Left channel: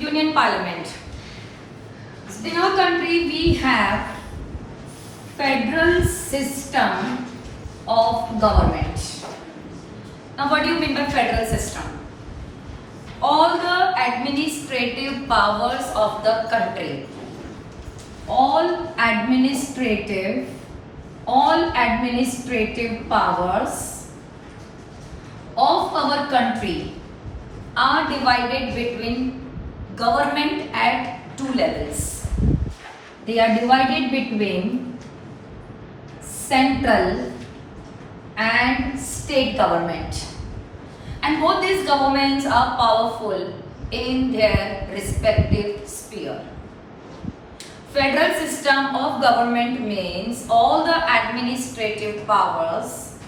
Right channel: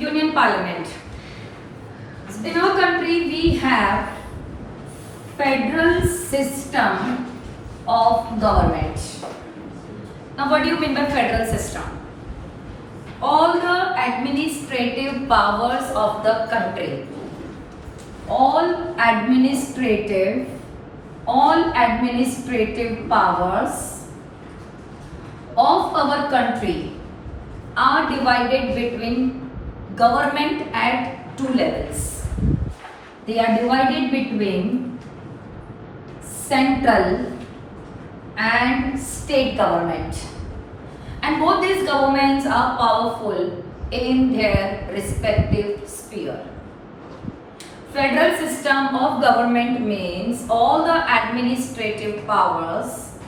Union Parliament. In our country, we have federal system of government. Now, what do you mean by federal system? All the administrative powers of the country, all administrative powers of our country are divided between government at two levels. They are divided between central and state government, and both these governments are powerful in their respective sphere. Federal system of government means all the administrative powers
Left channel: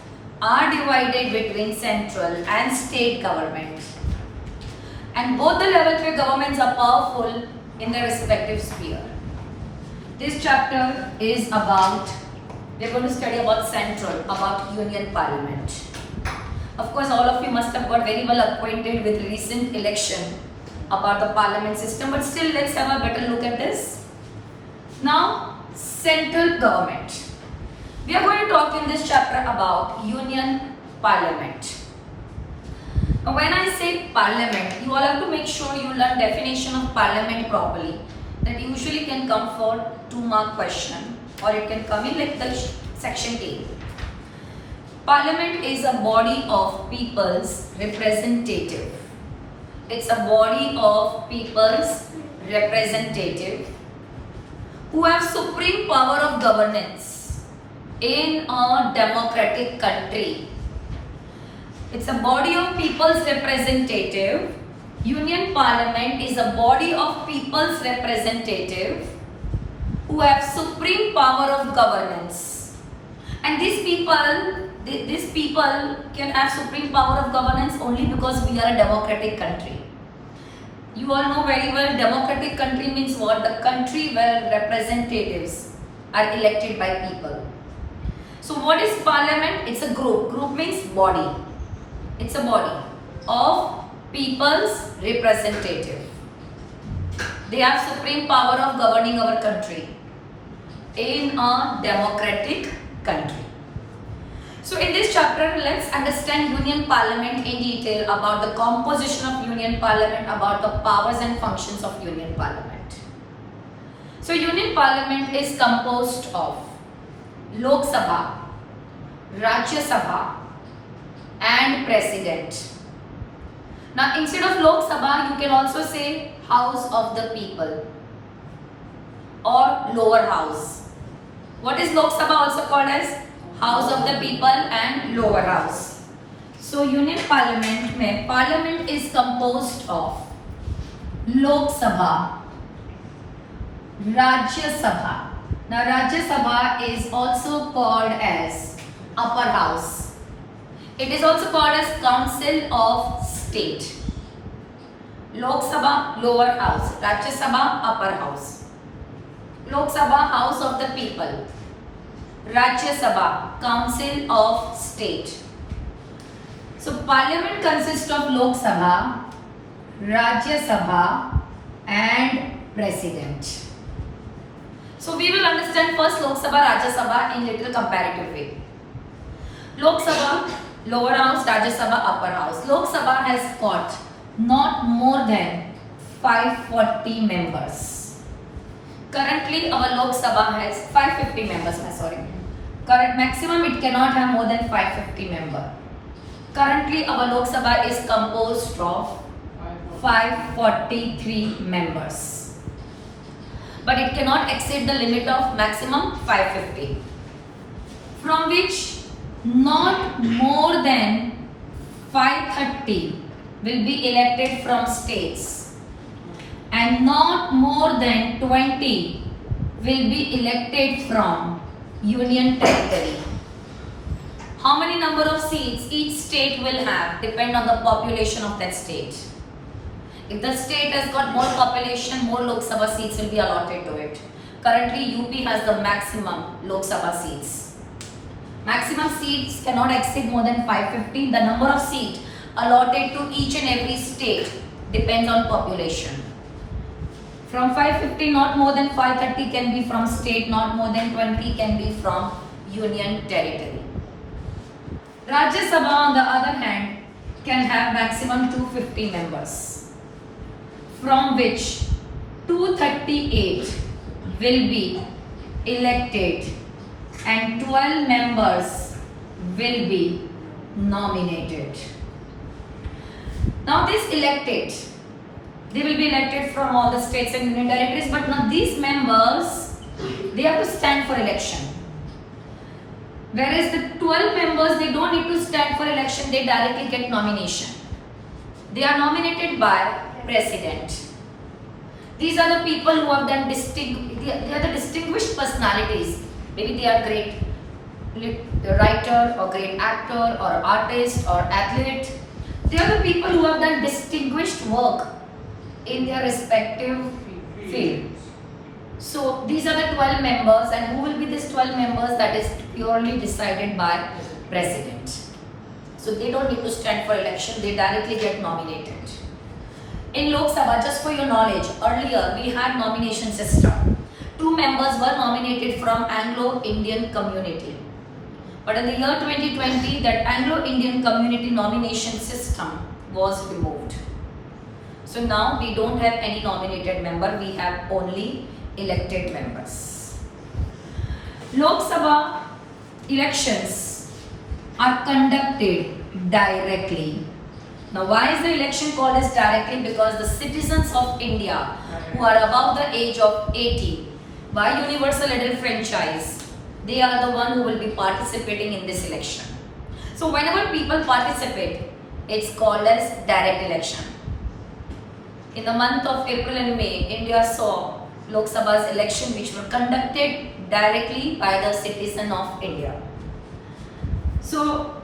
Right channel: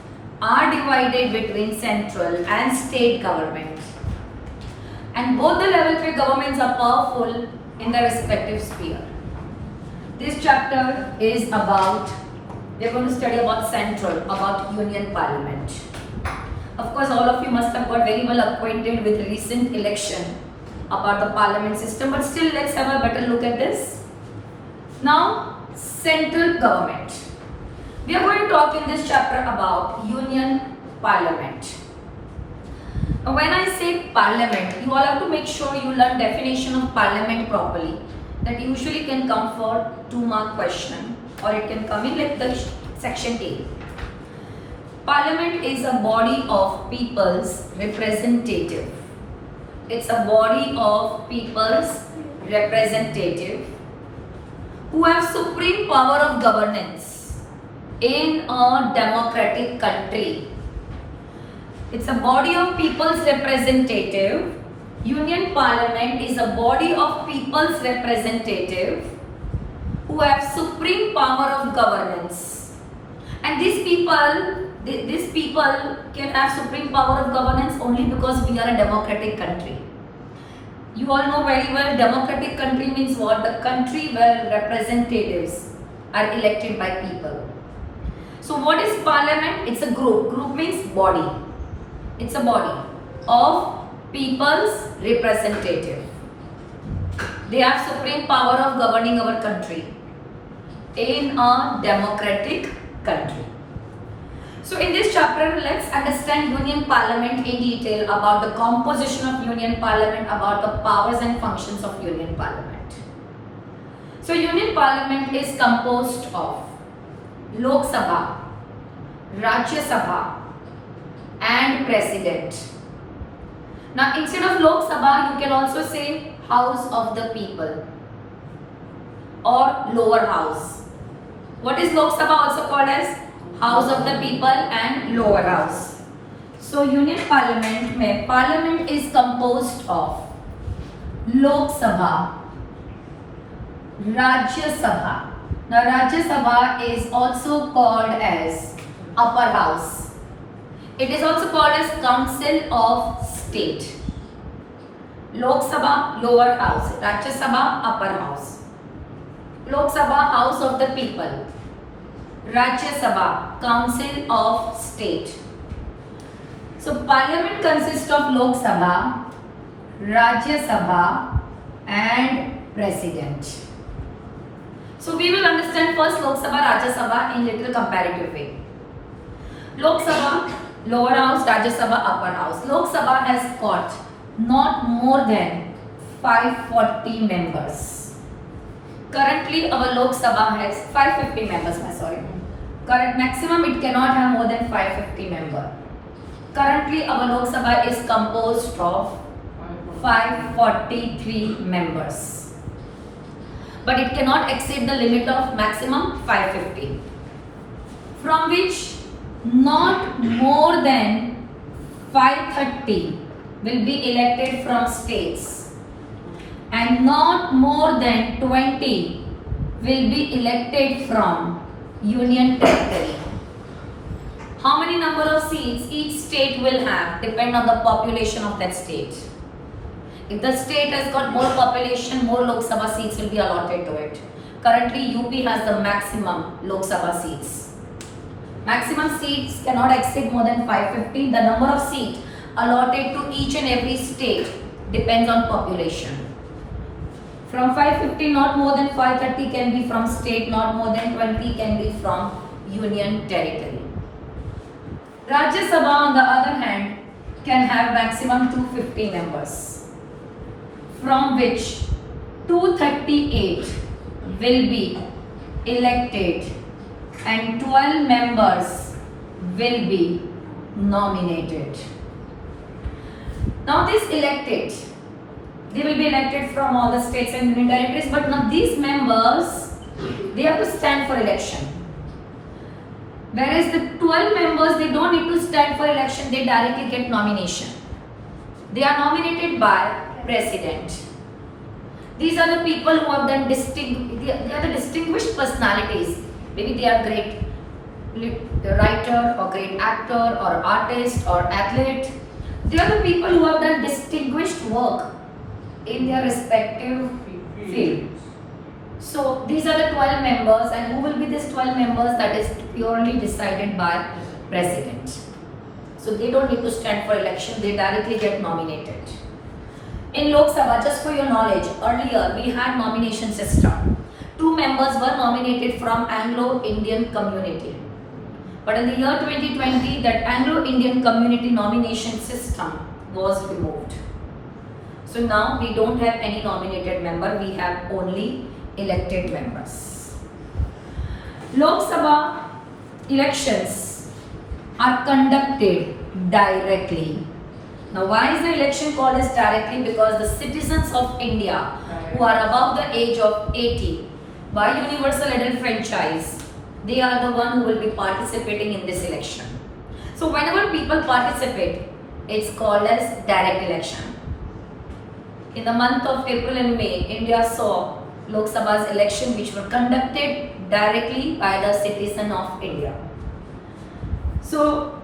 are divided between central and state government, and both the level 3 governments are powerful in their respective sphere. This chapter is about, we are going to study about central, about Union Parliament. Of course, all of you must have got very well acquainted with recent election about the parliament system, but still let's have a better look at this. Now, central government. We are going to talk in this chapter about Union Parliament. Now, when I say parliament, you all have to make sure you learn definition of parliament properly. That usually can come for 2-mark question, or it can come in like the section A. Parliament is a body of people's representative. It's a body of people's representative who have supreme power of governance in a democratic country. It's a body of people's representative. Union Parliament is a body of people's representative who have supreme power of governance. And these people can have supreme power of governance only because we are a democratic country. You all know very well, democratic country means what? The country where representatives are elected by people. So what is parliament? It's a group. Group means body. It's a body of people's representative. They have supreme power of governing our country in a democratic country. So in this chapter, let's understand Union Parliament in detail, about the composition of Union Parliament, about the powers and functions of Union Parliament. So Union Parliament is composed of Lok Sabha, Rajya Sabha and President. Now instead of Lok Sabha, you can also say House of the People or lower house. What is Lok Sabha also called as? House of the People and lower house. So Union Parliament में Parliament is composed of Lok Sabha, Rajya Sabha. Now Rajya Sabha is also called as upper house. It is also called as Council of State. Lok Sabha, lower house. Rajya Sabha, upper house. Lok Sabha, House of the People. Rajya Sabha, Council of State. So Parliament consists of Lok Sabha, Rajya Sabha and President. So we will understand first Lok Sabha, Rajya Sabha in little comparative way. Lok Sabha, lower house, Rajya Sabha, upper house. Lok Sabha has got not more than 540 members. Currently our Lok Sabha has 550 members, Current maximum it cannot have more than 550 members. Currently our Lok Sabha is composed of 543 members. But it cannot exceed the limit of maximum 550. From which not more than 530 will be elected from states and not more than 20 will be elected from union territory. How many number of seats each state will have depend on the population of that state. If the state has got more population, more Lok Sabha seats will be allotted to it. Currently UP has the maximum Lok Sabha seats. Maximum seats cannot exceed more than 550. The number of seats allotted to each and every state depends on population. From 550, not more than 530 can be from state, not more than 20 can be from union territory. Rajya Sabha, on the other hand, can have maximum 250 members, from which 238 will be elected and 12 members will be nominated. Now this elected, they will be elected from all the states and union territories, but now these members, they have to stand for election. Whereas the 12 members, they don't need to stand for election, they directly get nomination. They are nominated by President. These are the people who have done they are the distinguished personalities. Maybe they are great writer or great actor or artist or athlete. They are the people who have done distinguished work in their respective field. So these are the 12 members, and who will be these 12 members? That is purely decided by President. So they don't need to stand for election, they directly get nominated. In Lok Sabha, just for your knowledge, earlier we had nomination system. 2 members were nominated from Anglo-Indian community. But in the year 2020, that Anglo-Indian community nomination system was removed. So now we don't have any nominated member, we have only elected members. Lok Sabha elections are conducted directly. Now why is the election called as directly? Because the citizens of India who are above the age of 80 by universal adult franchise, they are the one who will be participating in this election. So whenever people participate, it's called as direct election. In the month of April and May, India saw Lok Sabha's election which were conducted directly by the citizen of India. So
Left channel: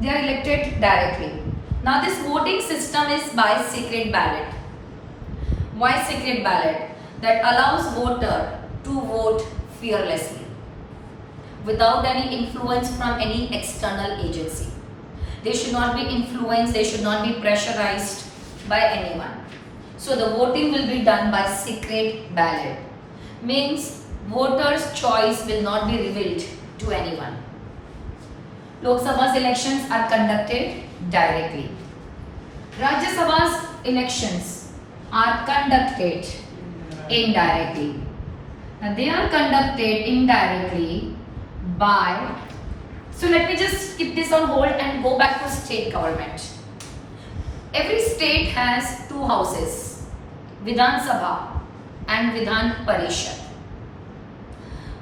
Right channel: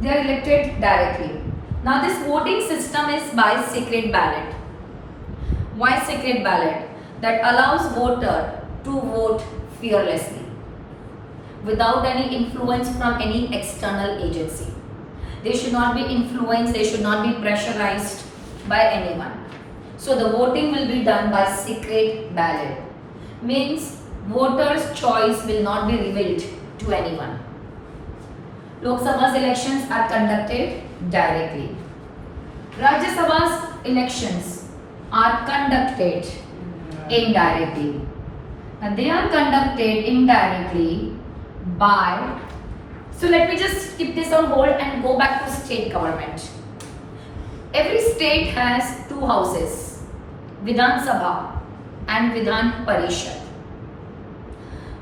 they are elected directly. Now this voting system is by secret ballot. Why secret ballot? That allows voter to vote fearlessly without any influence from any external agency. They should not be influenced, they should not be pressurized by anyone. So the voting will be done by secret ballot. Means voters' choice will not be revealed to anyone. Lok Sabha's elections are conducted directly. Rajya Sabha's elections are conducted indirectly. Now they are conducted indirectly by, so let me just keep this on hold and go back to state government. Every state has 2 houses, Vidhan Sabha and Vidhan Parishad.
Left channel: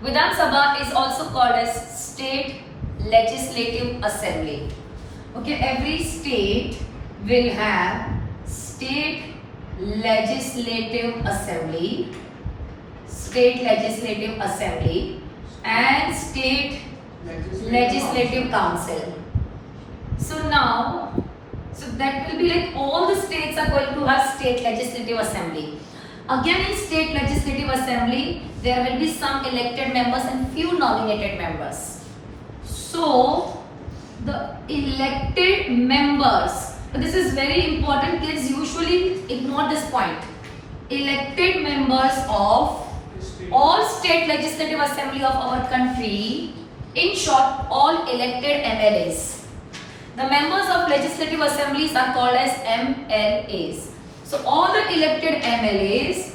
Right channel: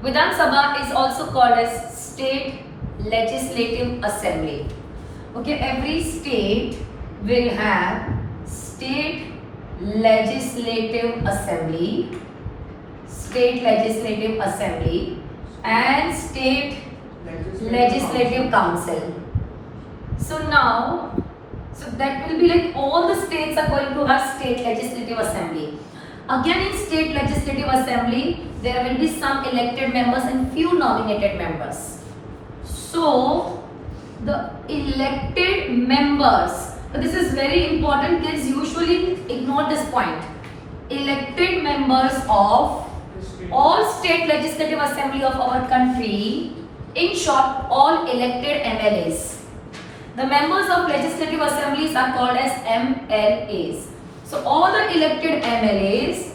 Vidhan Sabha is also called as State Legislative Assembly. Okay, every state will have State Legislative Assembly, State Legislative Assembly and State Legislative Council. So now, so that will be like all the states are going to have State Legislative Assembly. Again in State Legislative Assembly, there will be some elected members and few nominated members. So the elected members, so this is very important, kids usually ignore this point. Elected members of all State Legislative Assembly of our country, in short, all elected MLAs. The members of legislative assemblies are called as MLAs. So all the elected MLAs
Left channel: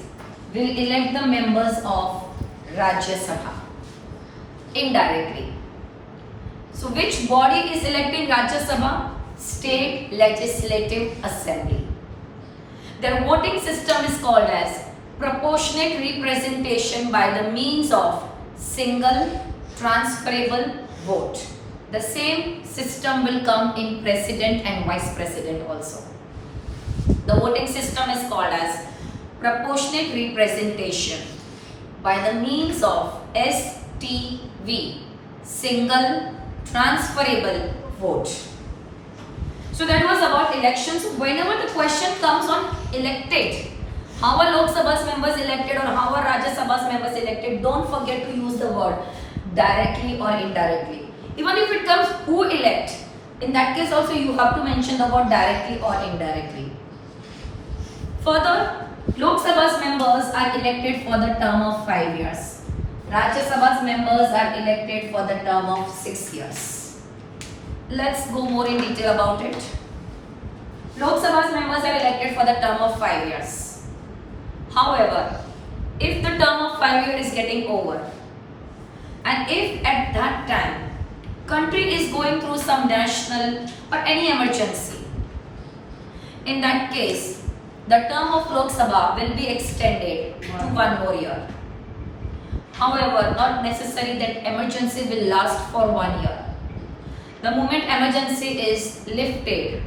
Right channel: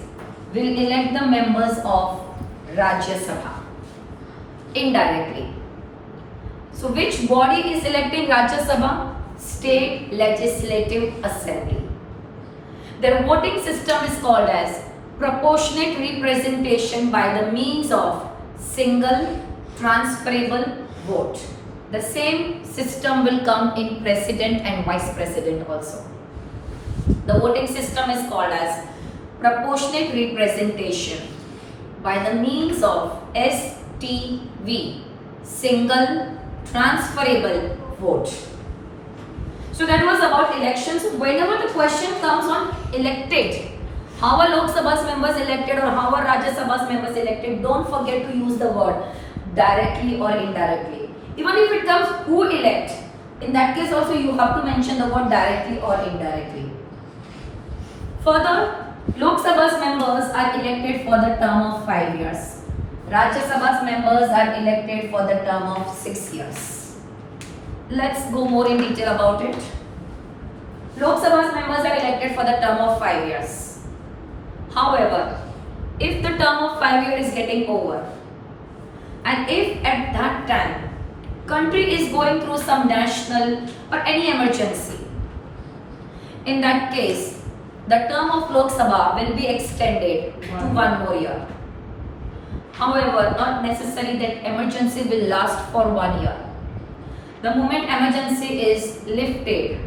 will elect the members of Rajya Sabha indirectly. So which body is electing Rajya Sabha? State Legislative Assembly. Their voting system is called as proportionate representation by the means of single transferable vote. The same system will come in president and vice president also. The voting system is called as proportionate representation by the means of STV, single transferable vote. So that was about elections. Whenever the question comes on elected, how are Lok Sabha's members elected or how are Rajya Sabha's members elected, don't forget to use the word directly or indirectly. Even if it comes who elect, in that case also you have to mention the word directly or indirectly. Further, Lok Sabha's members are elected for the term of 5 years. Rajya Sabha's members are elected for the term of 6 years. Let's go more in detail about it. Lok Sabha's members are elected for the term of 5 years. However, if the term of 5 years is getting over, and if at that time country is going through some national or any emergency, in that case, the term of Lok Sabha will be extended to 1 more year. However, not necessary that emergency will last for 1 year. The moment emergency is lifted,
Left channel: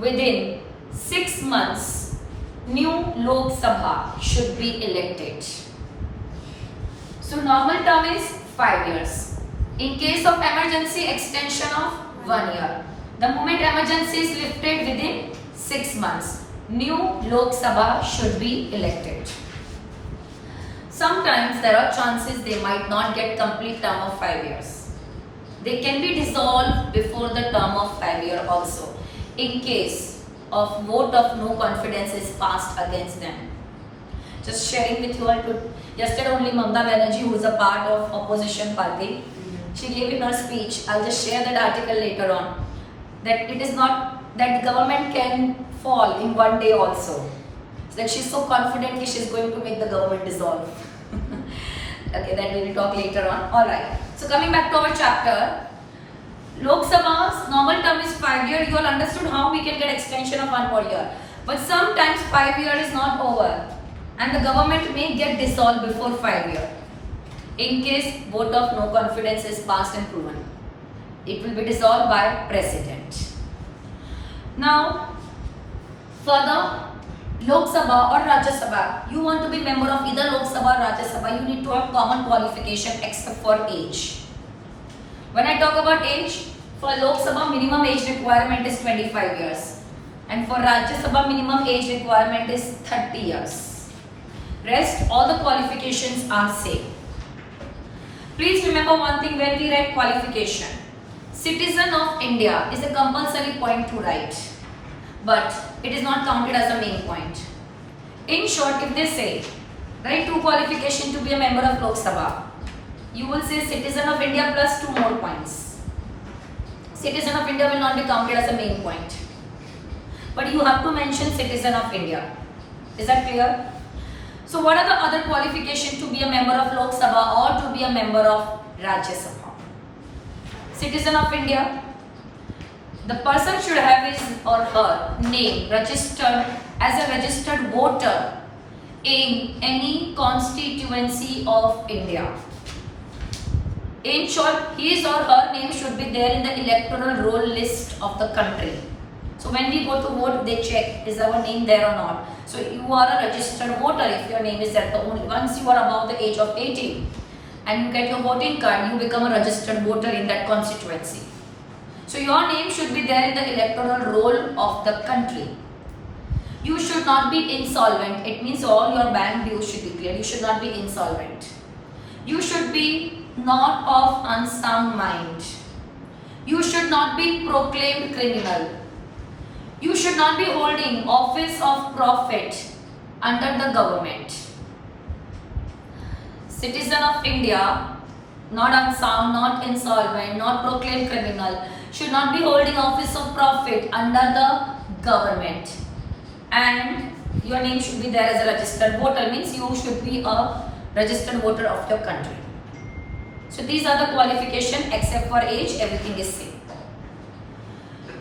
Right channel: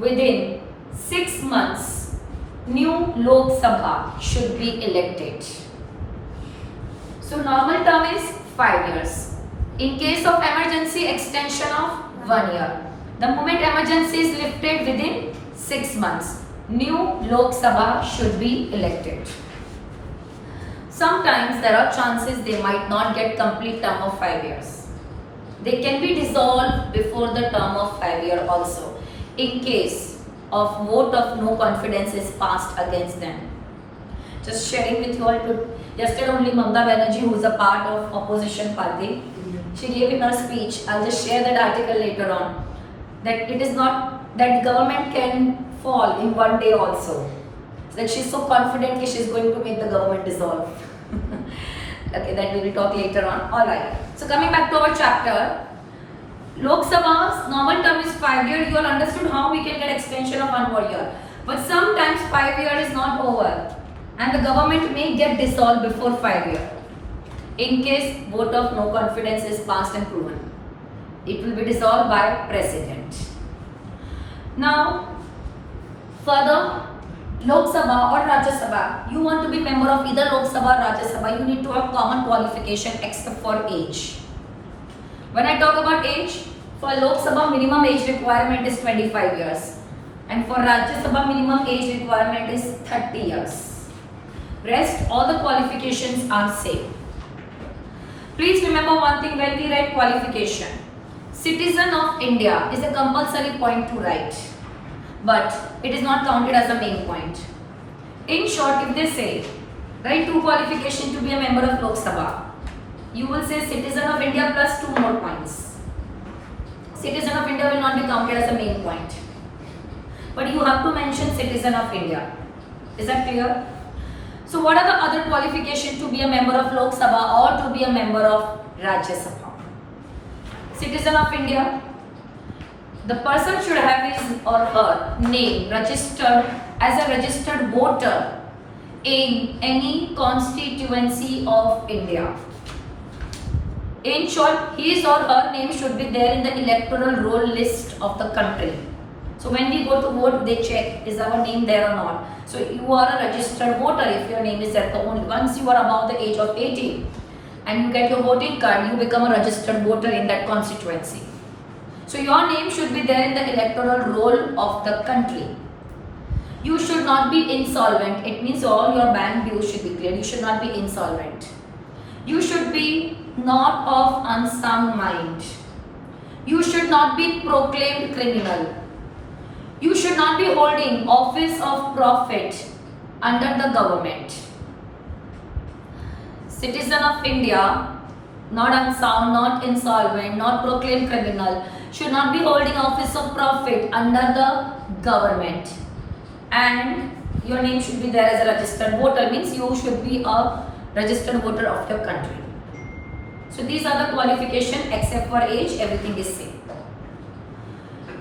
within 6 months, new Lok Sabha should be elected. So normal term is 5 years. In case of emergency, extension of 1 year. The moment emergency is lifted within 6 months, new Lok Sabha should be elected. Sometimes there are chances they might not get complete term of 5 years. They can be dissolved before the term of 5 year also, in case of vote of no confidence is passed against them. Just sharing with you all, yesterday only Mamata Banerjee, who is a part of opposition party, she gave in her speech, I'll just share that article later on, that it is not that the government can fall in 1 day also. That she's so confident that she's going to make the government dissolve. Okay, that we will talk later on. Alright. So coming back to our chapter, Lok Sabha's normal term is 5 years. You all understood how we can get extension of 1 more year. But sometimes 5 years is not over and the government may get dissolved before 5 years. In case vote of no confidence is passed and proven, it will be dissolved by President. Now, further, Lok Sabha or Rajya Sabha, you want to be member of either Lok Sabha or Rajya Sabha, you need to have common qualification except for age. When I talk about age, for Lok Sabha minimum age requirement is 25 years and for Rajya Sabha minimum age requirement is 30 years. Rest all the qualifications are same. Please remember one thing when we write qualification. Citizen of India is a compulsory point to write, but it is not counted as a main point. In short, if they say, write 2 qualifications to be a member of Lok Sabha, you will say citizen of India plus 2 more points. Citizen of India will not be counted as a main point. But you have to mention citizen of India. Is that clear? So what are the other qualifications to be a member of Lok Sabha or to be a member of Rajya Sabha? Citizen of India, the person should have his or her name registered as a registered voter in any constituency of India. In short, his or her name should be there in the electoral roll list of the country. So when we go to vote, they check, is our name there or not? So you are a registered voter if your name is there. Once you are above the age of 18 and you get your voting card, you become a registered voter in that constituency. So your name should be there in the electoral roll of the country. You should not be insolvent. It means all your bank dues should be cleared. You should not be insolvent. You should be not of unsound mind. You should not be proclaimed criminal. You should not be holding office of profit under the government. Citizen of India, not unsound, not insolvent, not proclaimed criminal, should not be holding office of profit under the government. And your name should be there as a registered voter, means you should be a registered voter of your country. So these are the qualifications, except for age, everything is same.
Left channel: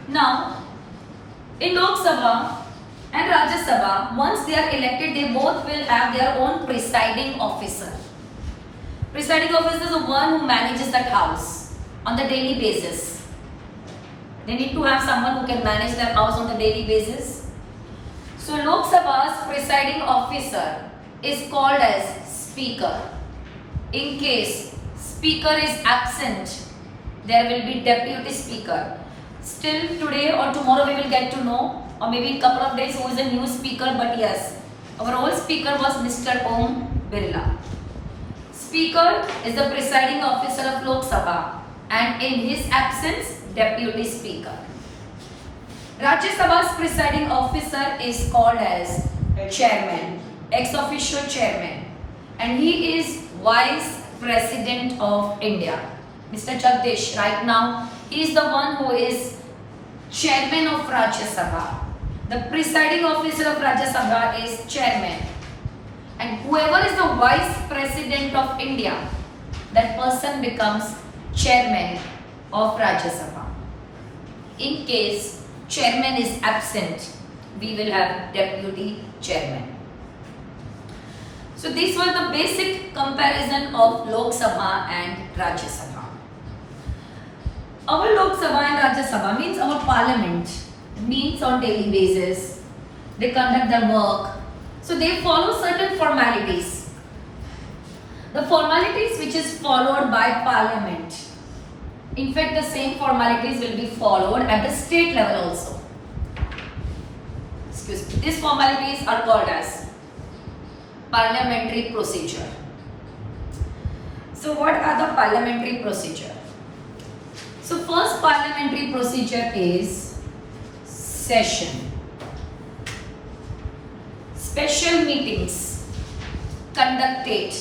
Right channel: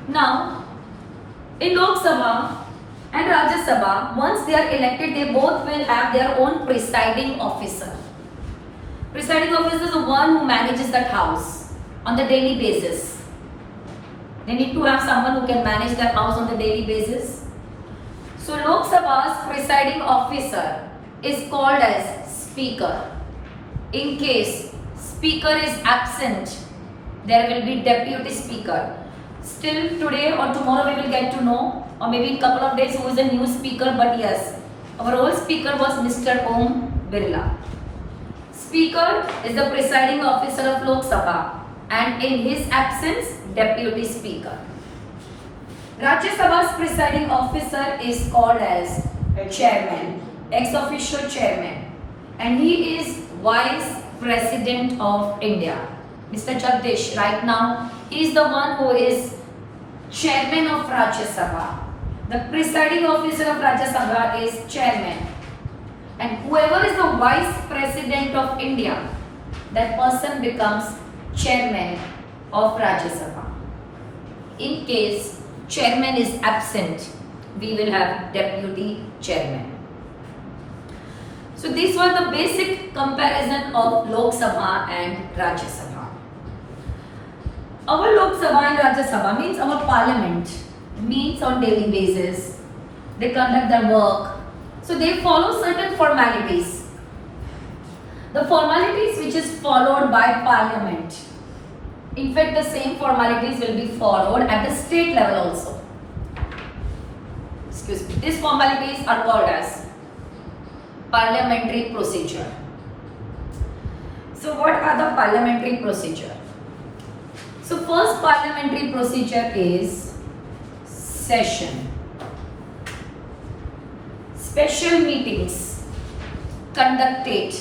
Now, in Lok Sabha and Rajya Sabha, once they are elected, they both will have their own presiding officer. Presiding officer is the one who manages that house on the daily basis. They need to have someone who can manage their house on the daily basis. So Lok Sabha's presiding officer is called as Speaker. In case Speaker is absent, there will be Deputy Speaker. Still today or tomorrow we will get to know, or maybe in a couple of days, who is the new speaker. But yes, our old speaker was Mr. Om Birla. Speaker is the presiding officer of Lok Sabha and in his absence, Deputy Speaker. Rajya Sabha's presiding officer is called as chairman, ex officio chairman, and he is Vice President of India. Mr. Jagdish, right now, he is the one who is chairman of Rajya Sabha. The presiding officer of Rajya Sabha is chairman. And whoever is the Vice President of India, that person becomes chairman of Rajya Sabha. In case chairman is absent, we will have deputy chairman. So these were the basic comparison of Lok Sabha and Rajya Sabha. Our Lok Sabha and Rajya Sabha means our parliament meets on daily basis. They conduct their work. So they follow certain formalities. The formalities which is followed by parliament. In fact, the same formalities will be followed at the state level also. Excuse me. These formalities are called as parliamentary procedure. So what are the parliamentary procedure? So first parliamentary procedure is session. Special meetings conducted.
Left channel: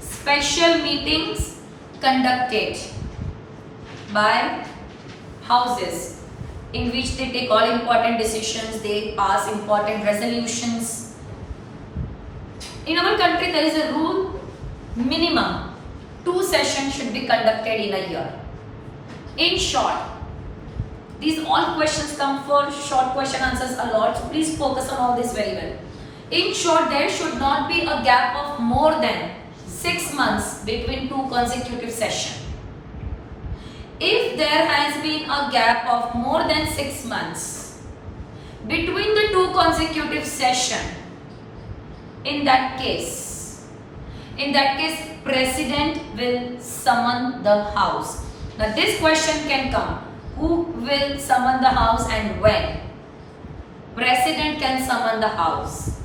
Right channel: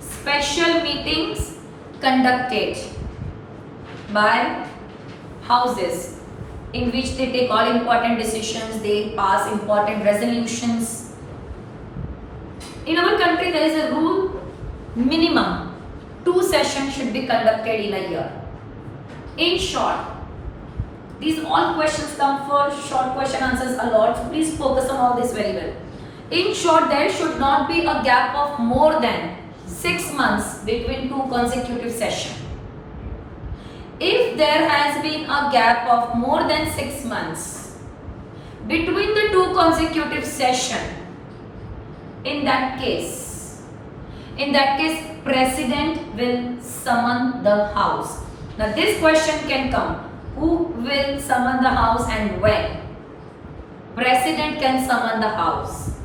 Special meetings conducted by houses in which they take all important decisions, they pass important resolutions. In our country there is a rule, minimum 2 sessions should be conducted in a year. In short, these all questions come for short question answers a lot, so please focus on all this very well. In short, there should not be a gap of more than 6 months between 2 consecutive sessions. If there has been a gap of more than 6 months between the 2 consecutive sessions, in that case, President will summon the House. Now this question can come, who will summon the House and when? President can summon the House.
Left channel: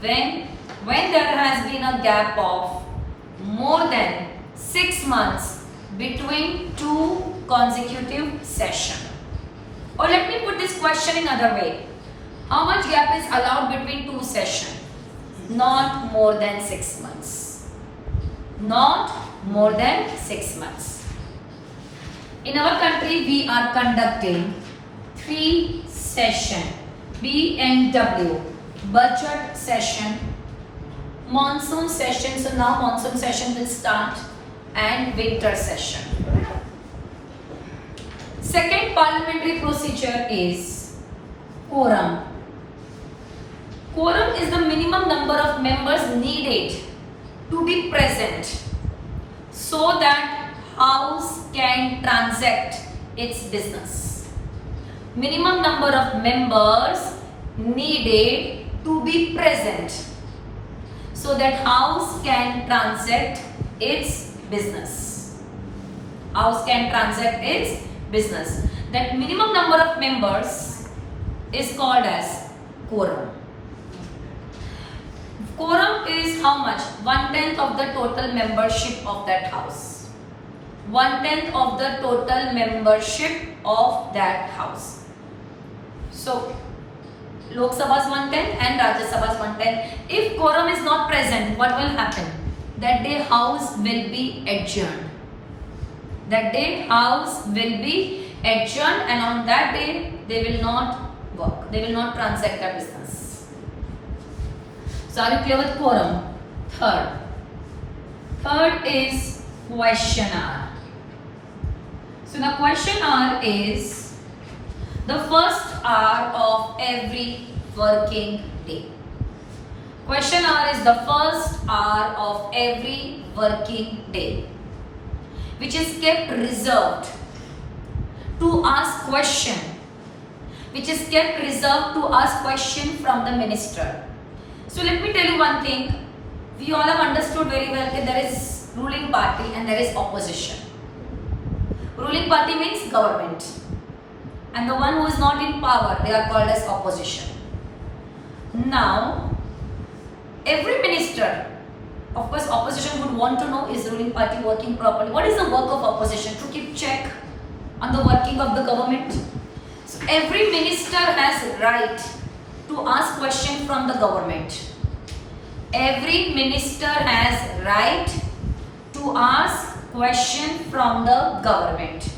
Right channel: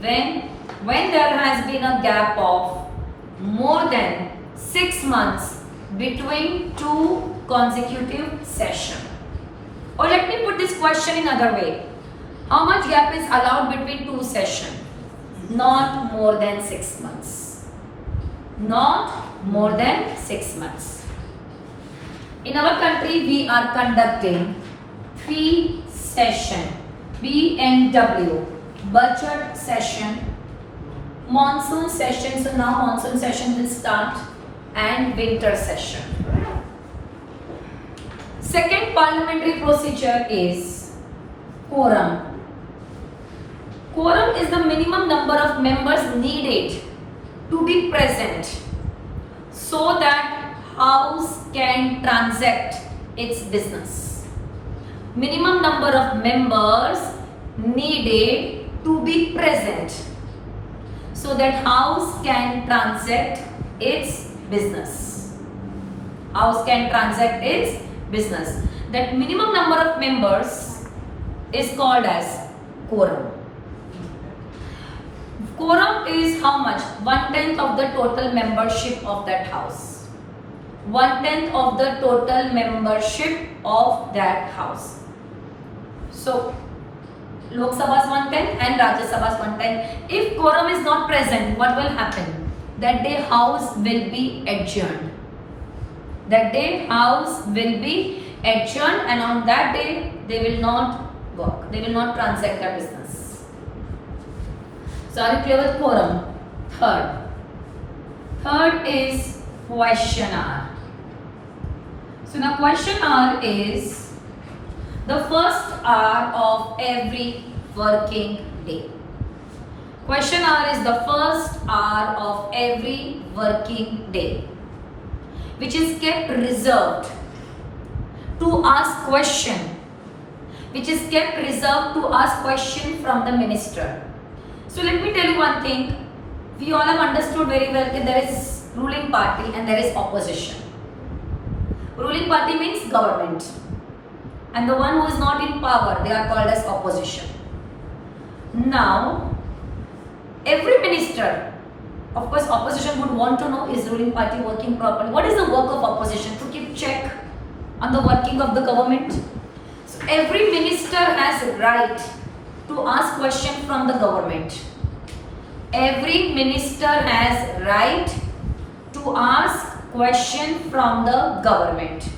When there has been a gap of more than 6 months between 2 consecutive sessions. Or let me put this question in another way. How much gap is allowed between 2 sessions? Not more than 6 months. Not more than 6 months. In our country, we are conducting 3 sessions. B&W, budget session, monsoon session. So now monsoon session will start, and winter session. Second parliamentary procedure is quorum. Quorum is the minimum number of members needed to be present so that House can transact its business. Minimum number of members needed to be present so that House can transact its business. House can transact its business. That minimum number of members is called as quorum. Quorum is how much? 1/10 of the total membership of that House. 1/10 of the total membership of that House. So Lok Sabha is 1/10 and Rajya Sabha is 1/10. If quorum is not present, what will happen? That day House will be adjourned. That day House will be adjourned, and on that day they will not work. They will not transact their business. So are you clear with quorum? Third is question hour. So now question hour is the first hour of every working day. Question hour is the first hour of every working day, which is kept reserved to ask question, from the minister. So let me tell you one thing. We all have understood very well that there is ruling party and there is opposition. Ruling party means government, and the one who is not in power, they are called as opposition. Now, every minister, of course, opposition would want to know, is ruling party working properly? What is the work of opposition? To keep check on the working of the government. So every minister has right to ask question from the government. Every minister has right to ask question from the government.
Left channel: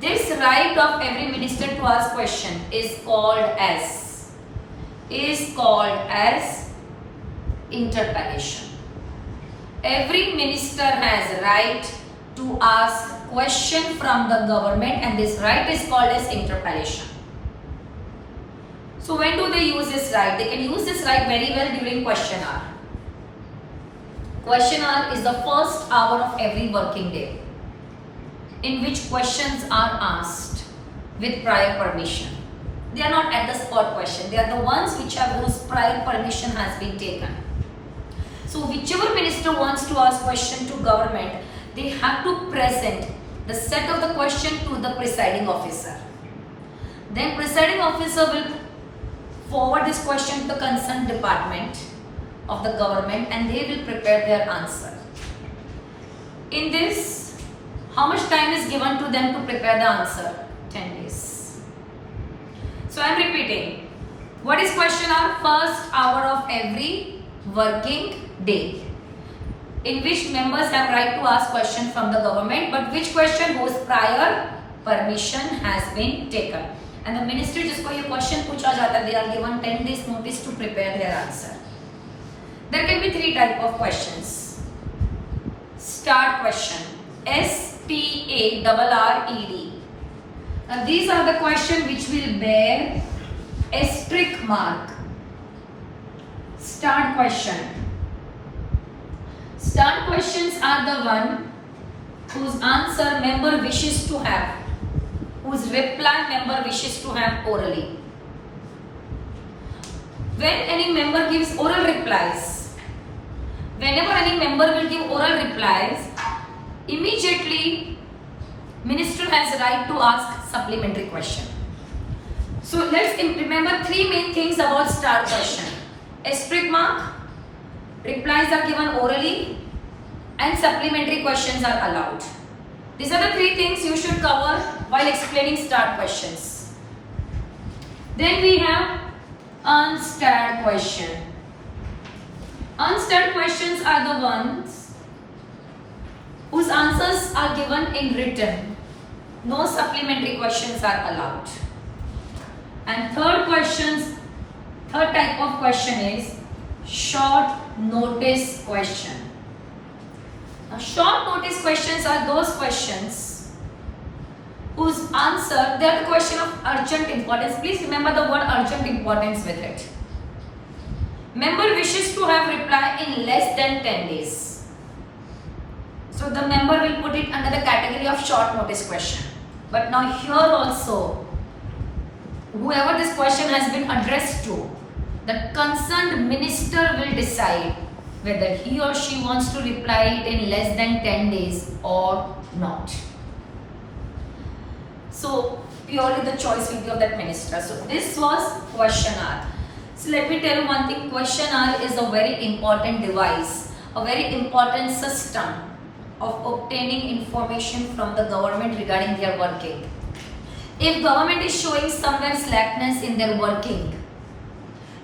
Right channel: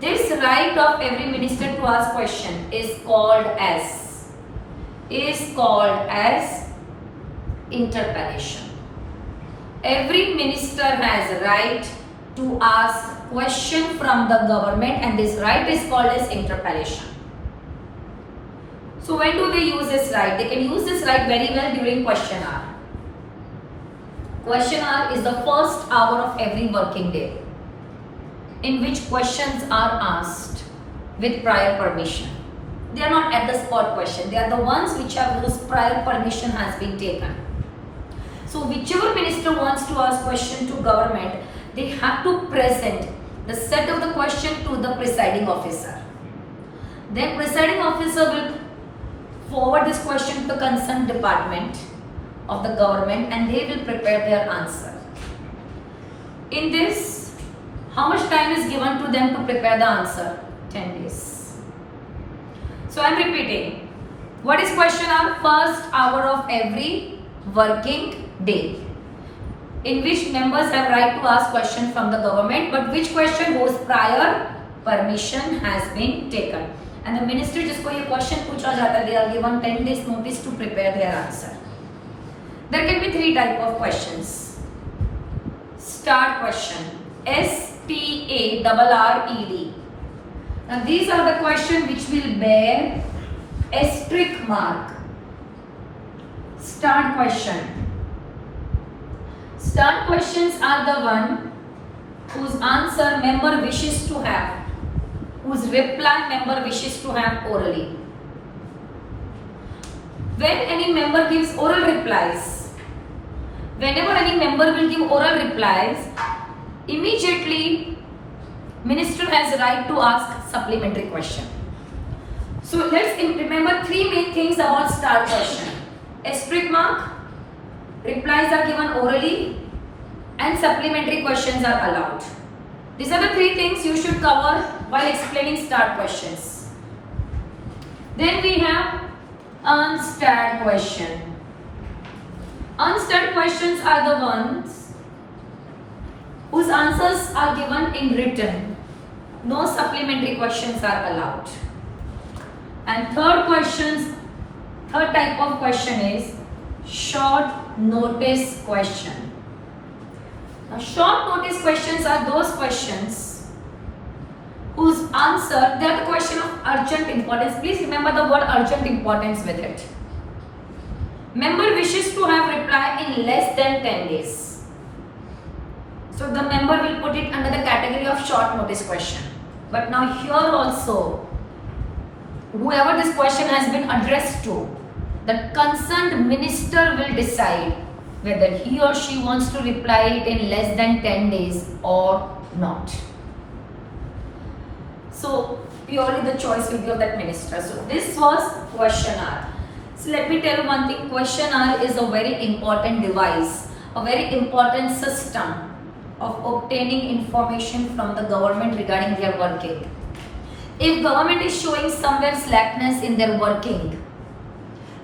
This right of every minister to ask question is called as interpellation. Every minister has right to ask question from the government, and this right is called as interpellation. So when do they use this right? They can use this right very well during question hour. Question hour is the first hour of every working day, in which questions are asked with prior permission. They are not at the spot question. They are the ones whose prior permission has been taken. So whichever minister wants to ask question to government, they have to present the set of the question to the presiding officer. Then presiding officer will forward this question to the concerned department of the government, and they will prepare their answer. In this, how much time is given to them to prepare the answer? 10 days. So I am repeating. What is question hour? First hour of every working day, in which members have right to ask question from the government, but which question whose prior permission has been taken. And the ministry जिसको ये question पूछा जाता है, they are given 10 days notice to prepare their answer. There can be three type of questions. Start question. STARRED. Now these are the questions which will bear asterisk mark. Start question. Start questions are the one whose answer member wishes to have, whose reply member wishes to have orally. When any member gives oral replies, whenever any member will give oral replies, immediately minister has right to ask supplementary question. So let's remember three main things about start question. Asterisk mark, replies are given orally, and supplementary questions are allowed. These are the three things you should cover while explaining start questions. Then we have unstart question. Unstart questions are the ones whose answers are given in written. No supplementary questions are allowed. And third type of question is short notice question. Now, short notice questions are those questions whose answer, they are the question of urgent importance. Please remember the word urgent importance with it. Member wishes to have reply in less than 10 days. So the member will put it under the category of short notice question. But now here also, whoever this question has been addressed to, the concerned minister will decide whether he or she wants to reply it in less than 10 days or not. So purely the choice will be of that minister. So this was question hour. So let me tell you one thing, question hour is a very important device, a very important system of obtaining information from the government regarding their working. If government is showing somewhere slackness in their working,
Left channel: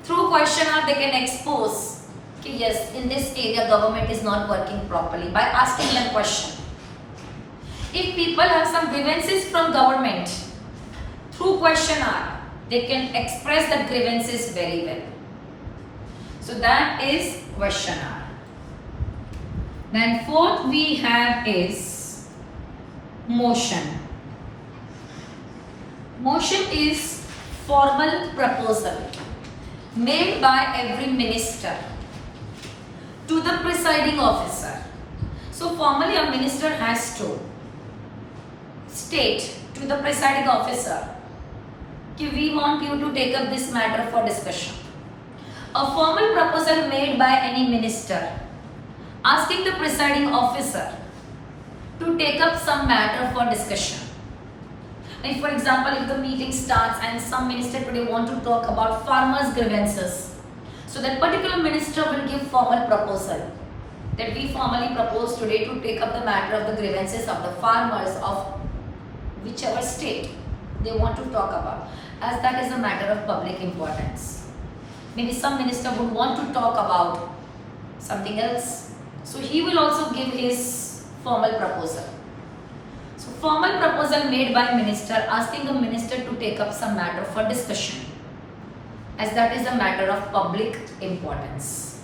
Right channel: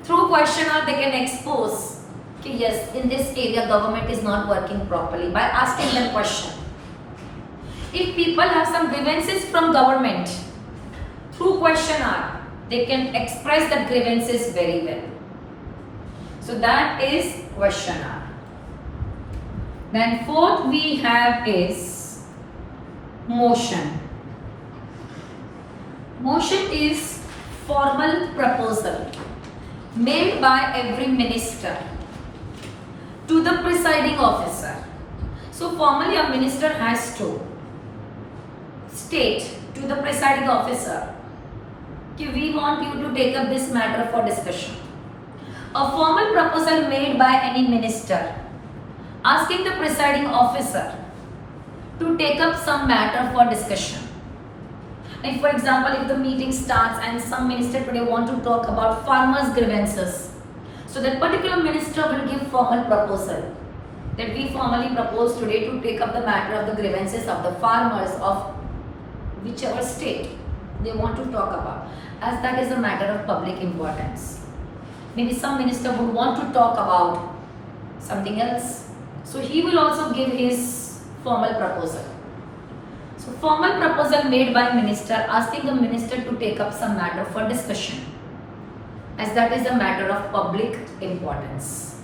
through question hour they can expose that yes, in this area government is not working properly by asking them question. If people have some grievances from government, through question hour they can express that grievances very well. So that is question hour. Then fourth we have is motion. Motion is formal proposal made by every minister to the presiding officer. So formally a minister has to state to the presiding officer that we want you to take up this matter for discussion. A formal proposal made by any minister asking the presiding officer to take up some matter for discussion. Like for example, if the meeting starts and some minister today want to talk about farmers' grievances, so that particular minister will give formal proposal that we formally propose today to take up the matter of the grievances of the farmers of whichever state they want to talk about. as that is a matter of public importance. Maybe some minister would want to talk about something else. So he will also give his formal proposal. So formal proposal made by minister asking the minister to take up some matter for discussion, as that is a matter of public importance.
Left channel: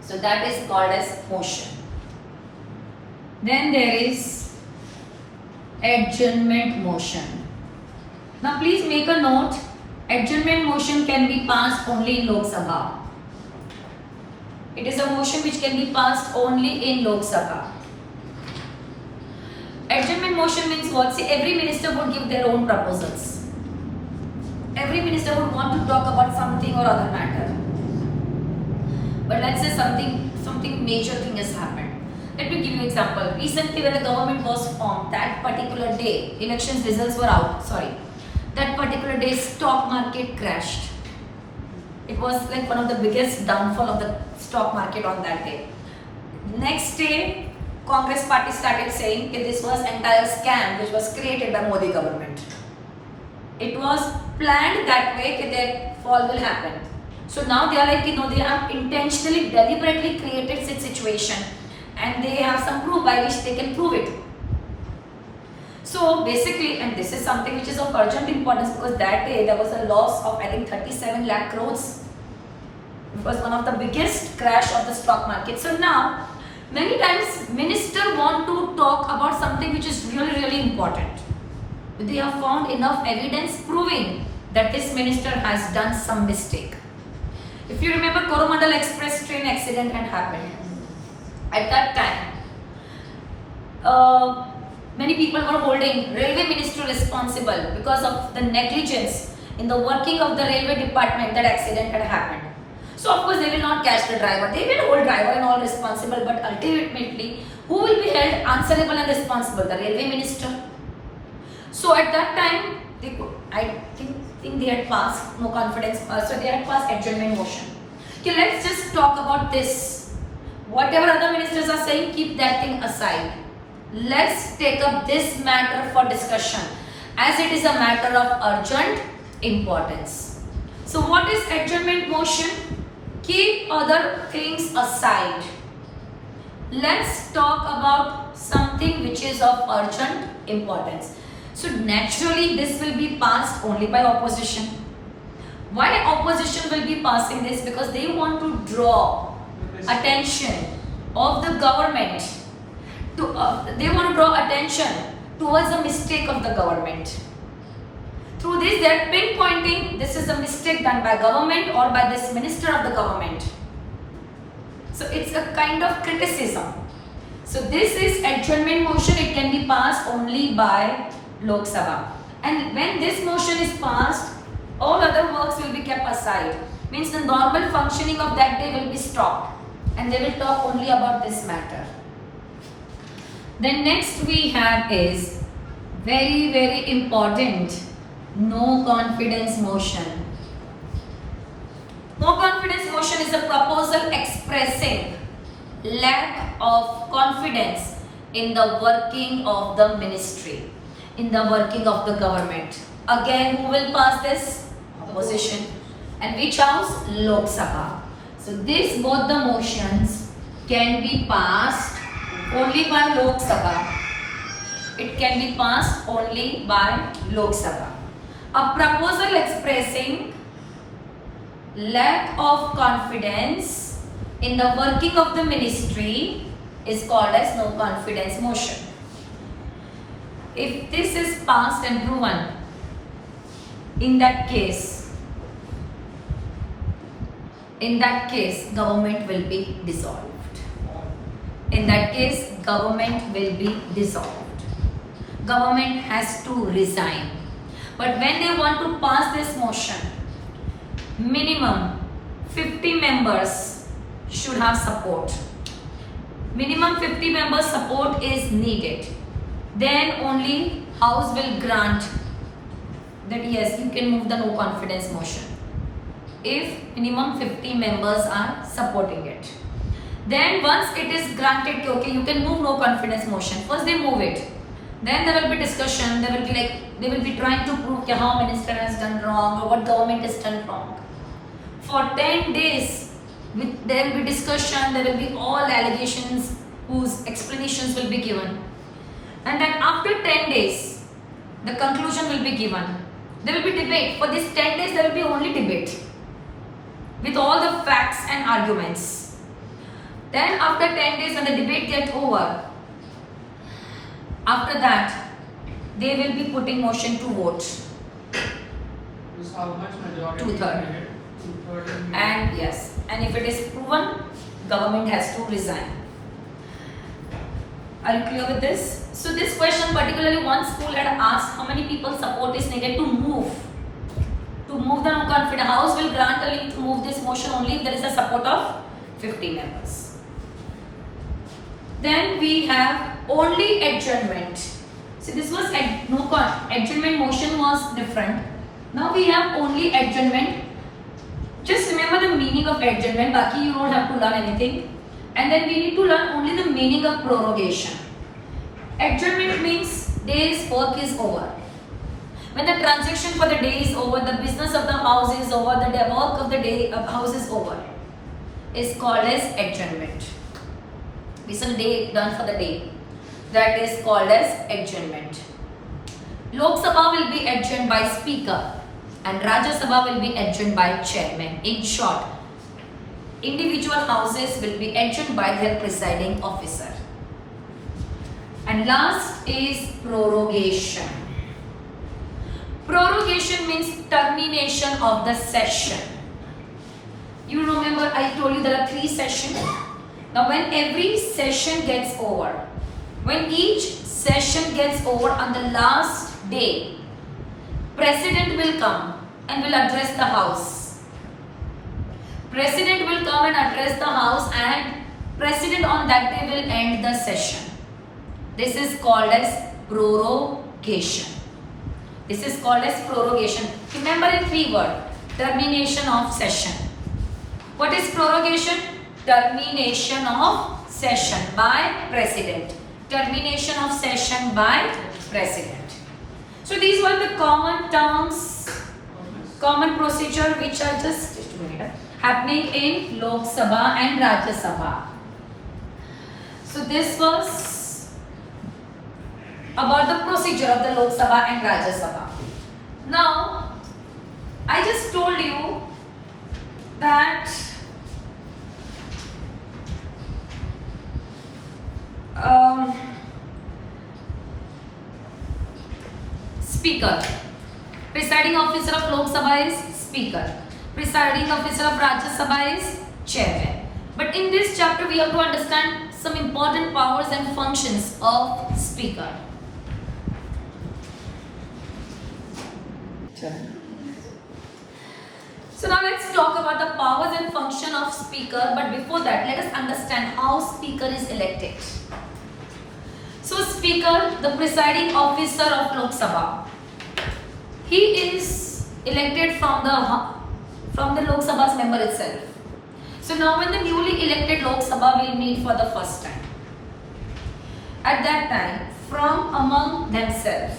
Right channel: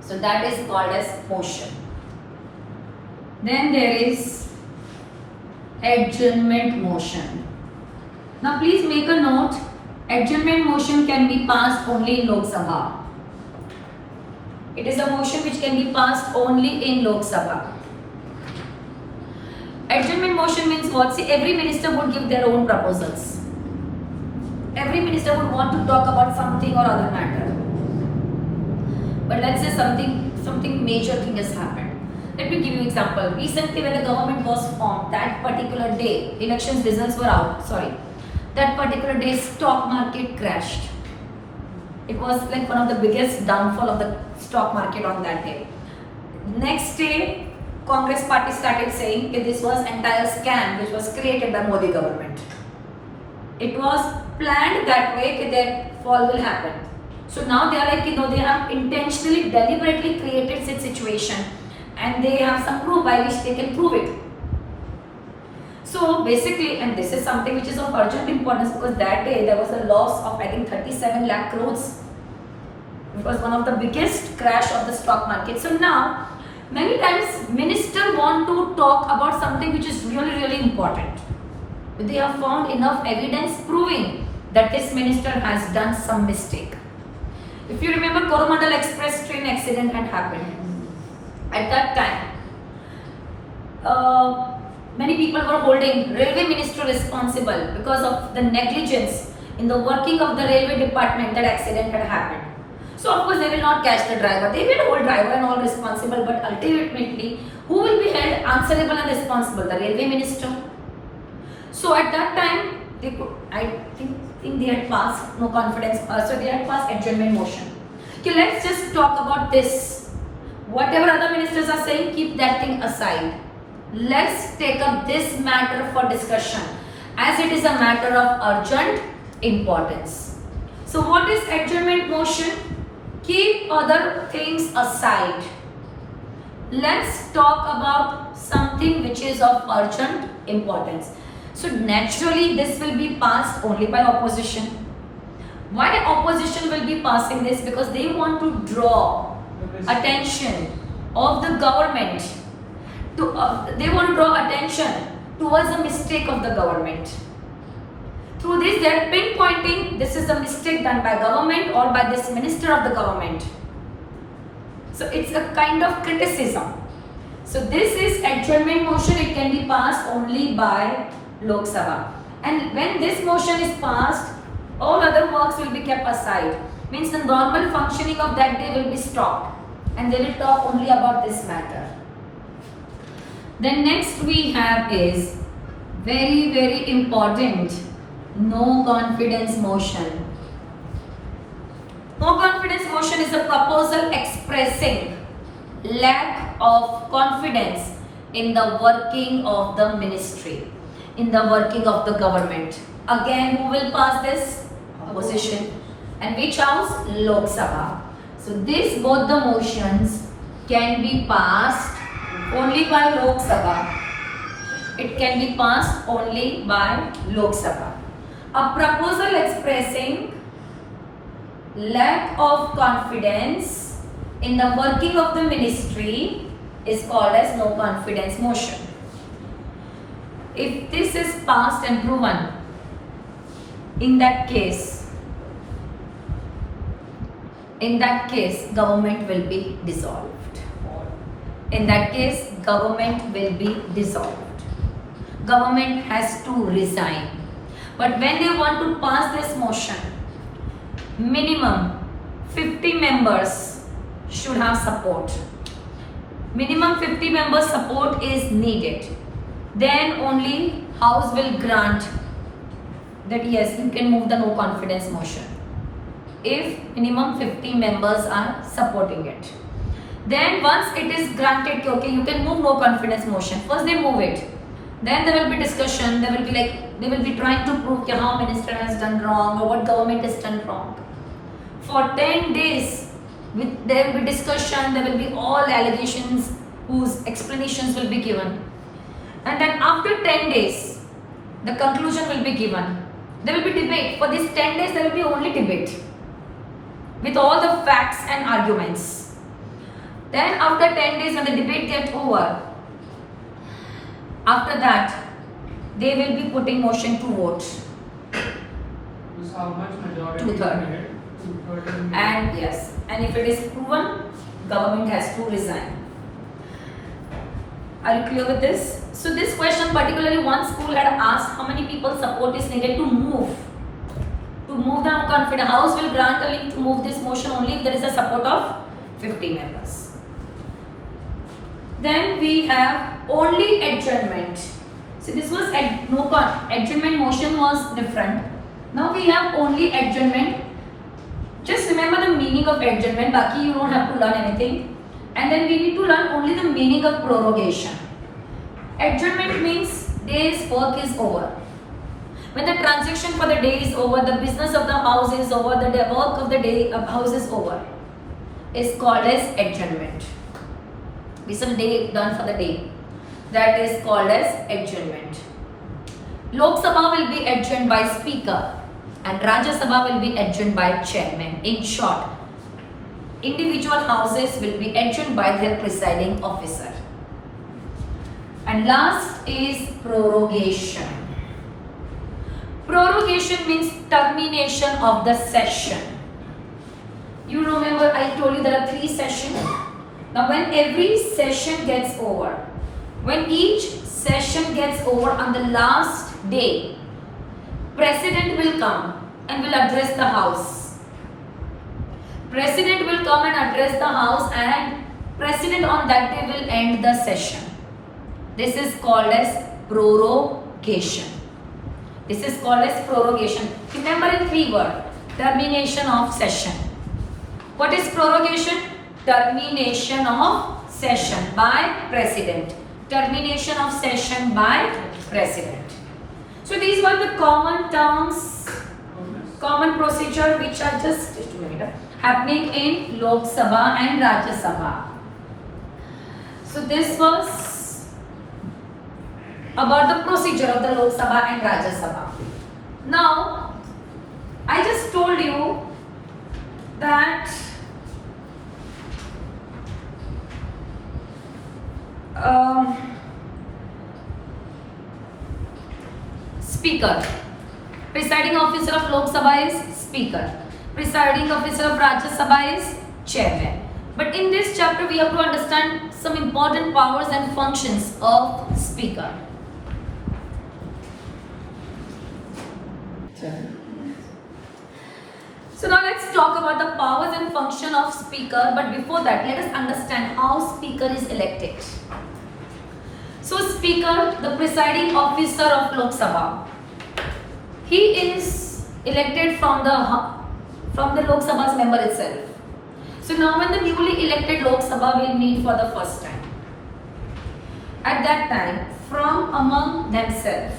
So that is called as motion. Then there is adjournment motion. Now please make a note, adjournment motion can be passed only in Lok Sabha. It is a motion which can be passed only in Lok Sabha. Adjournment motion means what? See, every minister would give their own proposals. Every minister would want to talk about something or other matter. But let's say something major thing has happened. Let me give you an example. Recently when the government was formed, that particular day, elections results were out, that particular day stock market crashed. It was like one of the biggest downfall of the stock market on that day. Next day, Congress party started saying that this was entire scam which was created by Modi government. It was planned that way that fall will happen. So now they are like, they have intentionally, deliberately created such situation and they have some proof by which they can prove it. So basically, and this is something which is of urgent importance because that day there was a loss of I think 37 lakh crores. It was one of the biggest crash of the stock market. So now, many times minister want to talk about something which is really important. But they have found enough evidence proving that this minister has done some mistake. If you remember, Coromandel Express train accident had happened. At that time, many people were holding railway minister responsible because of the negligence in the working of the railway department. That accident had happened. So of course they will not catch the driver. They will hold driver and all responsible, but ultimately who will be held answerable and responsible? The railway minister. So at that time, I think they had passed no confidence. So they had passed adjournment motion. Okay, let's just talk about this. Whatever other ministers are saying, keep that thing aside. Let's take up this matter for discussion, as it is a matter of urgent importance. So what is adjournment motion? Keep other things aside. Let's talk about something which is of urgent importance. So naturally this will be passed only by opposition. Why opposition will be passing this? Because they want to draw attention of the government to, they want to draw attention towards the mistake of the government. Through this they are pinpointing this is a mistake done by government or by this minister of the government. So it's a kind of criticism. So this is adjournment motion. It can be passed only by Lok Sabha. And when this motion is passed, all other works will be kept aside. Means the normal functioning of that day will be stopped. And they will talk only about this matter. Then next we have is very important, no confidence motion. No confidence motion is a proposal expressing lack of confidence in the working of the ministry, in the working of the government. Again, who will pass this? Opposition. And which house? Lok Sabha. So these both the motions can be passed only by Lok Sabha. It can be passed only by Lok Sabha. A proposal expressing lack of confidence in the working of the ministry is called as no confidence motion. If this is passed and proven, in that case government will be dissolved. In that case, government will be dissolved. Government has to resign. But when they want to pass this motion, minimum 50 members should have support. Minimum 50 members support is needed. Then only House will grant that yes, you can move the no confidence motion. If minimum 50 members are supporting it. Then once it is granted, okay, you can move no confidence motion. First they move it. Then there will be discussion. They will be trying to prove how minister has done wrong or what government has done wrong. For 10 days, there will be discussion. There will be all allegations whose explanations will be given. And then after 10 days, the conclusion will be given. There will be debate. For these 10 days, there will be only debate with all the facts and arguments. Then after 10 days, when the debate gets over, after that, they will be putting motion to vote. How much majority? 2/3. 2/3. And yes, and if it is proven, government has to resign. Are you clear with this? So this question, particularly one school had asked how many people support is needed to move the no-confidence. House will grant a link to move this motion only if there is a support of 50 members. Then we have only adjournment. So this was adjournment motion was different. Now we have only adjournment. Just remember the meaning of adjournment. Baki you don't have to learn anything. And then we need to learn only the meaning of prorogation. Adjournment means day's work is over. When the transaction for the day is over, the business of the house is over, the work of the day of house is over, is called as adjournment. This is the day done for the day. That is called as adjournment. Lok Sabha will be adjourned by speaker and Rajya Sabha will be adjourned by chairman. In short, individual houses will be adjourned by their presiding officer. And last is prorogation. Prorogation means termination of the session. You remember I told you there are 3 sessions. Now when every session gets over, when each session gets over on the last day, President will come and will address the house. President will come and address the house and President on that day will end the session. This is called as prorogation. This is called as prorogation. Remember in 3 words, termination of session. What is prorogation? Termination of session by President. Termination of session by President. So these were the common terms, common procedure which are just happening in Lok Sabha and Rajya Sabha. So this was about the procedure of the Lok Sabha and Rajya Sabha. Now, I just told you that Speaker, presiding officer of Lok Sabha is Speaker, presiding officer of Rajya Sabha is Chairman. But in this chapter, we have to understand some important powers and functions of Speaker. So now let's talk about the powers and function of speaker, but before that let us understand how speaker is elected. So speaker, the presiding officer of Lok Sabha, he is elected from the Lok Sabha's member itself. So now when the newly elected Lok Sabha will meet for the first time, at that time from among themselves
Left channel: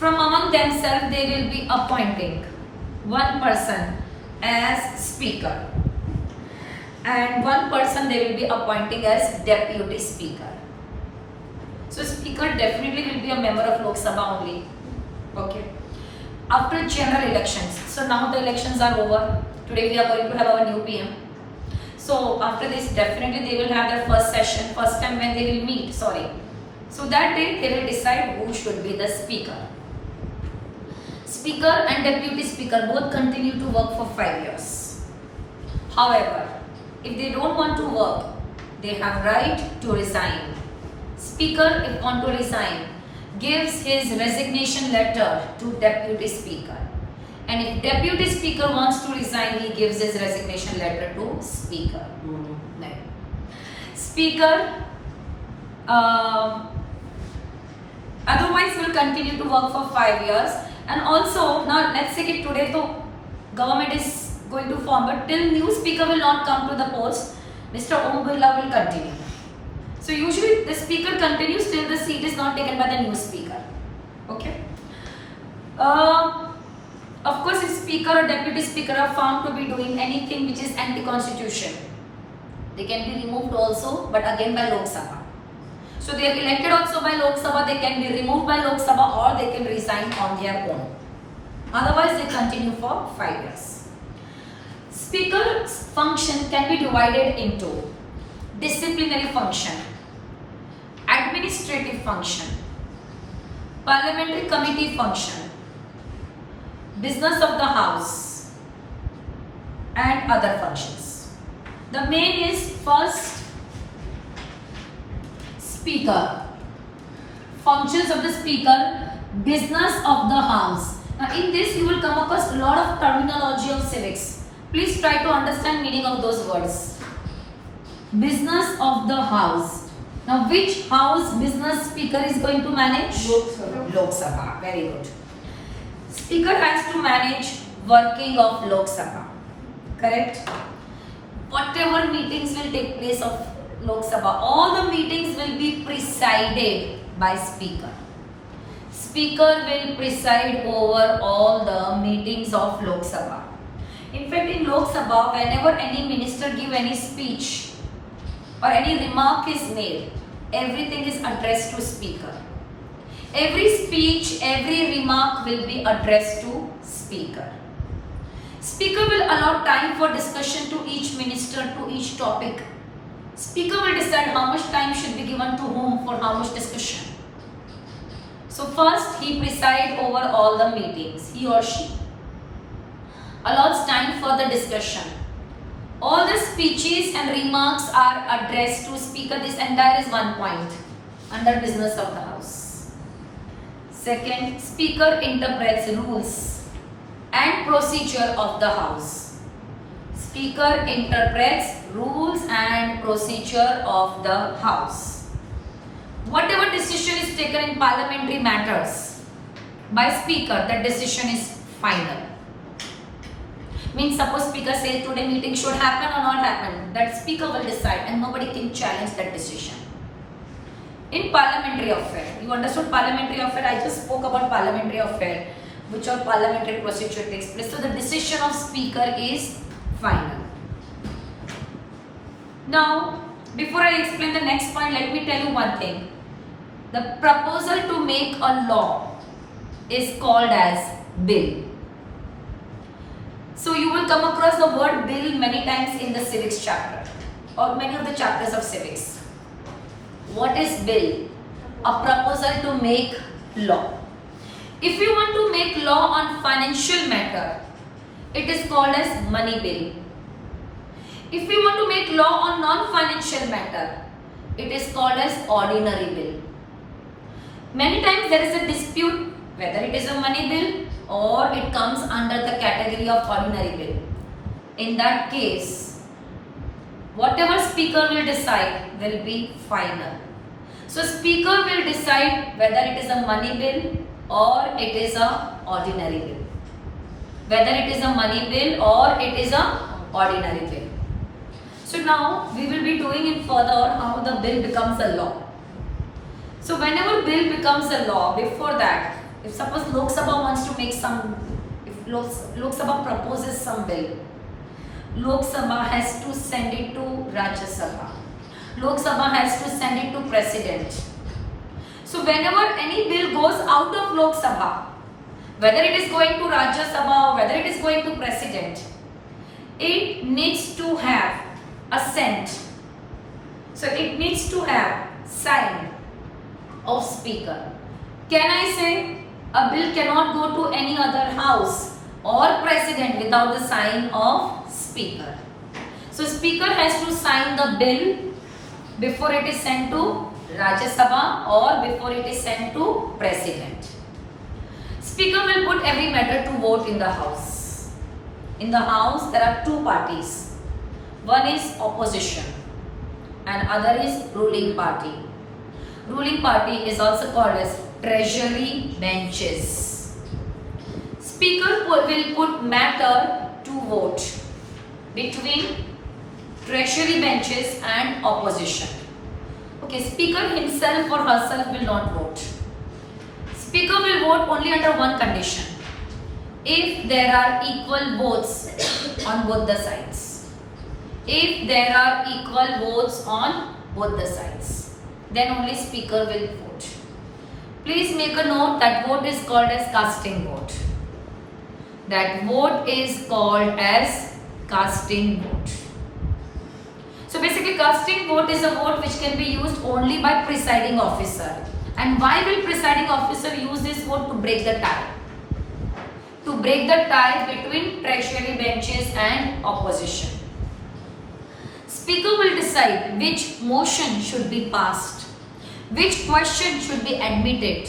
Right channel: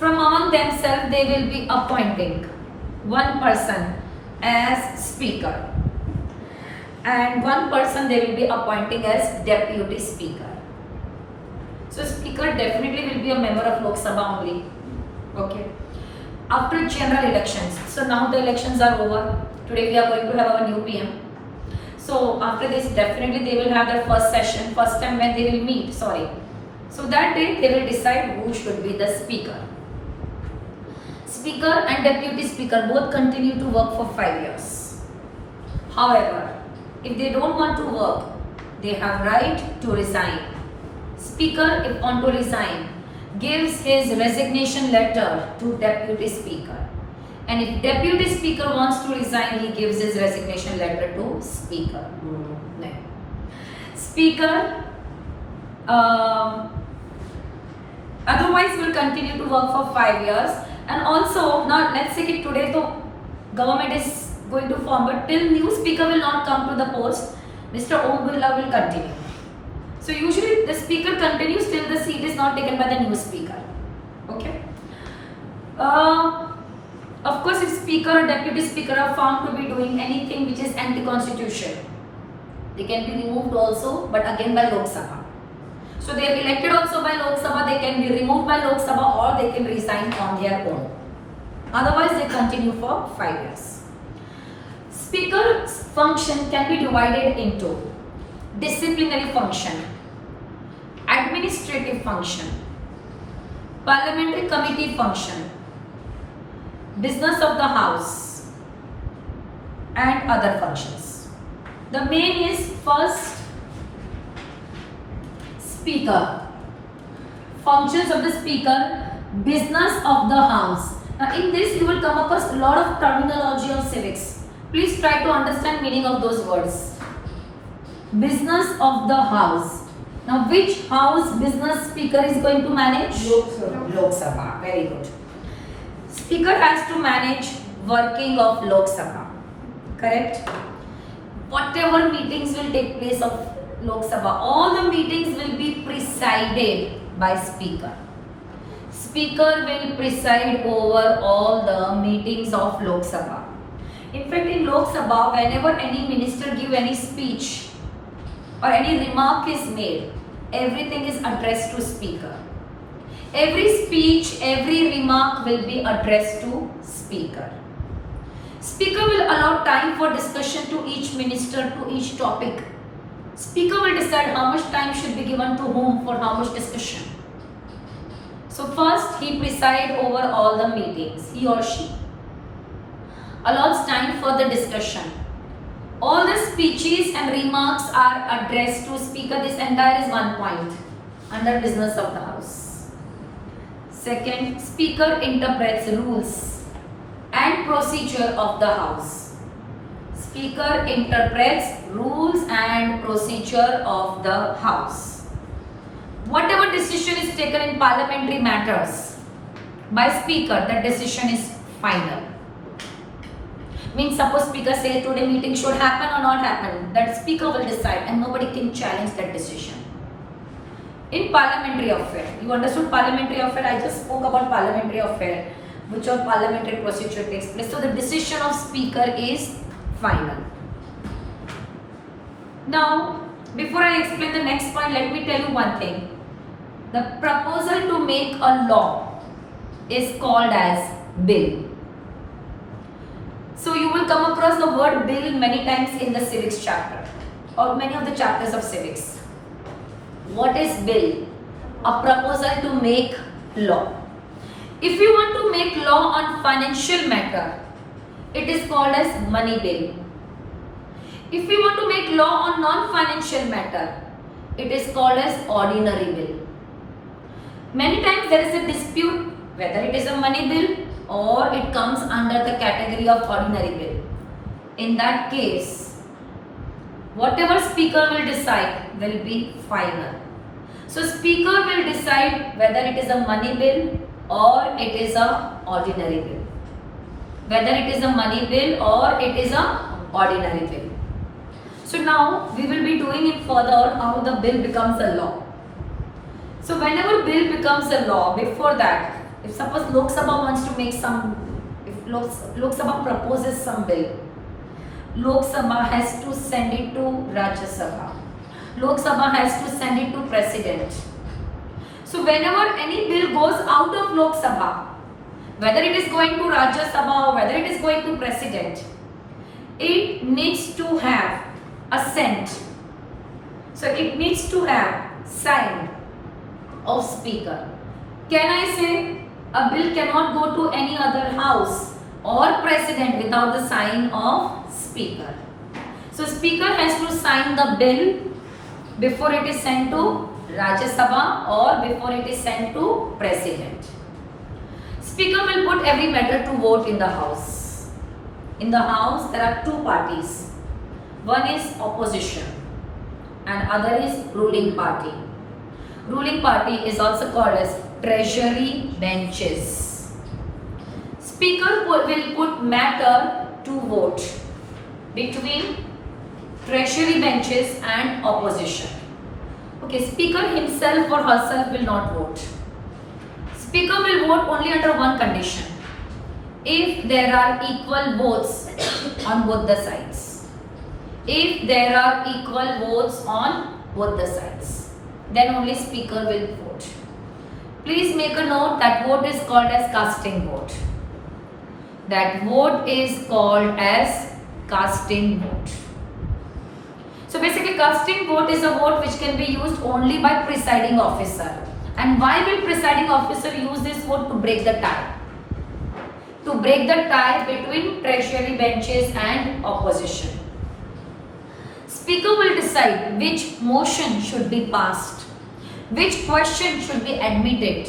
they will be appointing one person as speaker and one person they will be appointing as deputy speaker. So speaker definitely will be a member of Lok Sabha only. Okay. After general elections, so now the elections are over. Today we are going to have our new PM. So after this definitely they will have their first session, first time when they will meet, So that day they will decide who should be the speaker. Speaker and deputy speaker both continue to work for 5 years. However, if they don't want to work, they have right to resign. Speaker, if want to resign, gives his resignation letter to deputy speaker. And if deputy speaker wants to resign, he gives his resignation letter to speaker. No. Speaker otherwise will continue to work for 5 years. And also, now let's say that today the government is going to form, but till new speaker will not come to the post, Mr. Om Birla will continue. So So usually the speaker continues till the seat is not taken by the new speaker. Okay. Of course, if speaker or deputy speaker are found to be doing anything which is anti-constitution, they can be removed also, but again by Lok Sabha. So they are elected also by Lok Sabha, they can be removed by Lok Sabha, or they can resign on their own. Otherwise, they continue for 5 years. Speaker's function can be divided into disciplinary function, administrative function, parliamentary committee function, business of the house, and other functions. The main is first speaker. Functions of the speaker, business of the house. Now in this you will come across a lot of terminology of civics. Please try to understand meaning of those words. Business of the house. Now which house business speaker is going to manage? Lok Sabha. Lok Sabha. Very good. Speaker has to manage working of Lok Sabha. Correct? Whatever meetings will take place of Lok Sabha, all the meetings will be presided by speaker. Speaker will preside over all the meetings of Lok Sabha. In fact, in Lok Sabha, whenever any minister give any speech or any remark is made, everything is addressed to speaker. Every speech, every remark will be addressed to speaker. Speaker will allow time for discussion to each minister, to each topic. Speaker will decide how much time should be given to whom for how much discussion. So first he presides over all the meetings, he or she. Allows time for the discussion. All the speeches and remarks are addressed to speaker. This entire is one point under business of the house. Second, speaker interprets rules and procedure of the house. Speaker interprets rules and procedure of the house. Whatever decision is taken in parliamentary matters by speaker, that decision is final. Means suppose speaker says today meeting should happen or not happen, that speaker will decide and nobody can challenge that decision. In parliamentary affair, you understood parliamentary affair, I just spoke about parliamentary affair, which all parliamentary procedure takes place. So the decision of speaker is final. Now, before I explain the next point, let me tell you one thing. The proposal to make a law is called as bill. So you will come across the word bill many times in the civics chapter or many of the chapters of civics. What is bill? A proposal to make law. If you want to make law on financial matter, it is called as money bill. If you want to make law on non-financial matter, it is called as ordinary bill. Many times there is a dispute whether it is a money bill or it comes under the category of ordinary bill. In that case, whatever speaker will decide will be final. So speaker will decide whether it is a money bill or it is a ordinary bill. Whether it is a money bill or it is a ordinary bill. So now we will be doing it further how the bill becomes a law. So whenever bill becomes a law, before that, if suppose Lok Sabha wants to make some, if Lok Sabha proposes some bill, Lok Sabha has to send it to Rajya Sabha. Lok Sabha has to send it to President. So whenever any bill goes out of Lok Sabha, whether it is going to Rajya Sabha or whether it is going to President, it needs to have assent. So it needs to have sign of speaker. Can I say a bill cannot go to any other house or president without the sign of speaker? So speaker has to sign the bill before it is sent to Rajya Sabha or before it is sent to president. Speaker will put every matter to vote in the house. In the house there are two parties. One is opposition and other is ruling party. Ruling party is also called as treasury benches. Speaker will put matter to vote between treasury benches and opposition. Okay, speaker himself or herself will not vote. Speaker will vote only under one condition. If there are equal votes on both the sides. If there are equal votes on both the sides, then only speaker will vote. Please make a note that vote is called as casting vote. That vote is called as casting vote. So basically casting vote is a vote which can be used only by presiding officer. And why will presiding officer use this vote? To break the tie. To break the tie between treasury benches and opposition. Speaker will decide which motion should be passed, which question should be admitted.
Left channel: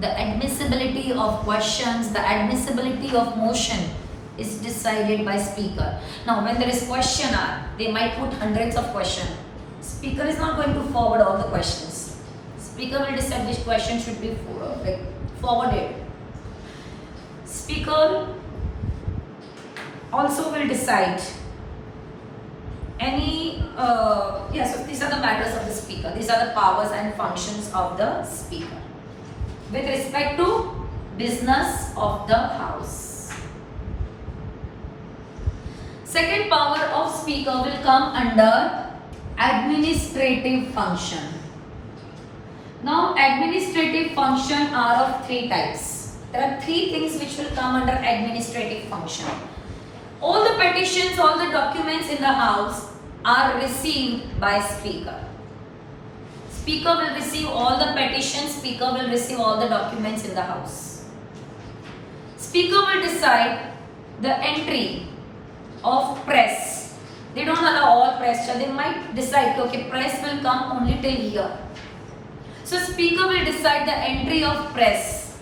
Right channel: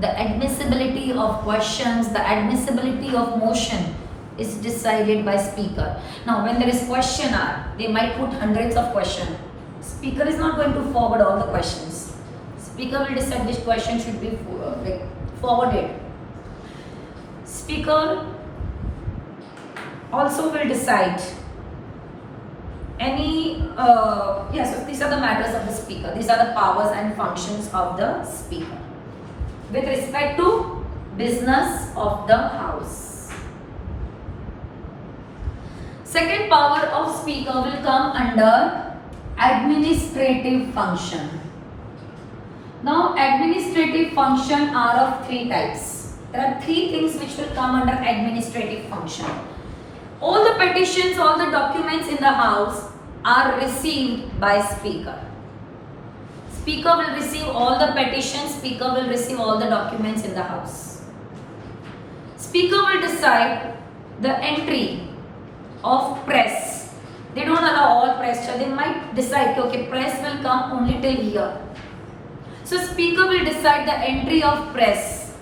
The admissibility of questions, the admissibility of motion is decided by speaker. Now when there is question hour, they might put hundreds of questions. Speaker is not going to forward all the questions. Speaker will decide which question should be forwarded. Speaker also will decide so these are the matters of the speaker. These are the powers and functions of the speaker with respect to business of the house. Second power of speaker will come under administrative function. Now administrative function are of three types. There are three things which will come under administrative function. All the petitions, all the documents in the house are received by speaker. Speaker will receive all the petitions, speaker will receive all the documents in the house. Speaker will decide the entry of press. They don't allow all press, so they might decide, okay, press will come only till here. So speaker will decide the entry of press.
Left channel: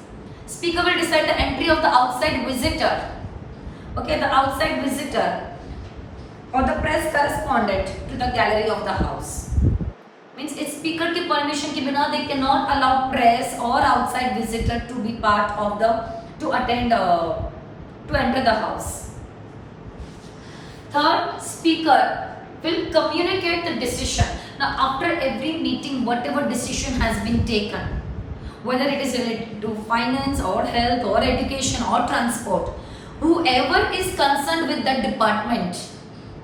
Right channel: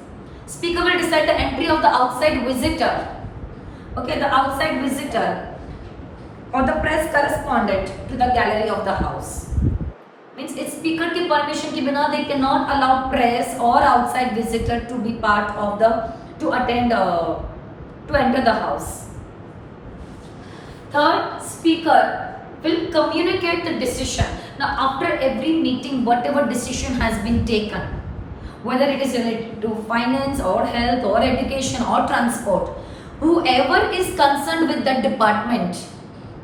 Speaker will decide the entry of the outside visitor. Okay, the outside visitor or the press correspondent to the gallery of the house. Means it's speaker ki permission ke bina they cannot allow press or outside visitor to be part of to enter the house. Third, speaker will communicate the decision. Now after every meeting, whatever decision has been taken, whether it is related to finance or health or education or transport, whoever is concerned with that department,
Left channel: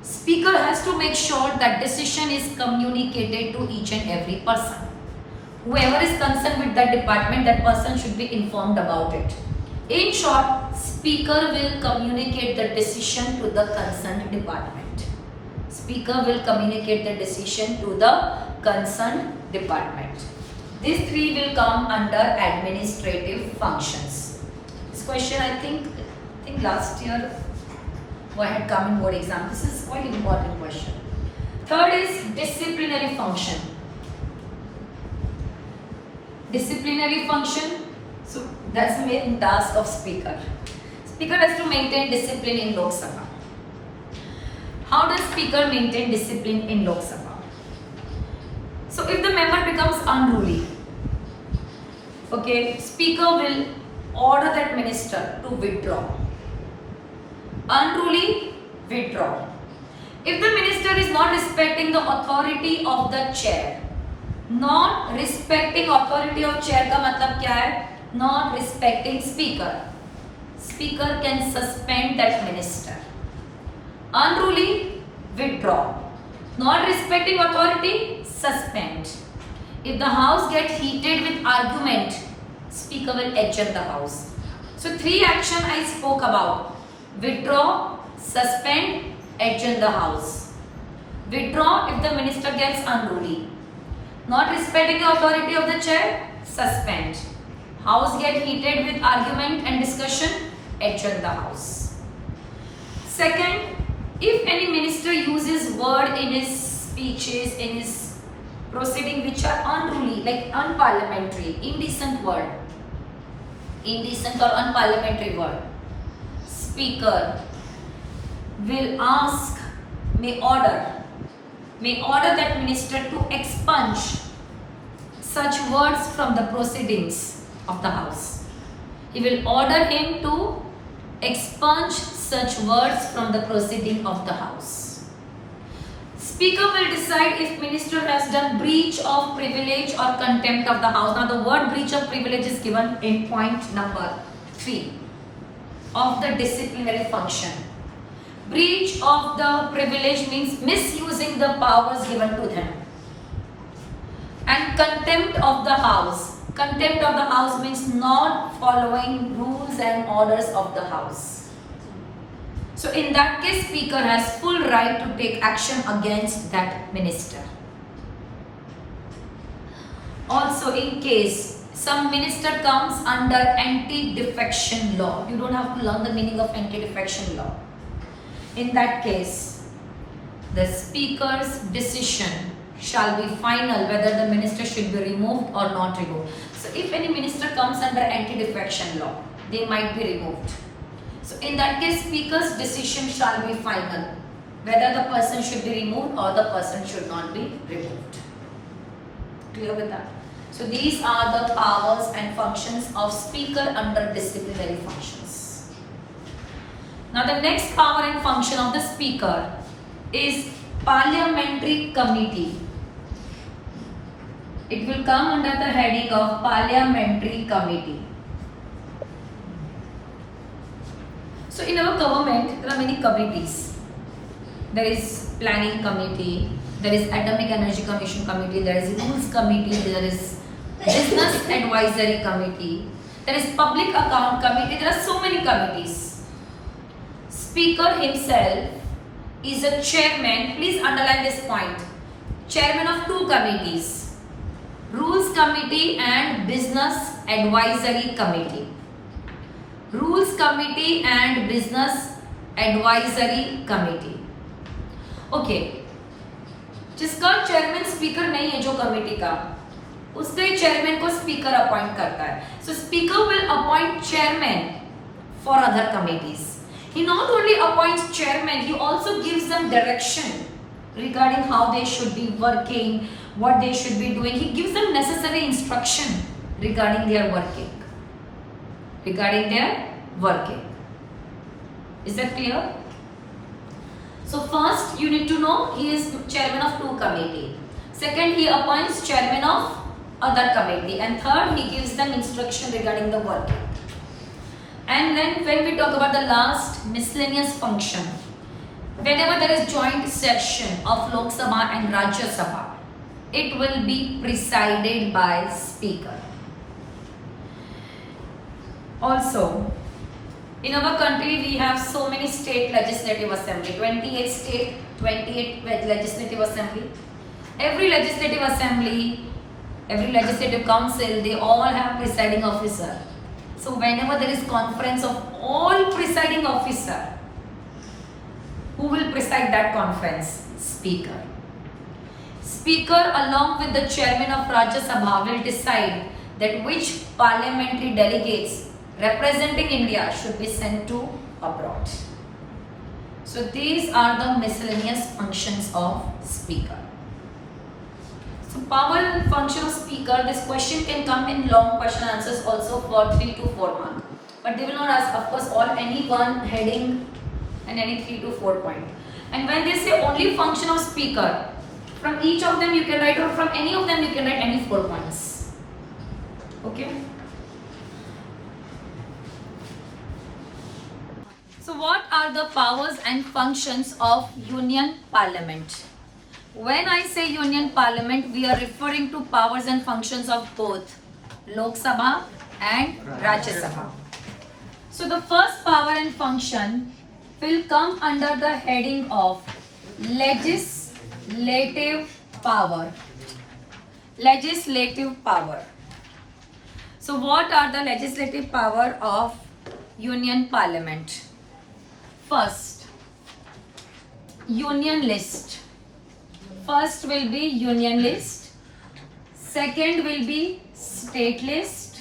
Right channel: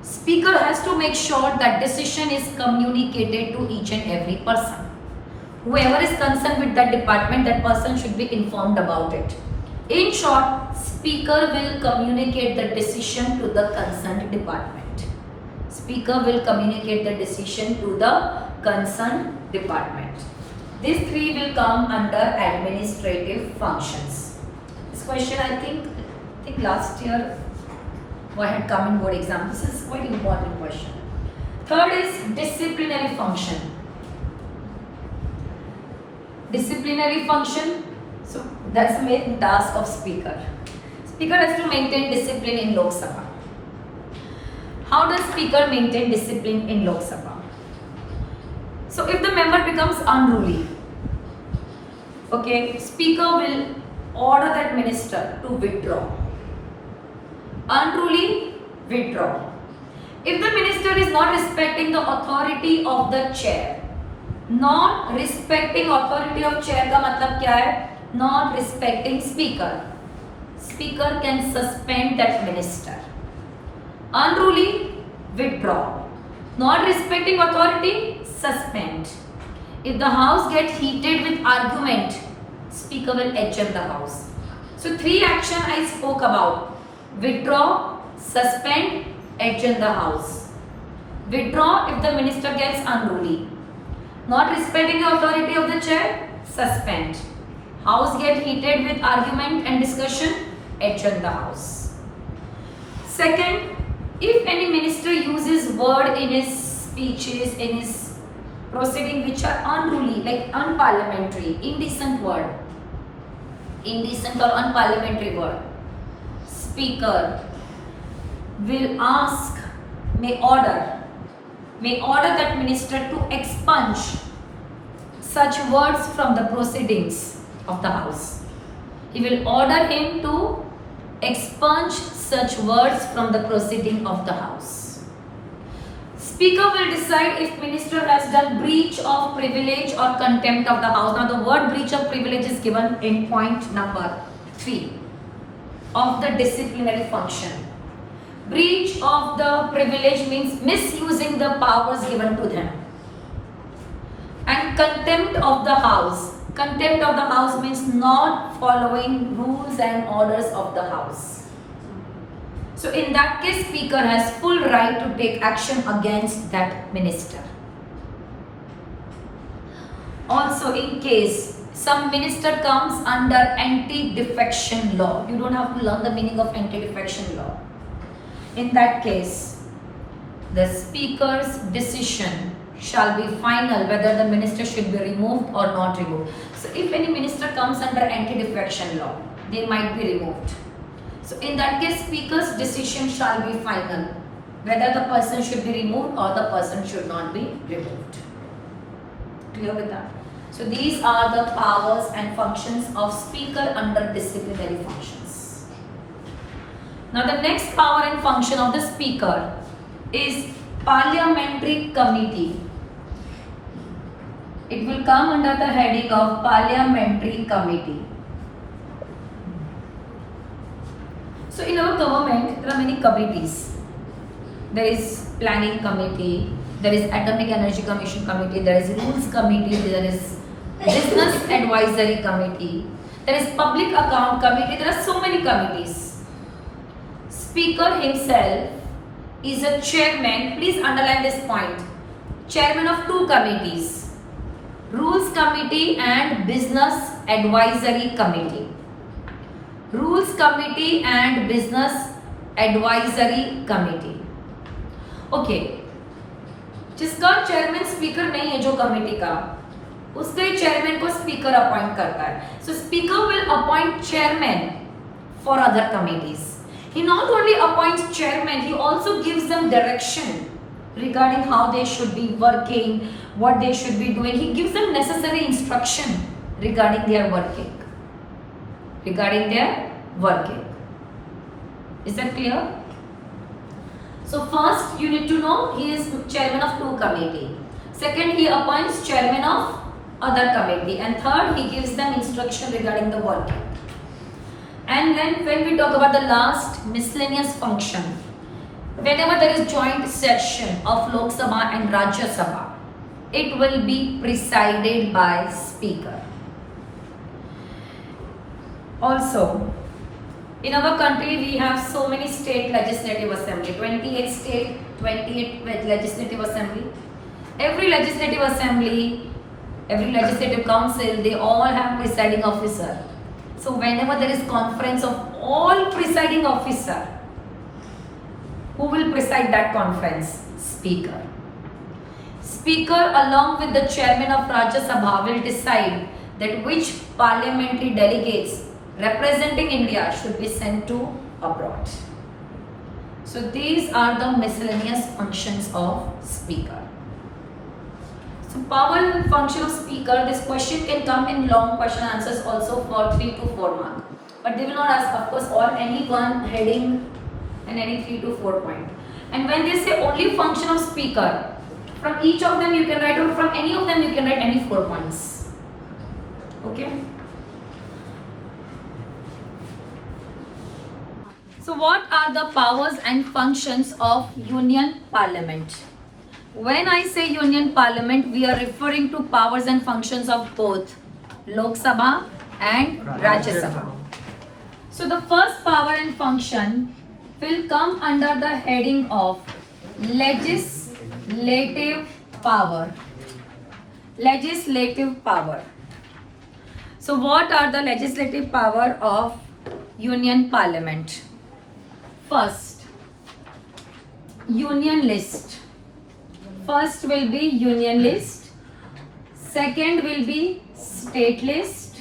speaker has to make sure that decision is communicated to each and every person. Whoever is concerned with that department, that person should be informed about it. In short, speaker will communicate the decision to the concerned department. Speaker will communicate the decision to the concerned department. These three will come under administrative functions. This question I think last year I had come in board exam. This is quite important question. Third is disciplinary function. Disciplinary function, so that's the main task of speaker. Speaker has to maintain discipline in Lok Sabha. How does speaker maintain discipline in Lok Sabha? So if the member becomes unruly, okay, speaker will order that minister to withdraw. Unruly, withdraw. If the minister is not respecting the authority of the chair, not respecting authority of chair का मतलब क्या है? Not respecting speaker. Speaker can suspend that minister. Unruly, withdraw. Not respecting authority, suspend. If the house gets heated with argument, speaker will adjourn the house. So three action I spoke about. Withdraw, suspend, adjourn the house. Withdraw if the minister gets unruly. Not respecting the authority of the chair, suspend. House get heated with argument and discussion, adjourn the house. Second, if any minister uses word in his speeches, in his proceeding which are unruly, like unparliamentary, indecent word, indecent or unparliamentary word, speaker will ask, may order that minister to expunge such words from the proceedings of the house. He will order him to expunge such words from the proceeding of the house. Speaker will decide if minister has done breach of privilege or contempt of the house. Now the word breach of privilege is given in point number 3 of the disciplinary function. Breach of the privilege means misusing the powers given to them. And contempt of the house. Contempt of the house means not following rules and orders of the house. So in that case, speaker has full right to take action against that minister. Also, in case some minister comes under anti-defection law, you don't have to learn the meaning of anti-defection law. In that case, the speaker's decision shall be final whether the minister should be removed or not removed. So if any minister comes under anti-defection law, they might be removed. So in that case, speaker's decision shall be final whether the person should be removed or the person should not be removed. Clear with that? So these are the powers and functions of speaker under disciplinary functions. Now the next power and function of the speaker is parliamentary committee. It will come under the heading of parliamentary committee. So in our government, there are many committees. There is planning committee, there is atomic energy commission committee, there is rules committee, there is business advisory committee, there is public account committee, there are so many committees. Speaker himself is a chairman, please underline this point, chairman of 2 committees, rules committee and business advisory committee. Rules committee and business advisory committee. Okay, जिसका chairman speaker नहीं है जो committee का, उसके chairman को speaker appoint करता है. So speaker will appoint chairman for other committees. He not only appoints chairman, he also gives them direction regarding how they should be working, what they should be doing. He gives them necessary instruction regarding their working. Is that clear? So first you need to know he is chairman of 2 committee. Second, he appoints chairman of other committee. And third, he gives them instruction regarding the working. And then when we talk about the last miscellaneous function, whenever there is joint session of Lok Sabha and Rajya Sabha, it will be presided by speaker. Also, in our country we have so many state legislative assembly, 28 state, 28 legislative assembly. Every legislative assembly, every legislative council, they all have presiding officer. So whenever there is conference of all presiding officer, who will preside that conference? Speaker. Speaker along with the chairman of Rajya Sabha will decide that which parliamentary delegates representing India should be sent to abroad. So these are the miscellaneous functions of speaker. So power and function of speaker, this question can come in long question answers also for 3 to 4 mark. But they will not ask, of course, all any one heading and any 3 to 4 point. And when they say only function of speaker, from each of them you can write, or from any of them you can write any 4 points. Okay? So what are the powers and functions of Union Parliament? When I say Union Parliament, we are referring to powers and functions of both Lok Sabha and Rajya Sabha. So the first power and function will come under the heading of legislative power. Legislative power. So what are the legislative power of Union Parliament? First, union list. First will be union list. Second will be state list.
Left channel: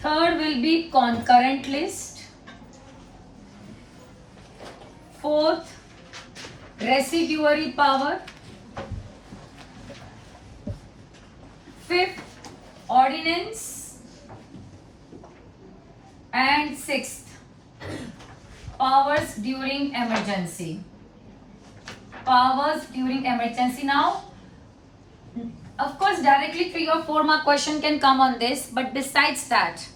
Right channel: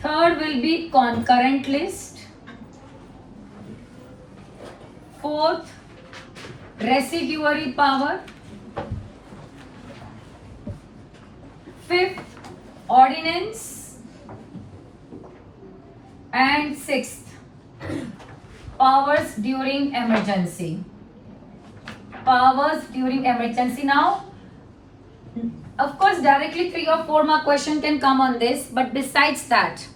Third will be concurrent list. Fourth, residuary power. Fifth, ordinance. And sixth, powers during emergency. powers during emergency. Now, of course, directly 3 or 4 mark question can come on this, but besides that,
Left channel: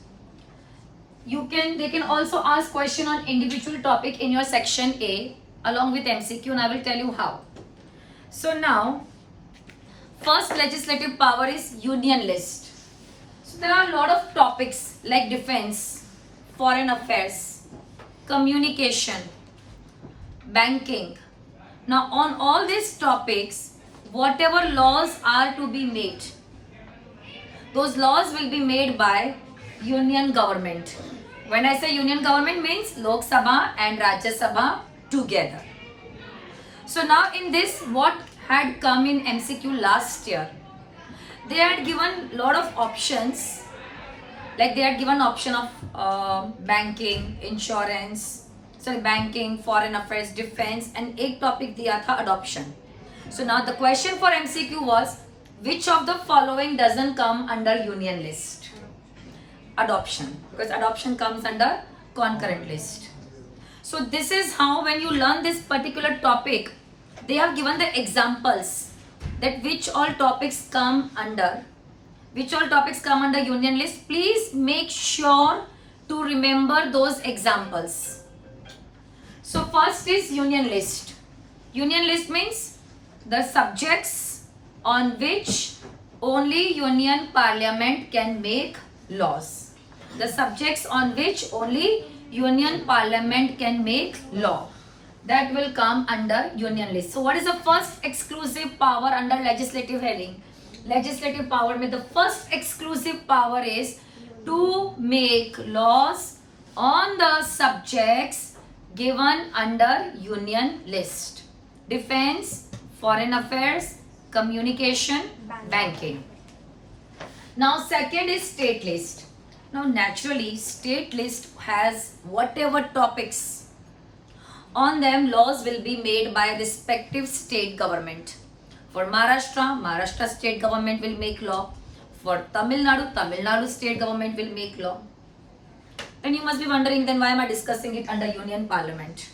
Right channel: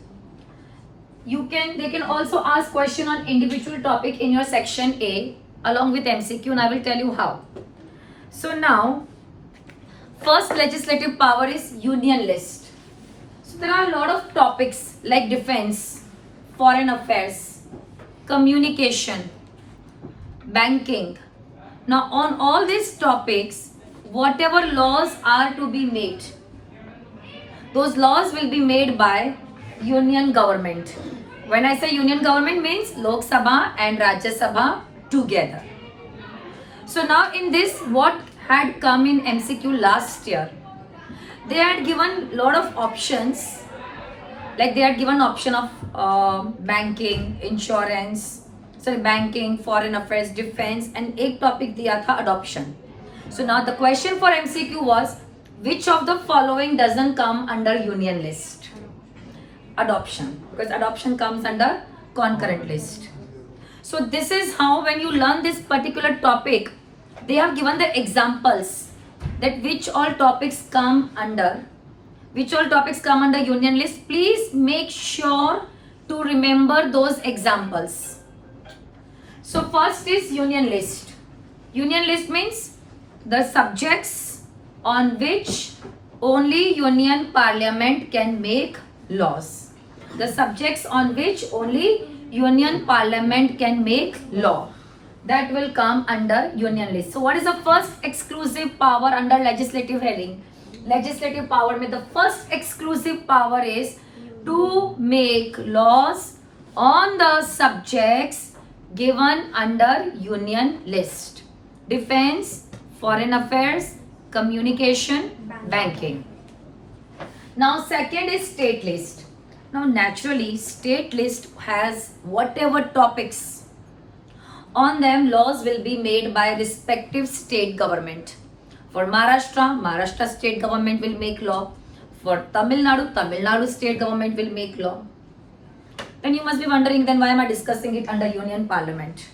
they can also ask question on individual topic in your section A along with MCQ, and I will tell you how. So now, first legislative power is union list. So there are a lot of topics like defense, foreign affairs, communication, banking. Now on all these topics, whatever laws are to be made, those laws will be made by union government. When I say union government, means Lok Sabha and Rajya Sabha together. So now in this, what had come in MCQ last year, they had given lot of options, like they had given option of banking, insurance, banking, foreign affairs, defense, and एक topic दिया था adoption. So now the question for MCQ was, which of the following doesn't come under union list? Adoption, because adoption comes under concurrent list. So this is how, when you learn this particular topic, they have given the examples that which all topics come under union list. Please make sure to remember those examples. So first is union list. Union list means the subjects on which only union parliament can make laws. The subjects on which only union parliament can make law. That will come under union list. So what is the first exclusive power under legislative heading? Legislative power में the first exclusive power is to make laws on the subjects given under union list. Defense, foreign affairs, communication, banking. Now second is state list. Now naturally state list has whatever topics, on them laws will be made by respective state government. For Maharashtra state government will make law. For Tamil Nadu state government will make law. Then you must be wondering, then why am I discussing it under union parliament?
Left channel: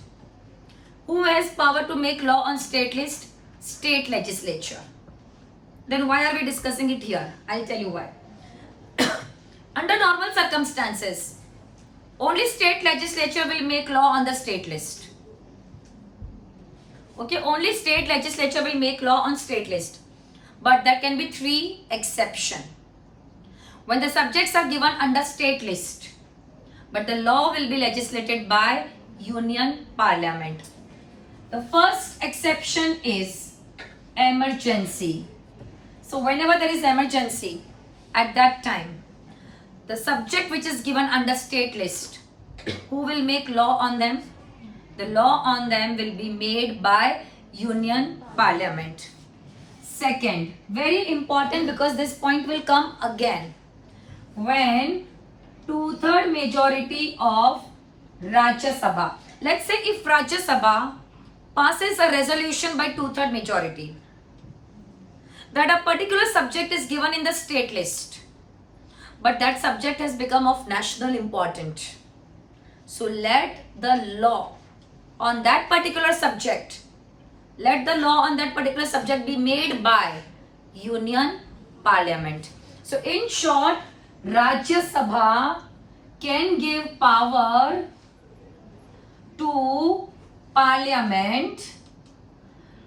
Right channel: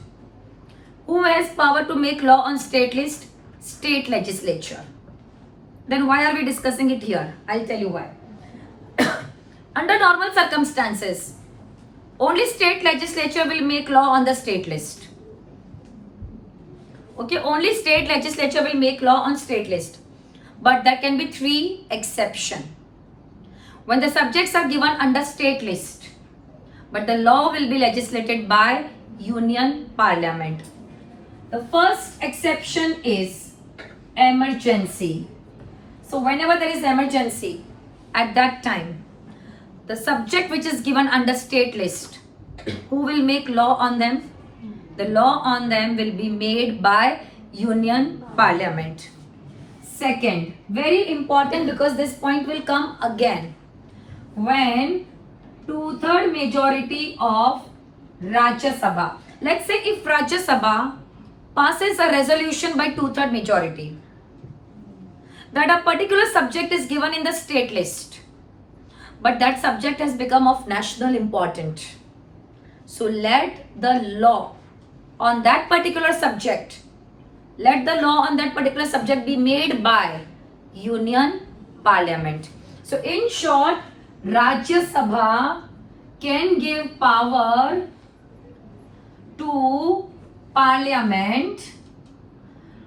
Who has power to make law on state list? State legislature. Then why are we discussing it here? I'll tell you why. Under normal circumstances, only state legislature will make law on the state list. Okay, only state legislature will make law on state list. But there can be 3 exceptions. When the subjects are given under state list, but the law will be legislated by union parliament. The first exception is emergency. So whenever there is emergency, at that time, the subject which is given under state list, who will make law on them? The law on them will be made by union parliament. Second, very important, because this point will come again. When 2/3 majority of Rajya Sabha, let's say if Rajya Sabha passes a resolution by 2/3 majority, that a particular subject is given in the state list, but that subject has become of national importance. So let the law on that particular subject, be made by union parliament. So in short, Rajya Sabha can give power to parliament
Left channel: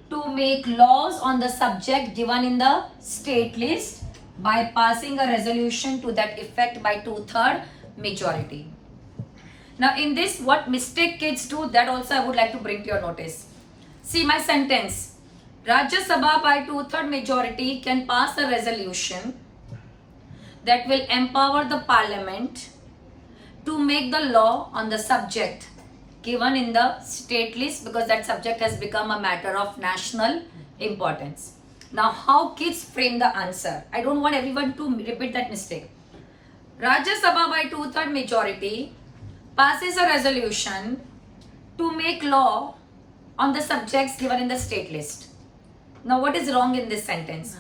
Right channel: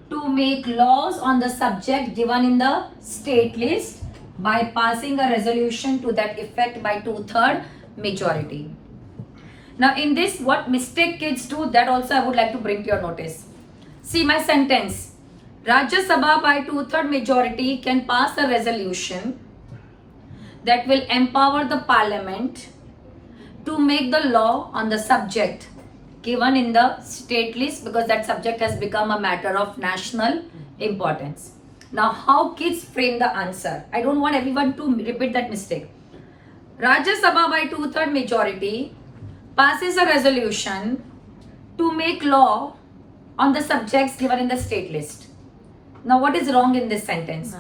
to make laws on the subject given in the state list by passing a resolution to that effect by 2/3 majority. Now in this, what mistake kids do, that also I would like to bring to your notice. See my sentence. Rajya Sabha by 2/3 majority can pass a resolution that will empower the parliament to make the law on the subject given in the state list, because that subject has become a matter of national importance. Now how kids frame the answer, I don't want everyone to repeat that mistake. Rajya Sabha by 2/3 majority passes a resolution to make law on the subjects given in the state list. Now what is wrong in this sentence?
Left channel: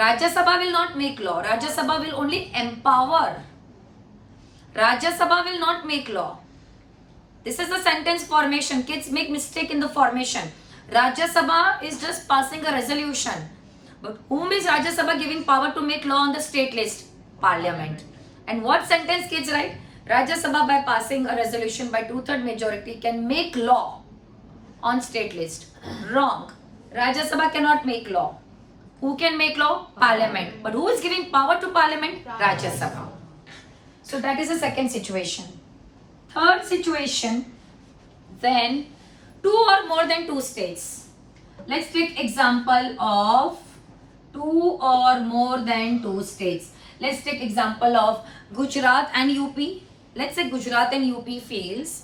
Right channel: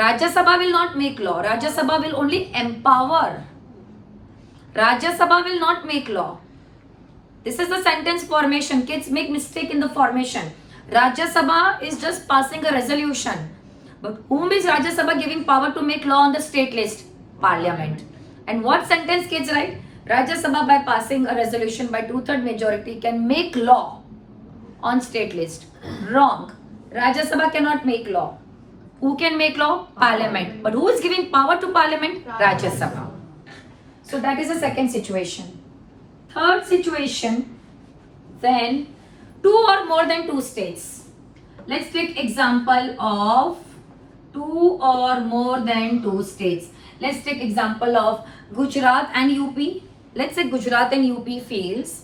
Rajya Sabha will not make law. Rajya Sabha will only empower. Rajya Sabha will not make law. This is the sentence formation. Kids make mistake in the formation. Rajya Sabha is just passing a resolution. But whom is Rajya Sabha giving power to make law on the state list? Parliament. And what sentence kids write? Rajya Sabha by passing a resolution by 2/3 majority can make law on state list. Wrong. Rajya Sabha cannot make law. Who can make law? Parliament. But who is giving power to Parliament? Rajya Sabha. So that is the second situation. Third situation, when two or more than two states. Let's take example of two or more than two states. Let's take example of Gujarat and UP. Let's say Gujarat and UP feels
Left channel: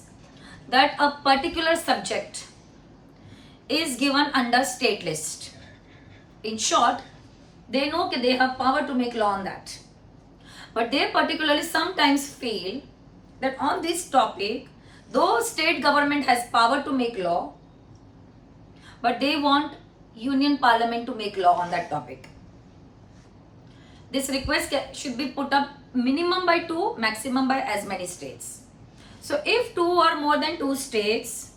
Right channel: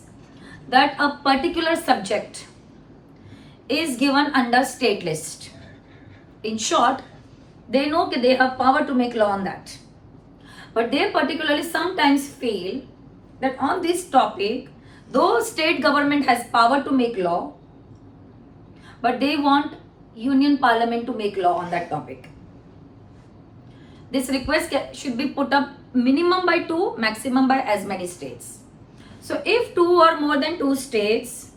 that a particular subject is given under state list. In short, they know that they have power to make law on that. But they particularly sometimes feel that on this topic, though state government has power to make law, but they want Union Parliament to make law on that topic. This request should be put up minimum by 2, maximum by as many states. So if 2 or more than 2 states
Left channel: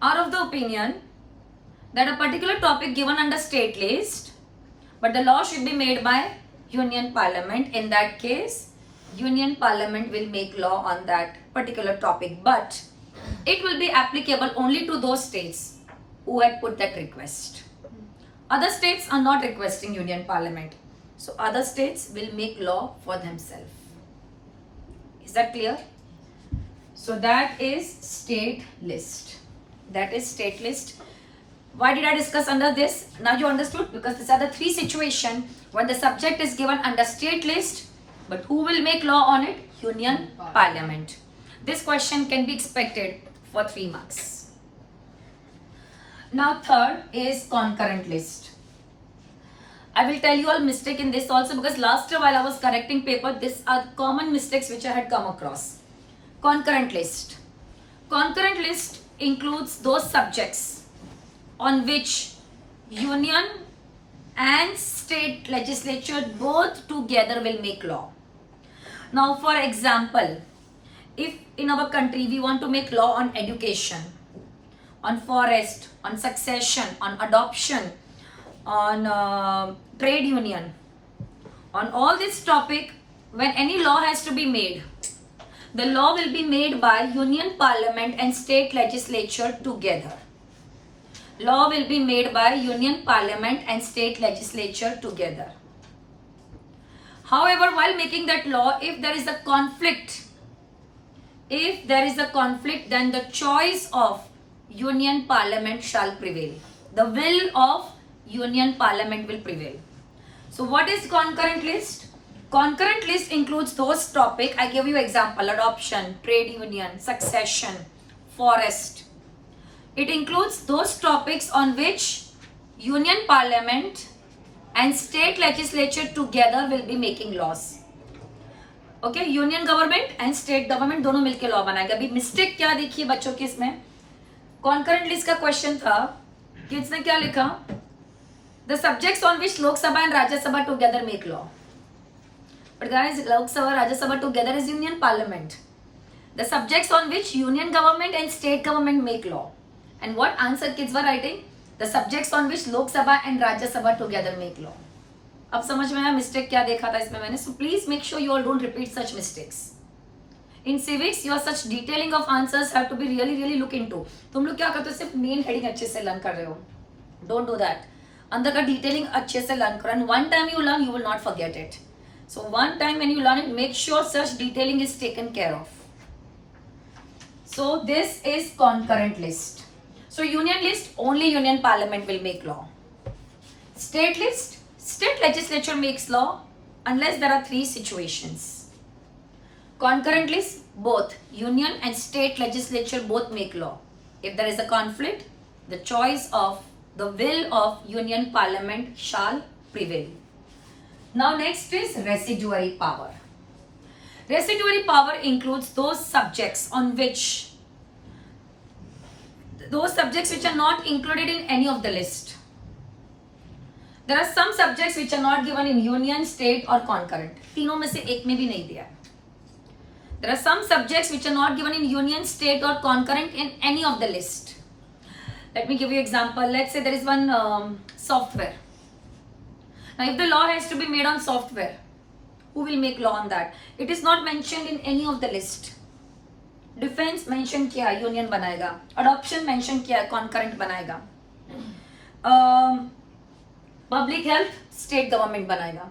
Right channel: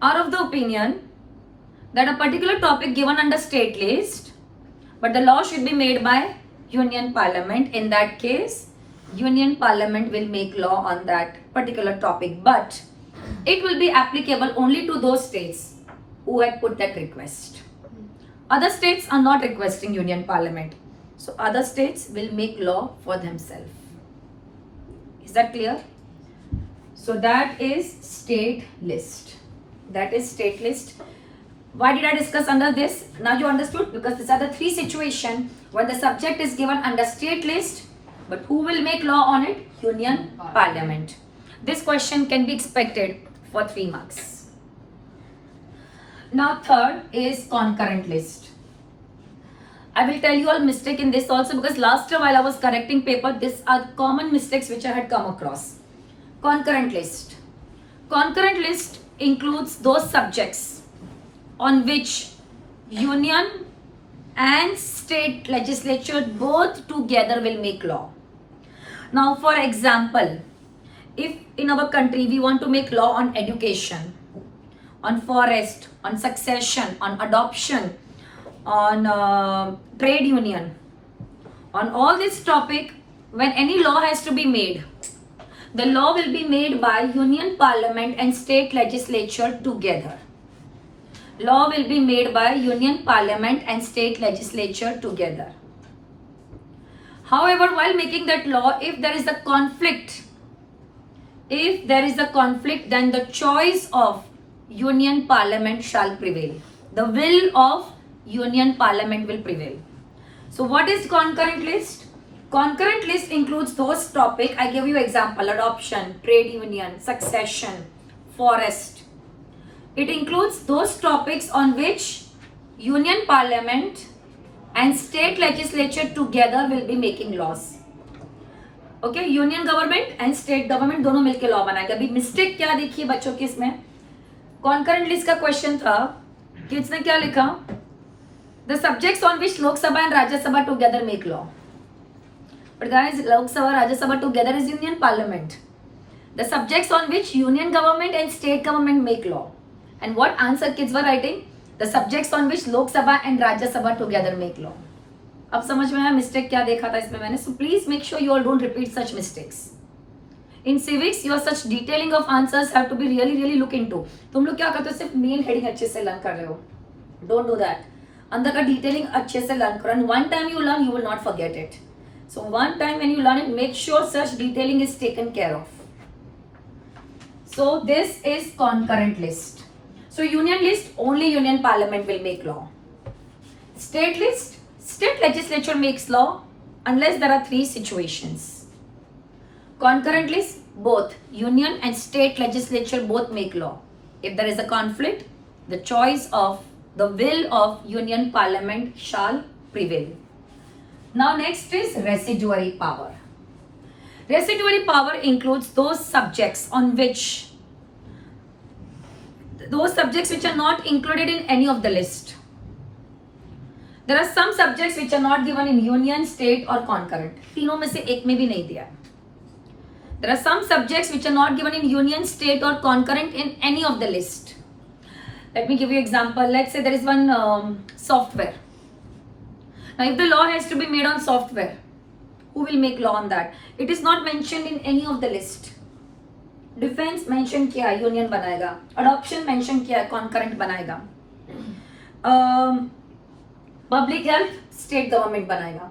are of the opinion that a particular topic given under state list, but the law should be made by Union Parliament, in that case, Union Parliament will make law on that particular topic, but it will be applicable only to those states who had put that request. Other states are not requesting Union Parliament. So other states will make law for themselves. Is that clear? So that is state list. That is state list. Why did I discuss under this? Now you understood, because these are the 3 situations when the subject is given under state list, but who will make law on it? Union Parliament. This question can be expected for 3 marks. Now third is concurrent list. I will tell you all mistake in this also, because last year while I was correcting paper, these are common mistakes which I had come across. Concurrent list. Concurrent list includes those subjects on which union and state legislature both together will make law. Now for example, if in our country we want to make law on education, on forest, on succession, on adoption, on trade union, on all this topic, when any law has to be made, the law will be made by Union Parliament and state legislature together. Law will be made by Union Parliament and state legislature together. However, while making that law, if there is a conflict, then the choice of Union Parliament shall prevail. The will of Union Parliament will prevail. So what is concurrent list? Concurrent list includes those topics. I give you example: adoption, trade union, succession, forest. It includes those topics on which Union Parliament and state legislature together will be making laws. Okay, Union government and state government दोनों मिलके law बनाएगा. अभी mistake क्या देखिए बच्चों की इसमें? Concurrent list का question था कि इसने क्या लिखा? The subjects on which Lok Sabha and Rajya Sabha together make law. But guys, Lok Sabha, Rajya Sabha together is Union Parliament. The subjects on which Union government and state government make law. And what answer kids were writing? The subjects on which Lok Sabha and Rajya Sabha together make law. अब समझ में आया mistake क्या देखा था इसमें मैंने? So please make sure you all don't repeat such mistakes. In civics, your such detailing of answers have to be really look into. तुम लोग क्या करते हो? सिर्फ मेन हेडिंग अच्छे से लर्न कर रहे हो. Don't do that. अंदर का डिटेलिंग अच्छे से लर्न करो. And one time you learn, you will not forget it. So one time when you learn it, make sure such detailing is taken care of. So this is concurrent list. So union list, only Union Parliament will make law. State list, state legislature makes law unless there are 3 situations. Concurrent list, both Union and state legislature both make law. If there is a conflict, the choice of the will of Union Parliament shall prevail. Now next is residuary power. Residuary power includes those subjects on which are not included in any of the list. There are some subjects which are not given in union, state or concurrent. तीनों में से एक में भी नहीं दिया. There are some subjects which are not given in union, state or concurrent in any of the list. Let me give you example. Let's say there is one software. Now if the law has to be made on software, who will make law on that? It is not mentioned in any of the list. Defense mention किया है, union बनाएगा. Adoption mention किया है, concurrent बनाएगा. Public health, state government बनाएगा.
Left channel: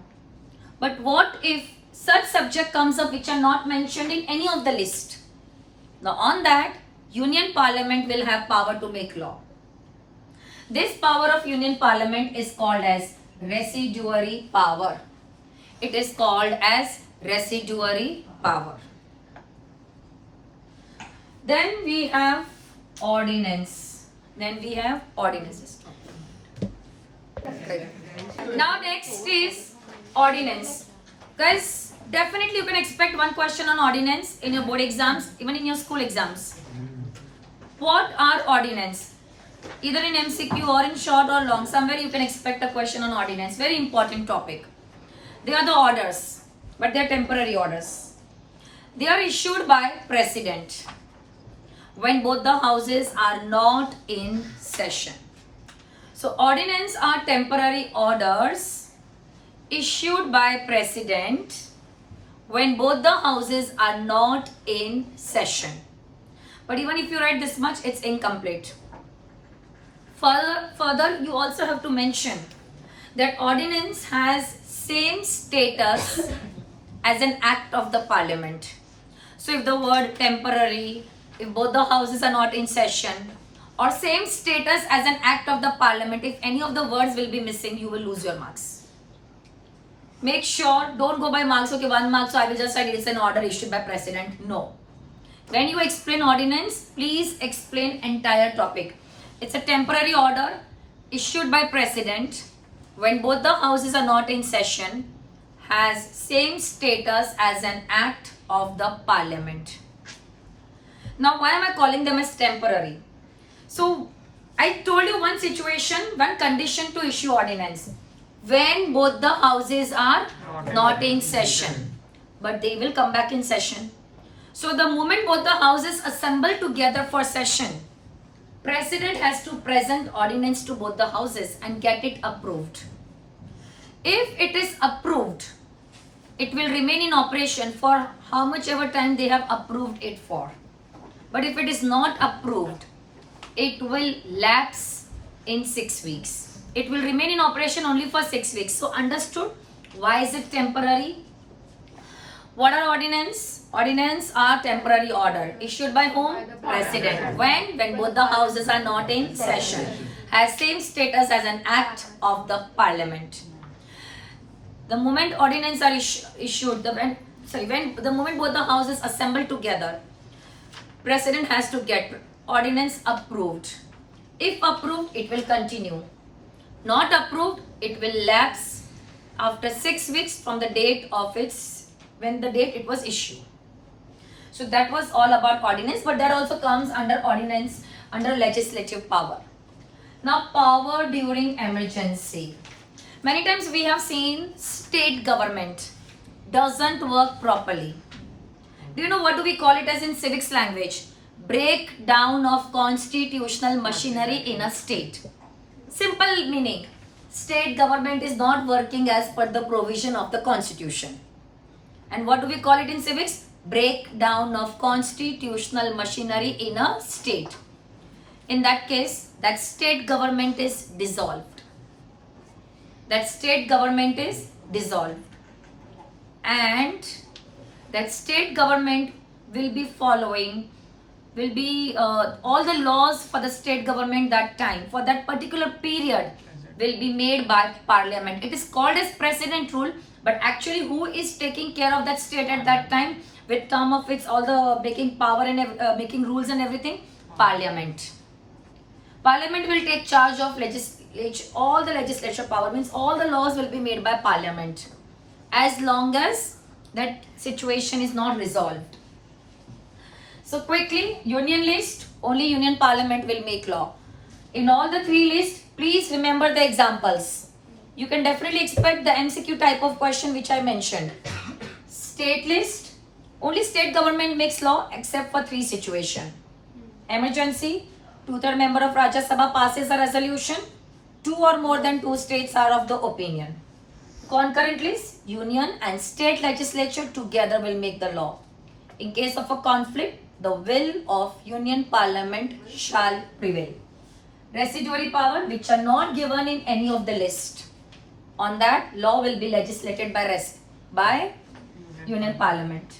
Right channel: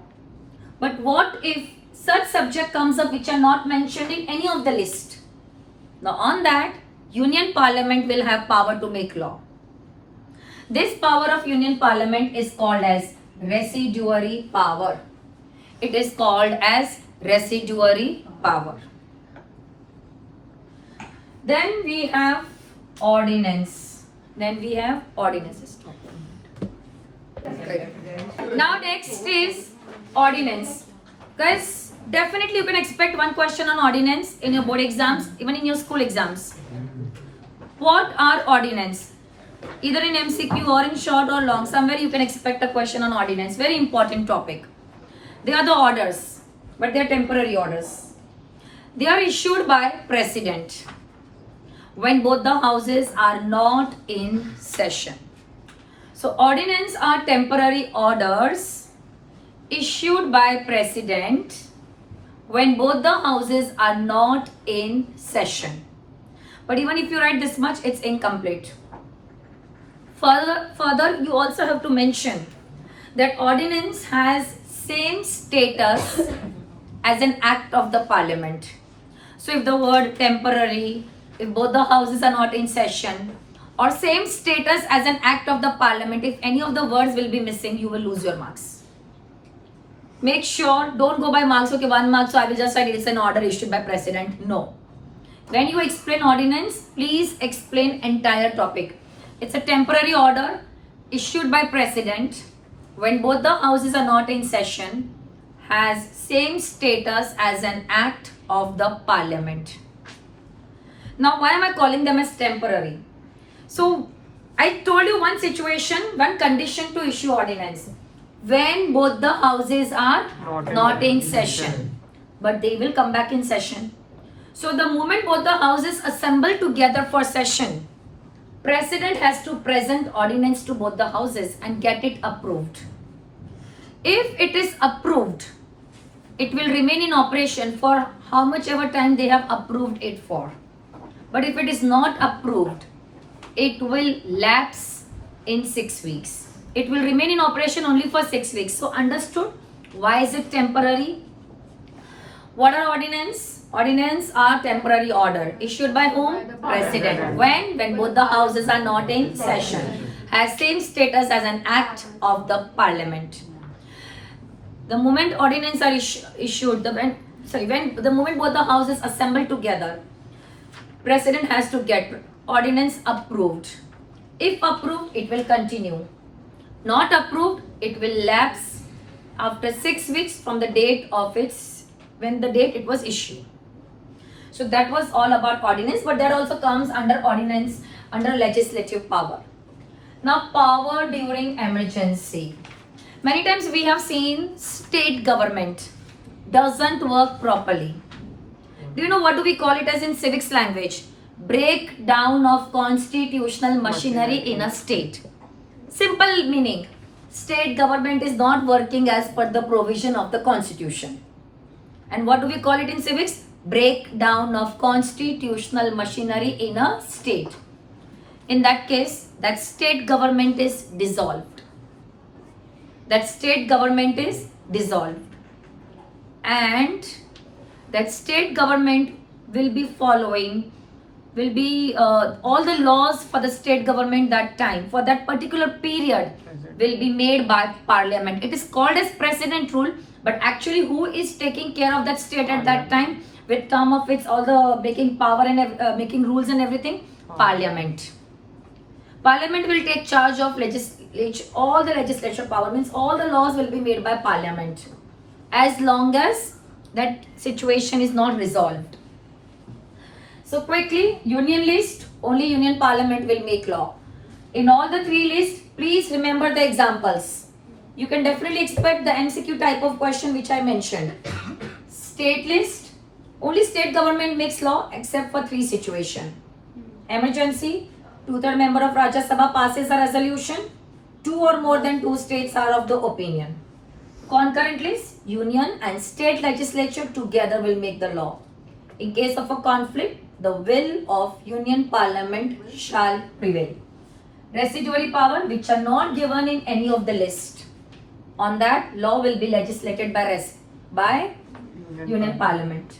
But what if such subject comes up which are not mentioned in any of the list? Now on that, Union Parliament will have power to make law. This power of Union Parliament is called as residuary power. It is called as residuary power. Then we have ordinance. Then we have ordinances. Now next is ordinance. Guys, definitely you can expect one question on ordinance in your board exams, even in your school exams. What are ordinance? Either in MCQ or in short or long, somewhere you can expect a question on ordinance. Very important topic. They are the orders, but they are temporary orders. They are issued by president when both the houses are not in session. So ordinance are temporary orders issued by president when both the houses are not in session. But even if you write this much, it's incomplete. Further, you also have to mention that ordinance has same status as an act of the parliament. So if the word temporary, if both the houses are not in session, or same status as an act of the parliament, if any of the words will be missing, you will lose your marks. Make sure, don't go by marks, okay, 1 mark, so I will just write it's an order issued by president. No. When you explain ordinance, please explain entire topic. It's a temporary order issued by president when both the houses are not in session, has same status as an act of the parliament. Now, why am I calling them as temporary? So, I told you one situation, one condition to issue ordinance. When both the houses are not in session, but they will come back in session. So, the moment both the houses assemble together for session, president has to present ordinance to both the houses and get it approved. If it is approved, it will remain in operation for how much ever time they have approved it for. But if it is not approved, it will lapse in 6 weeks. It will remain in operation only for 6 weeks. So understood? Why is it temporary? What are ordinance? Ordinance are temporary order issued by whom? President. When both the houses are not in session. Has same status as an act of the parliament. The moment ordinance are issued, when the moment both the houses assemble together, president has to get ordinance approved. If approved, it will continue. Not approved, it will lapse after 6 weeks from the date of when the date it was issued. So that was all about ordinance, but that also comes under ordinance, under legislative power. Now, power during emergency. Many times we have seen state government doesn't work properly. Do you know what do we call it as in civics language? Breakdown of constitutional machinery in a state. Simple meaning, state government is not working as per the provision of the constitution. And what do we call it in civics? Breakdown of constitutional machinery in a state. In that case, that state government is dissolved. That state government is dissolved. And that state government will be following, all the laws for the state government that time, for that particular period, will be made by parliament. It is called as president rule, but actually who is taking care of that state at that time with term of its all the making power and making rules and everything? Parliament. Parliament will take charge of all the legislature power, means all the laws will be made by parliament as long as that situation is not resolved. So quickly, union list, only union parliament will make law. In all the 3 lists, please remember the examples. You can definitely expect the MCQ type of question which I mentioned. State list, only state government makes law except for 3 situations. Emergency, 2/3 member of Rajya Sabha passes a resolution, 2 or more than 2 states are of the opinion. Concurrently, union and state legislature together will make the law. In case of a conflict, the will of union parliament shall prevail. Residuary power which are not given in any of the list. On that, law will be legislated by union parliament.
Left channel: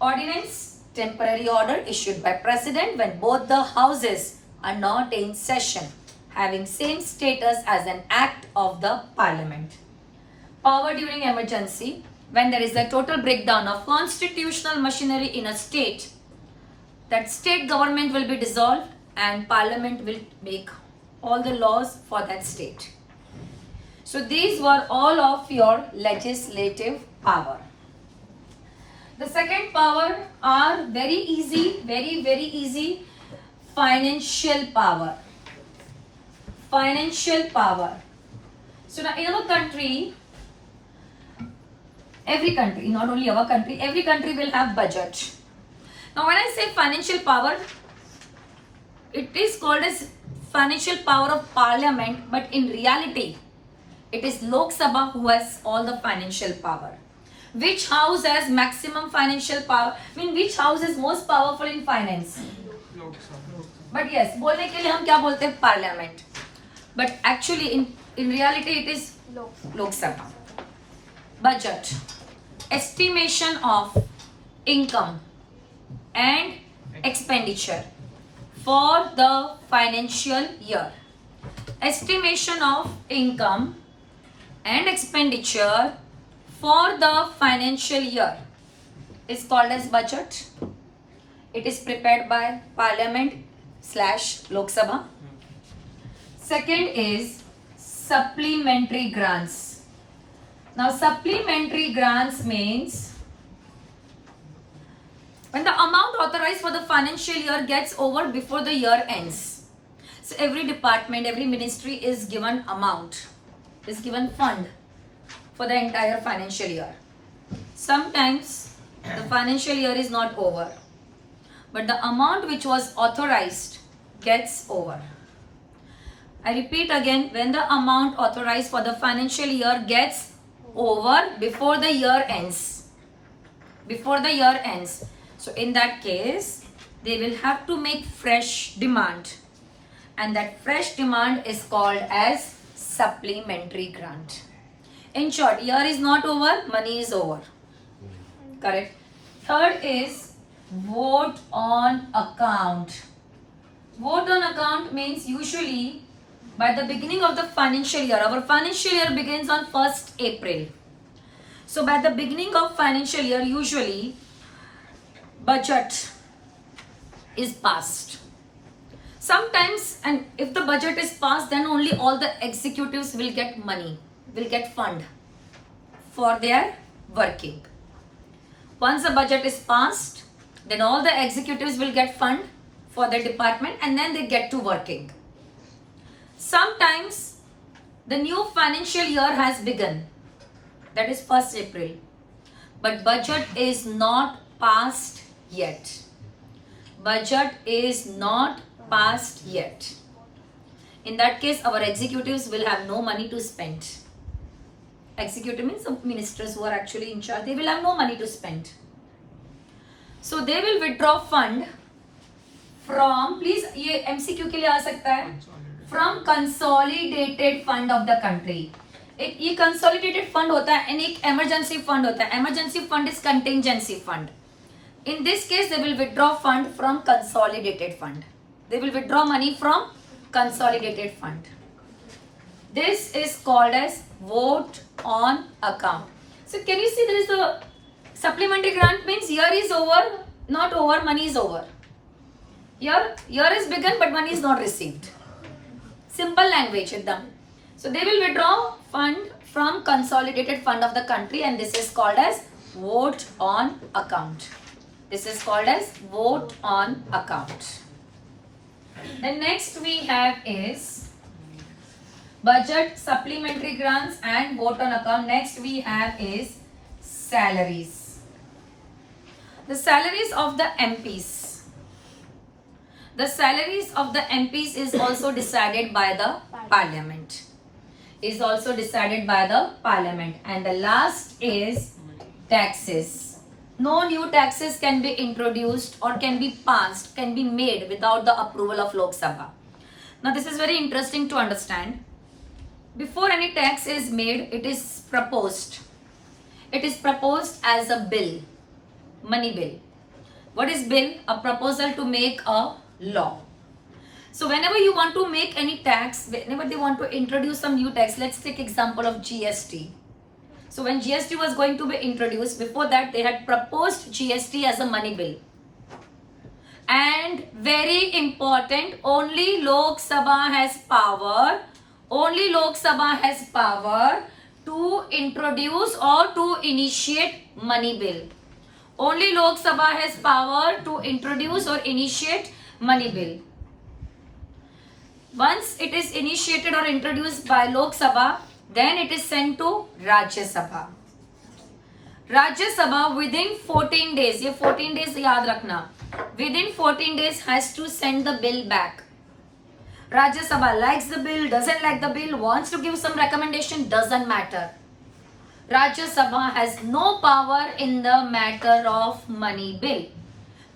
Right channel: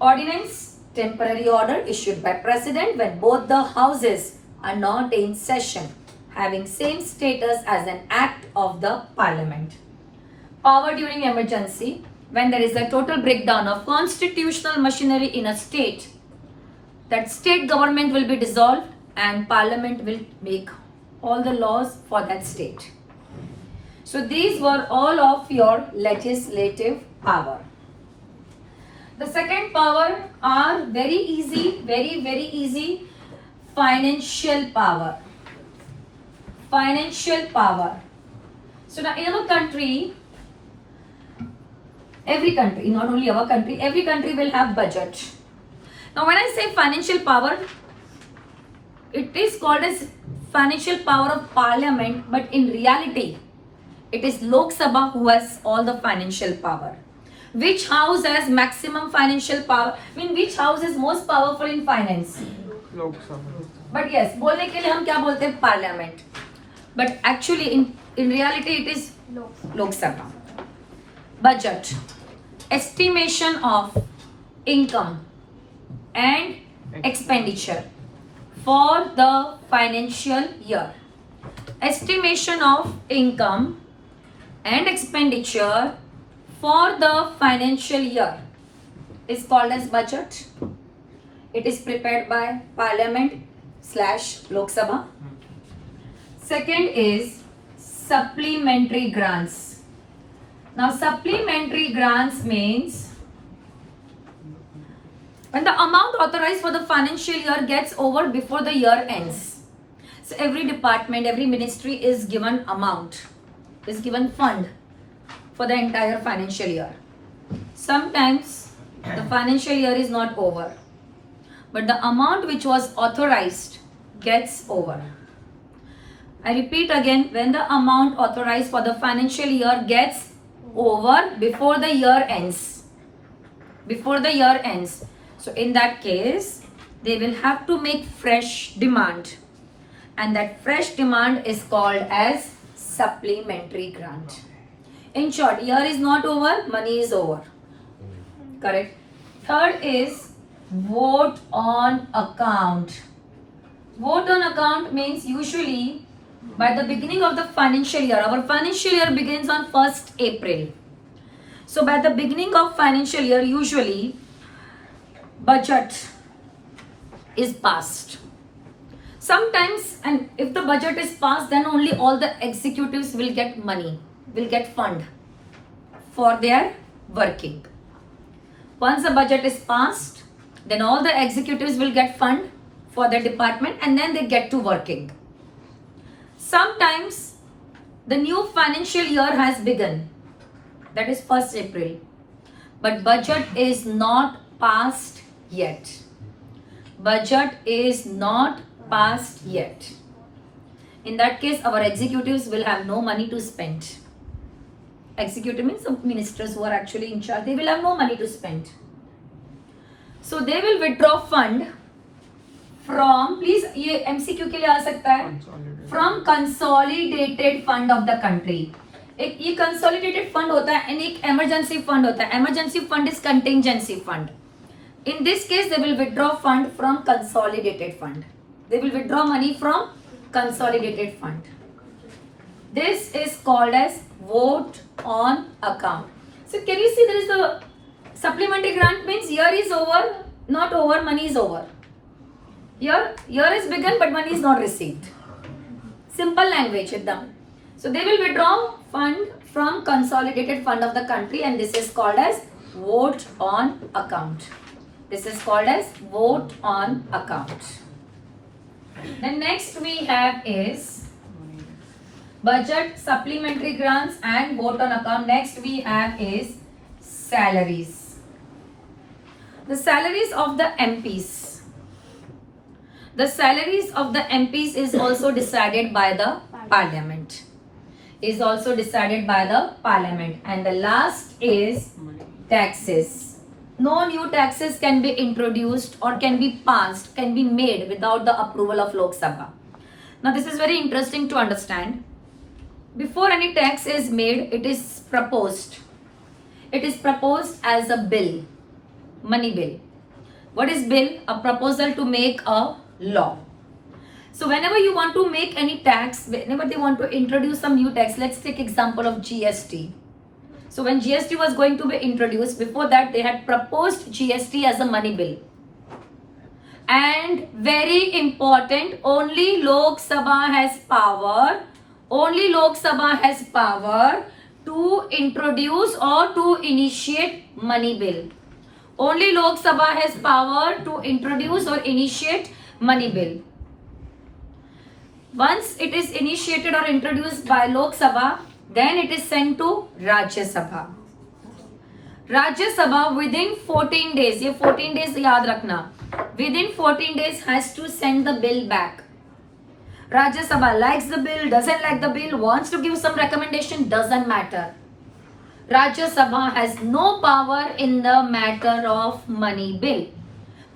Ordinance, temporary order issued by president when both the houses are not in session, having same status as an act of the parliament. Power during emergency, when there is a total breakdown of constitutional machinery in a state, that state government will be dissolved and parliament will make all the laws for that state. So these were all of your legislative power. The second power are very easy, very easy. Financial power. Financial power. So now in our country, every country, not only our country, every country will have budget. Now when I say financial power, it is called as financial power of parliament, but in reality, it is Lok Sabha who has all the financial power. Which house has maximum financial power? I mean, which house is most powerful in finance? Lok Sabha. But yes, बोलने के लिए हम क्या बोलते हैं? Parliament. But actually, in reality, it is Lok Sabha. Budget. Estimation of income and expenditure for the financial year. Estimation of income and expenditure for the financial year is called as budget. It is prepared by Parliament/Lok Sabha. Second is supplementary grants. Now supplementary grants means when the amount authorized for the financial year gets over before the year ends. So every department, every ministry is given amount, is given fund for the entire financial year. Sometimes the financial year is not over, but the amount which was authorized gets over. I repeat again, when the amount authorized for the financial year gets over before the year ends. Before the year ends. So in that case, they will have to make fresh demand. And that fresh demand is called as supplementary grant. In short, year is not over, money is over. Correct. Third is vote on account. Vote on account means usually by the beginning of the financial year. Our financial year begins on 1st April. So by the beginning of financial year, usually budget is passed. Sometimes, and if the budget is passed, then only all the executives will get money, will get fund for their working. Once the budget is passed, then all the executives will get fund for their department and then they get to working. Sometimes the new financial year has begun, that is 1st April, but budget is not passed yet. Budget is not passed yet. In that case, our executives will have no money to spend. Executive means the ministers who are actually in charge, they will have no money to spend. So they will withdraw fund from, please ये MCQ के लिए आ सकता है, from consolidated fund of the country. एक ये consolidated fund होता है and एक emergency fund होता है. Emergency fund is contingency fund. In this case, they will withdraw fund from consolidated fund. They will withdraw money from consolidated fund. This is called as vote on account. So can you see there is a supplementary grant means year is over, not over, money is over. Year is begun but money is not received. Simple language with them. So they will withdraw fund from consolidated fund of the country and this is called as vote on account. This is called as vote on account. The next we have is budget, supplementary grants and vote on account. Next we have is salaries. The salaries of the MPs. The salaries of the MPs is also decided by the parliament. Is also decided by the parliament. And the last is taxes. No new taxes can be introduced or can be passed, can be made without the approval of Lok Sabha. Now this is very interesting to understand. Before any tax is made, it is proposed. It is proposed as a bill, money bill. What is bill? A proposal to make a law. So whenever you want to make any tax, whenever they want to introduce some new tax, let's take example of GST. So when GST was going to be introduced, before that they had proposed GST as a money bill. And very important, only Lok Sabha has power, to introduce or to initiate money bill. Only Lok Sabha has power to introduce or initiate money bill. Once it is initiated or introduced by Lok Sabha, then it is sent to Rajya Sabha. Rajya Sabha within 14 days, ये 14 days याद रखना, within 14 days has to send the bill back. Rajya Sabha likes the bill, doesn't like the bill, wants to give some recommendation, doesn't matter. Rajya Sabha has no power in the matter of money bill.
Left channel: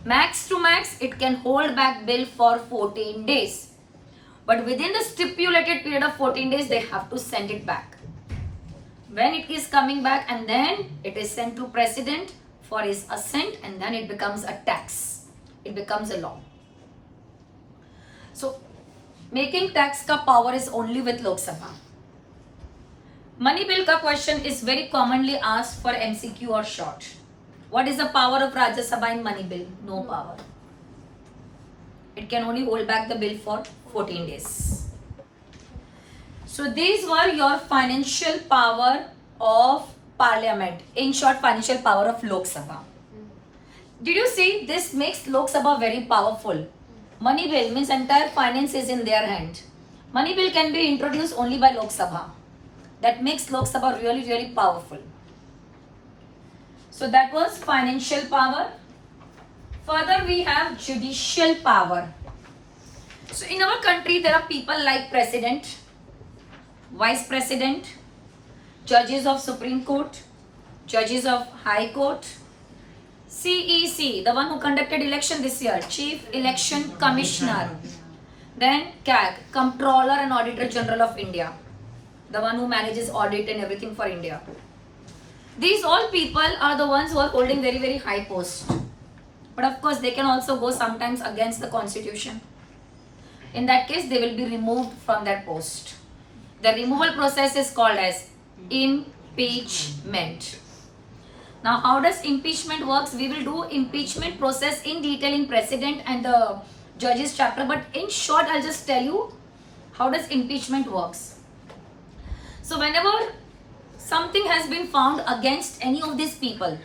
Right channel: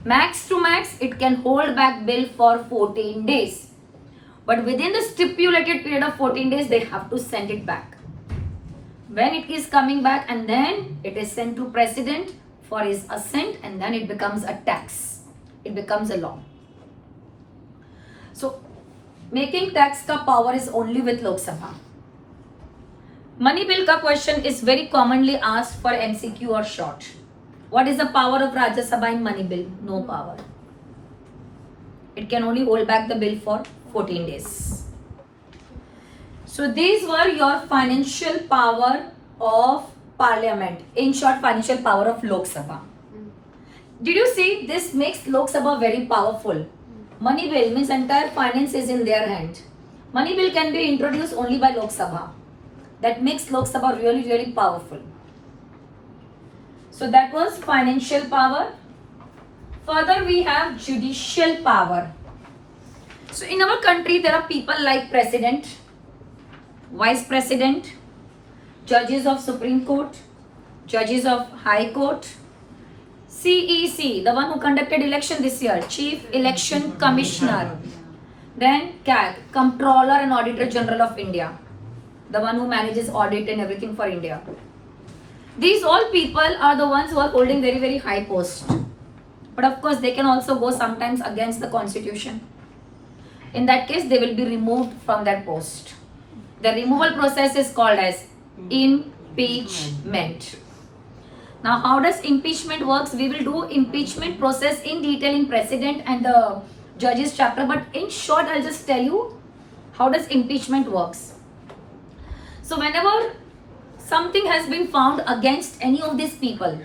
Max to max, it can hold back bill for 14 days. But within the stipulated period of 14 days, they have to send it back. When it is coming back, and then it is sent to President for his assent, and then it becomes a tax. It becomes a law. So, making tax ka power is only with Lok Sabha. Money bill ka question is very commonly asked for MCQ or short. What is the power of Rajya Sabha in money bill? No power. It can only hold back the bill for 14 days. So these were your financial power of parliament. In short, financial power of Lok Sabha. Did you see? This makes Lok Sabha very powerful. Money bill means entire finance is in their hand. Money bill can be introduced only by Lok Sabha. That makes Lok Sabha really, really powerful. So that was financial power. Further, we have judicial power. So in our country, there are people like President, Vice President, judges of Supreme Court, judges of High Court, CEC, the one who conducted election this year, Chief Election Commissioner, then CAG, Comptroller and Auditor General of India, the one who manages audit and everything for India. These all people are the ones who are holding very, very high post. But of course, they can also go sometimes against the constitution. In that case, they will be removed from their post. The removal process is called as impeachment. Now, how does impeachment works? We will do impeachment process in detail in President and the Judges chapter. But in short, I'll just tell you how does impeachment works. So, whenever something has been found against any of these people,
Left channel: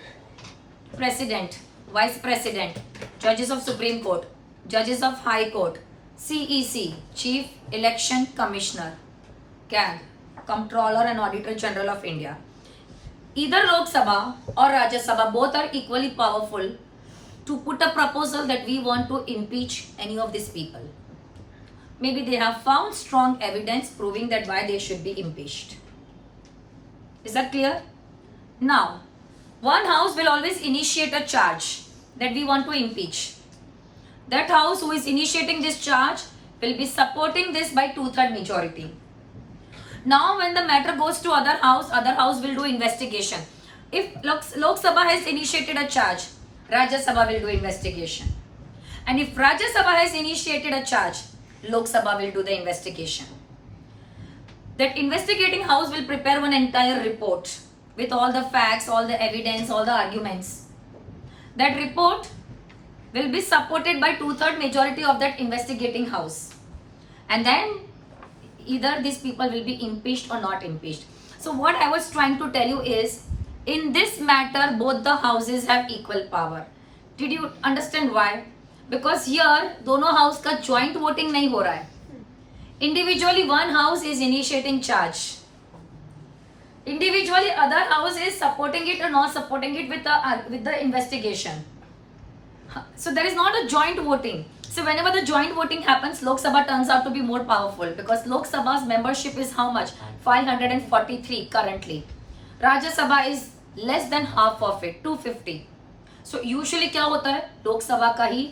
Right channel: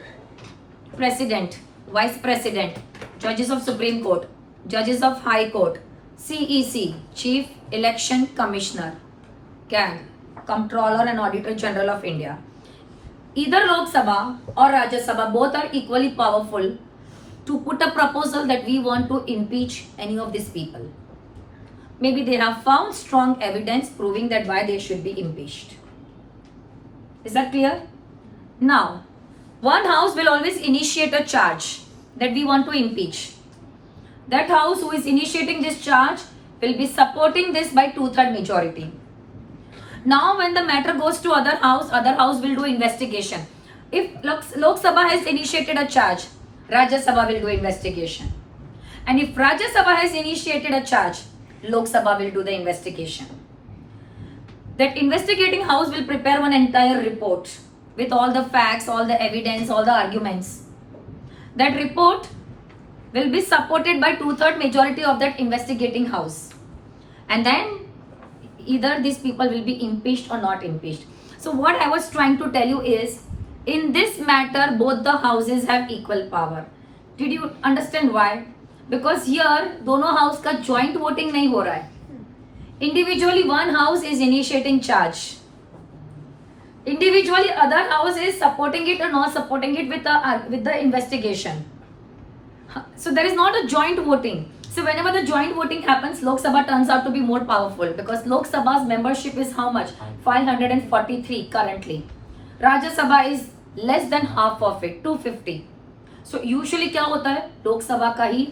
President, Vice President, Judges of Supreme Court, Judges of High Court, CEC, Chief Election Commissioner, CAG, Comptroller and Auditor General of India. Either Lok Sabha or Rajya Sabha, both are equally powerful to put a proposal that we want to impeach any of these people. Maybe they have found strong evidence proving that why they should be impeached. Is that clear? Now, one house will always initiate a charge that we want to impeach. That house who is initiating this charge will be supporting this by 2/3 majority. Now when the matter goes to other house will do investigation. If Lok Sabha has initiated a charge, Rajya Sabha will do investigation. And if Rajya Sabha has initiated a charge, Lok Sabha will do the investigation. That investigating house will prepare one entire report with all the facts, all the evidence, all the arguments. That report will be supported by 2/3 majority of that investigating house. And then either these people will be impeached or not impeached. So what I was trying to tell you is, in this matter, both the houses have equal power. Did you understand why? Because here, दोनों house का joint voting नहीं हो रहा है. Individually, one house is initiating charge. Individually, other house is supporting it or not supporting it with the investigation. So there is not a joint voting. So whenever the joint voting happens, Lok Sabha turns out to be more powerful because Lok Sabha's membership is how much? 543 currently. Rajya Sabha is less than half of it, 250. So usually क्या होता है? लोक सभा का ही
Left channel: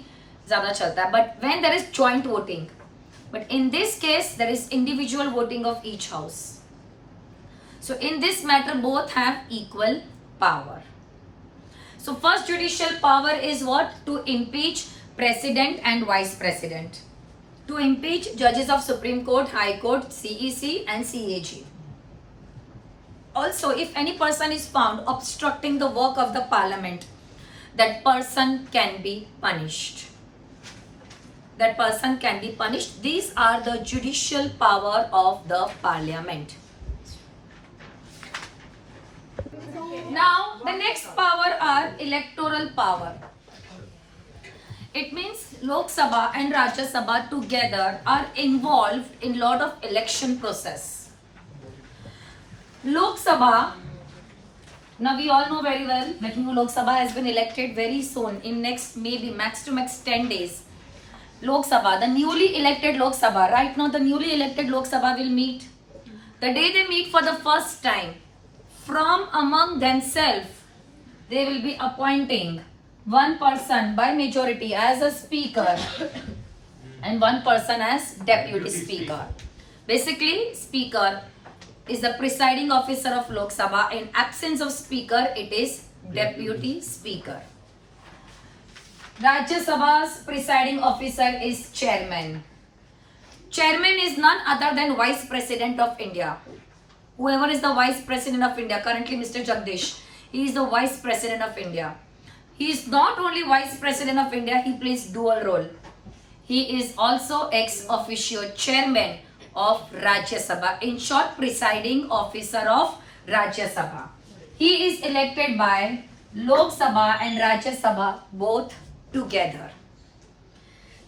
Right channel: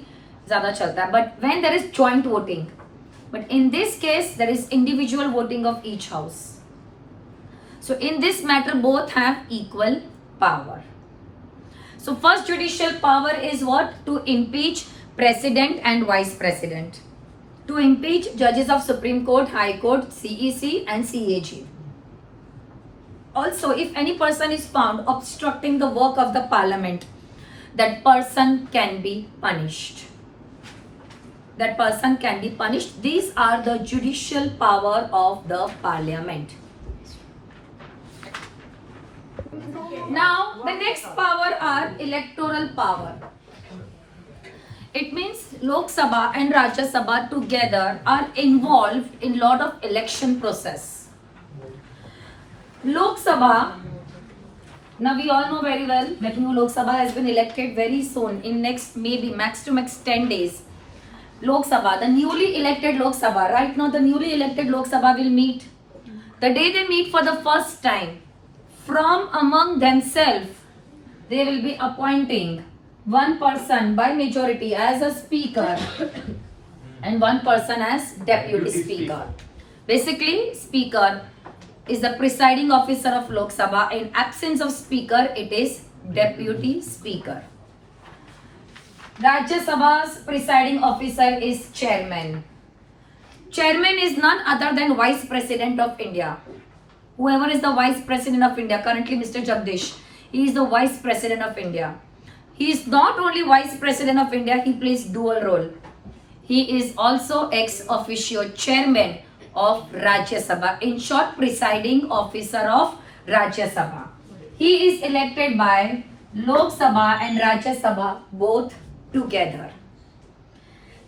ज़्यादा चलता है. But when there is joint voting, but in this case there is individual voting of each house. So in this matter both have equal power. So first judicial power is what? To impeach president and vice president. To impeach judges of Supreme Court, High Court, CEC and CAG. Also, if any person is found obstructing the work of the parliament, that person can be punished. That person can be punished. These are the judicial power of the parliament. Now, the next power are electoral power. It means Lok Sabha and Rajya Sabha together are involved in lot of election process. Lok Sabha, now we all know very well that new Lok Sabha has been elected very soon in next maybe max to max 10 days. Lok Sabha, the newly elected Lok Sabha, right now the newly elected Lok Sabha will meet. The day they meet for the first time, from among themselves, they will be appointing one person by majority as a speaker and one person as deputy speaker. Basically, speaker is the presiding officer of Lok Sabha. In absence of speaker, it is deputy speaker. Rajya Sabha's presiding officer is chairman. Chairman is none other than Vice President of India. Whoever is the Vice President of India, currently Mr. Jagdish, he is the Vice President of India. He is not only Vice President of India, he plays dual role. He is also ex officio chairman of Rajya Sabha. In short, presiding officer of Rajya Sabha. He is elected by Lok Sabha and Rajya Sabha both together.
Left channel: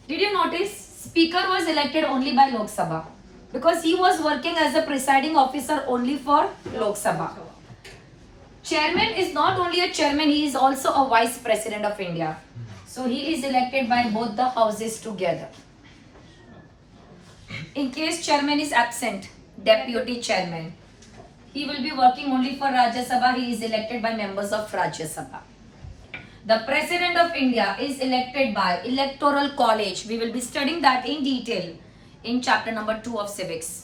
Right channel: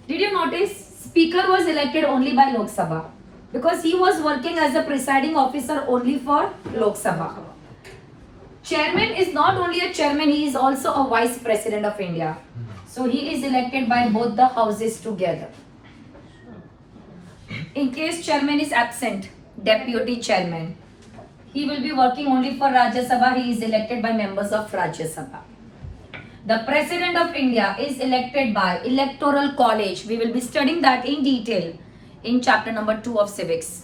Did you notice? Speaker was elected only by Lok Sabha because he was working as a presiding officer only for Lok Sabha. Chairman is not only a chairman, he is also a Vice President of India. So he is elected by both the houses together. In case chairman is absent, deputy chairman, he will be working only for Rajya Sabha. He is elected by members of Rajya Sabha. The President of India is elected by Electoral College. We will be studying that in detail in chapter number 2 of Civics.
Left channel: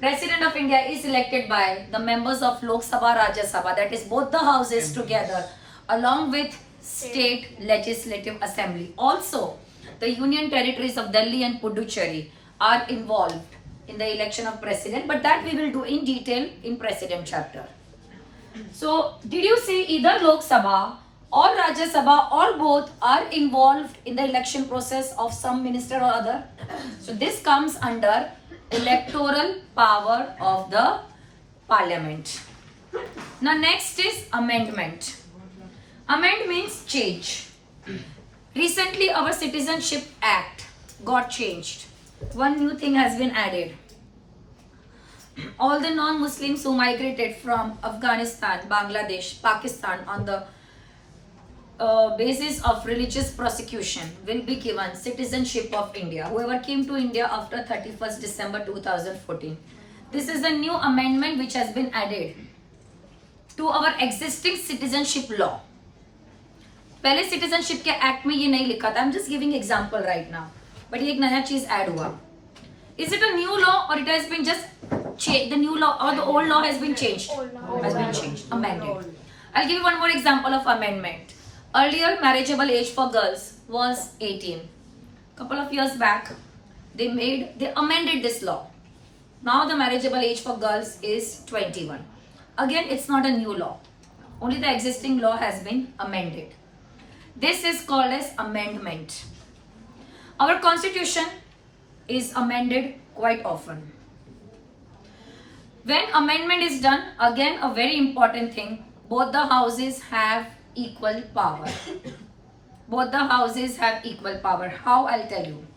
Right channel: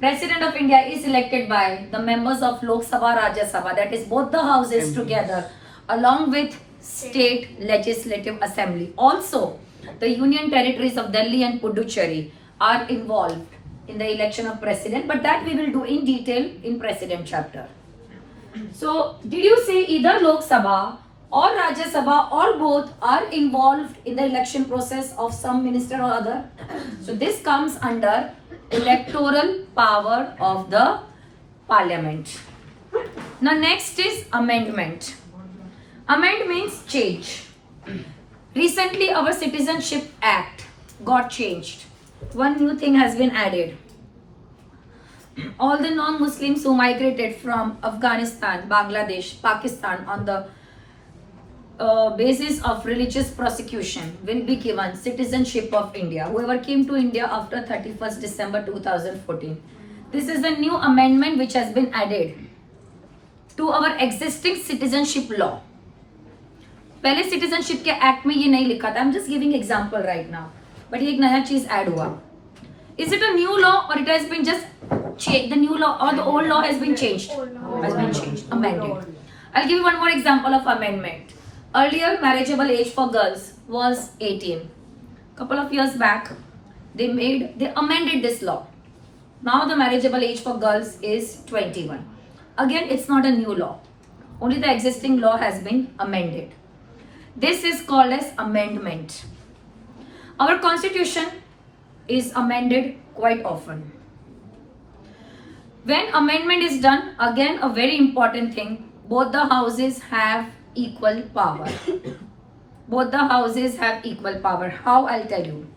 President of India is elected by the members of Lok Sabha, Rajya Sabha, that is both the houses together, along with State Legislative Assembly. Also, the Union Territories of Delhi and Puducherry are involved in the election of President, but that we will do in detail in President chapter. So, did you say either Lok Sabha or Rajya Sabha or both are involved in the election process of some minister or other? So, this comes under electoral power of the parliament. Now next is amendment. Amend means change. Recently our Citizenship Act got changed. One new thing has been added. All the non-Muslims who migrated from Afghanistan, Bangladesh, Pakistan on the basis of religious persecution will be given citizenship of India. Whoever came to India after 31st December 2014. This is a new amendment which has been added to our existing citizenship law. पहले citizenship के act में ये नहीं लिखा था. I'm just giving example right now. But ये एक नया चीज add हुआ. Is it a new law or it has been just changed? The new law or the old law has been changed? Has been changed, amended. I'll give you one more example of amendment. Earlier, marriageable age for girls was 18. Couple of years back, they amended this law. Now the marriageable age for girls is 21. Again, it's not a new law. Only the existing law has been amended. This is called as amendment. Our constitution is amended quite often. When amendment is done, again a very important thing, both the houses have equal power. Both the houses have equal power. How? I'll tell you.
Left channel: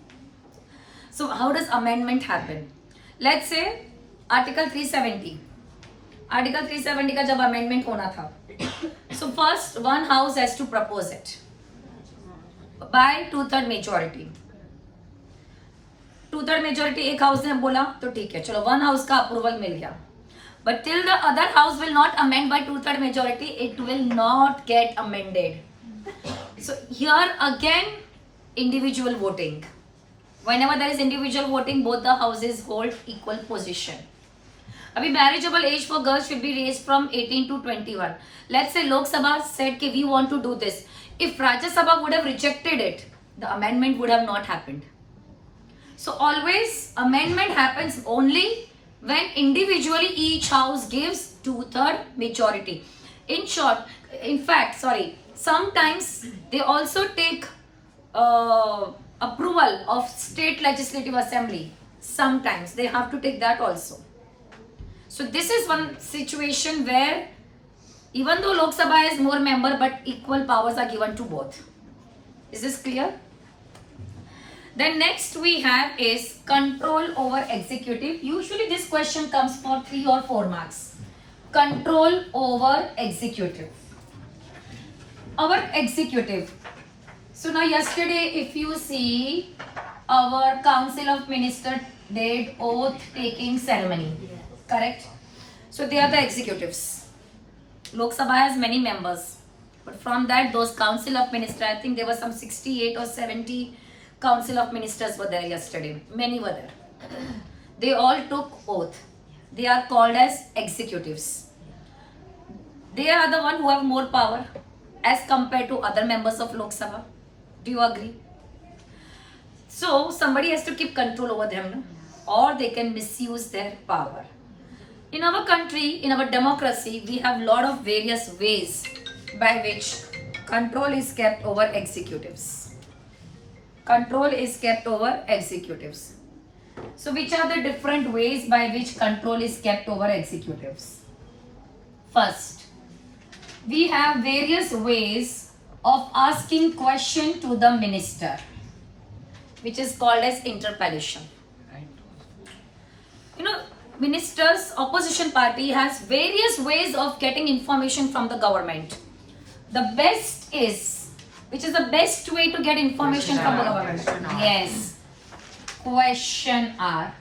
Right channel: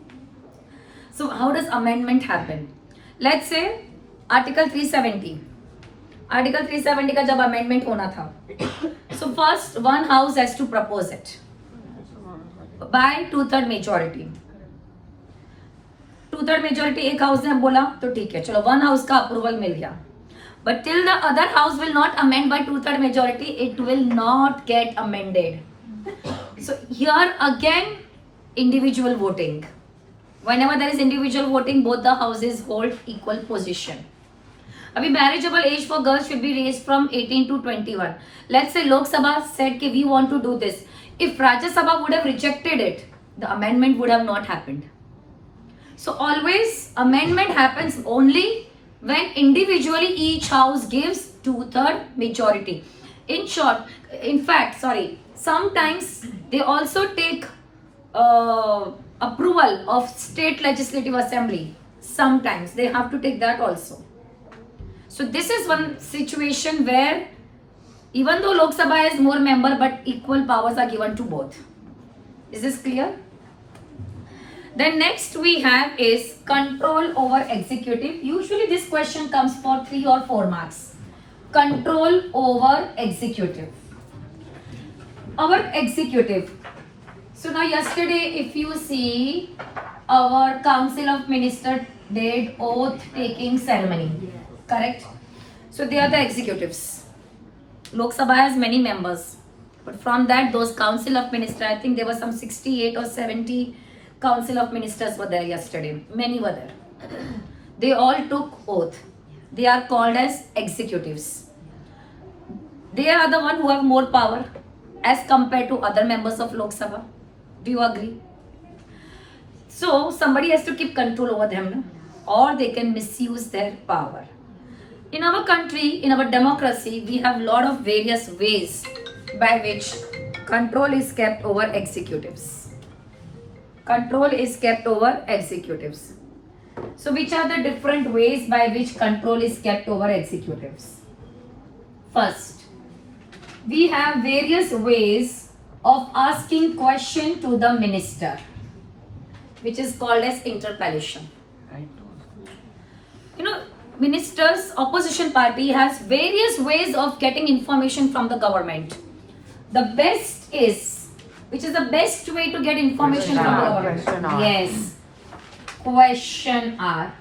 So how does amendment happen? Let's say Article 370. Article 370 का जब amendment होना था. So first one house has to propose it by 2/3 majority. 2/3 majority एक house ने बोला तो ठीक है, चलो 1 हाउस का अप्रूवल मिल गया, but till the other house will not amend by 2/3 majority, it will not get amended. So here again individual voting. Whenever there is individual voting, both the houses hold equal position. अभी marriageable age for girls should be raised from 18 to 21. Let's say Lok Sabha said कि we want to do this. If Rajya Sabha would have rejected it, the amendment would have not happened. So always amendment happens only when individually each house gives 2/3 majority. In short, in fact, sometimes they also take approval of state legislative assembly. Sometimes they have to take that also. So this is one situation where even though Lok Sabha has more member, but equal powers are given to both. Is this clear? Then next we have is control over executive. Usually this question comes for 3 or 4 marks. Control over executive. Our executive. So now yesterday if you see, our Council of Ministers did oath taking ceremony. Correct? So they are the executives. Lok Sabha has many members, but from that, those Council of Ministers, I think there were some 68 or 70 Council of Ministers were there yesterday. Many were there. They all took oath. They are called as executives. They are the one who have more power as compared to other members of Lok Sabha. Do you agree? So somebody has to keep control over them, no? Or they can misuse their power. In our country, in our democracy, we have lot of various ways by which control is kept over executives. Control is kept over executives. So which are the different ways by which control is kept over executives? First, we have various ways of asking question to the minister, which is called as interpellation. You know, ministers, opposition party has various ways of getting information from the government. The best is, which is the best way to get information from the government? Yes, questionnaire.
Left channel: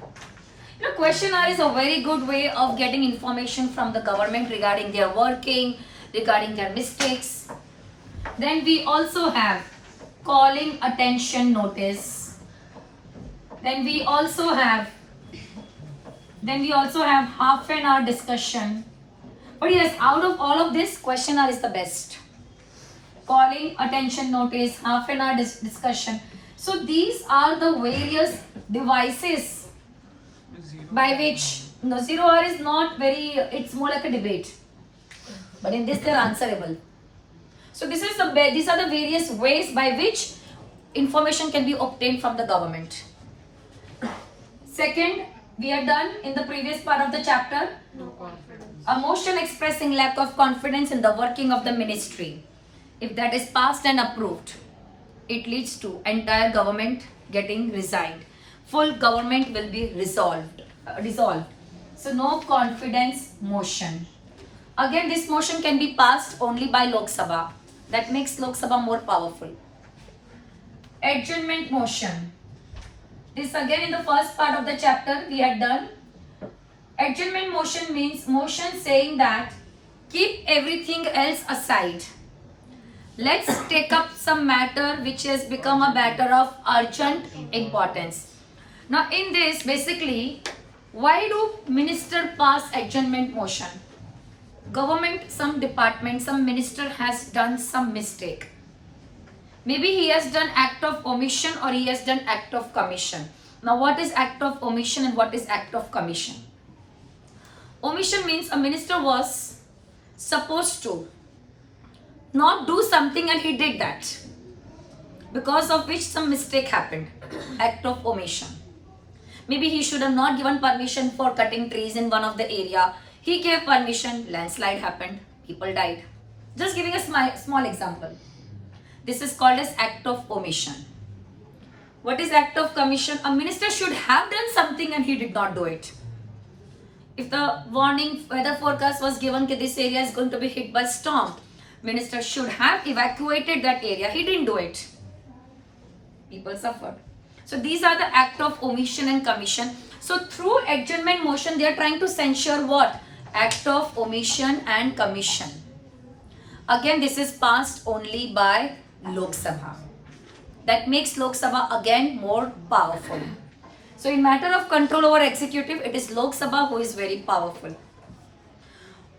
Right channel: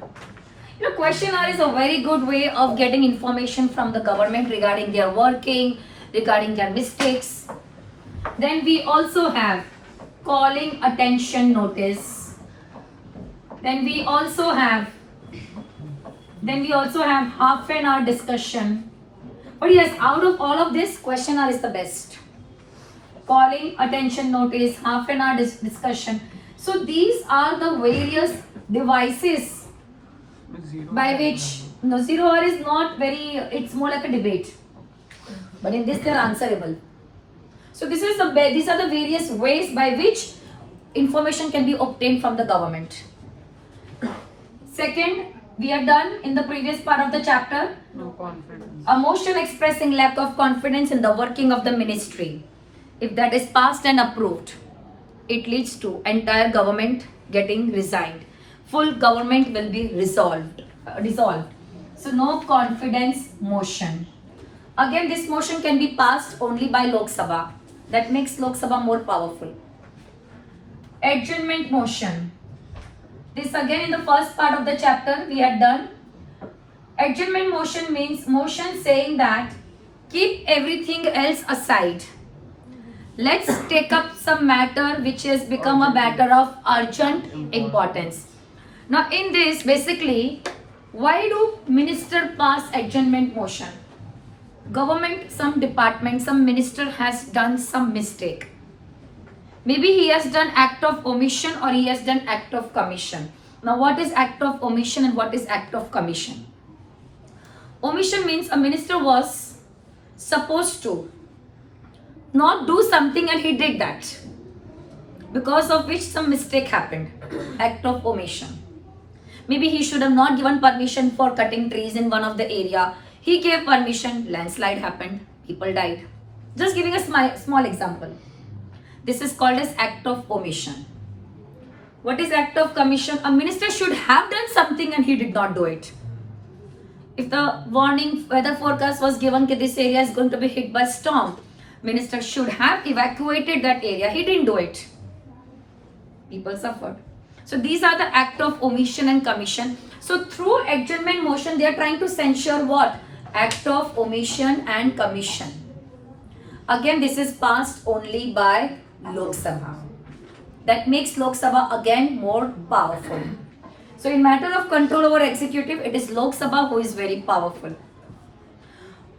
You know, questionnaire is a very good way of getting information from the government regarding their working, regarding their mistakes. Then we also have calling attention notice. Then we also have half an hour discussion. But yes, out of all of this, questionnaire is the best. Calling attention notice, half an hour discussion. So these are the various devices by which, no, 0 hour is not very, it's more like a debate. But in this they are answerable. So these are the various ways by which information can be obtained from the government. Second, we are done in the previous part of the chapter. No confidence. A motion expressing lack of confidence in the working of the ministry. If that is passed and approved, it leads to entire government getting resigned. Full government will be dissolved. So no confidence motion. Again, this motion can be passed only by Lok Sabha. That makes Lok Sabha more powerful. Adjournment motion. This again in the first part of the chapter we had done. Adjournment motion means motion saying that keep everything else aside. Let's take up some matter which has become a matter of urgent importance. Now in this, basically, why do minister pass adjournment motion? Government, some department, some minister has done some mistake. Maybe he has done act of omission or he has done act of commission. Now what is act of omission and what is act of commission? Omission means a minister was supposed to not do something and he did that, because of which some mistake happened. Act of omission. Maybe he should have not given permission for cutting trees in one of the area. He gave permission, landslide happened, people died. Just giving a small example. This is called as act of omission. What is act of commission? A minister should have done something and he did not do it. If the warning weather forecast was given that this area is going to be hit by storm, minister should have evacuated that area. He didn't do it. People suffered. So these are the act of omission and commission. So through adjournment motion, they are trying to censure what? Act of omission and commission. Again, this is passed only by Lok Sabha. That makes Lok Sabha again more powerful. So in matter of control over executive, it is Lok Sabha who is very powerful.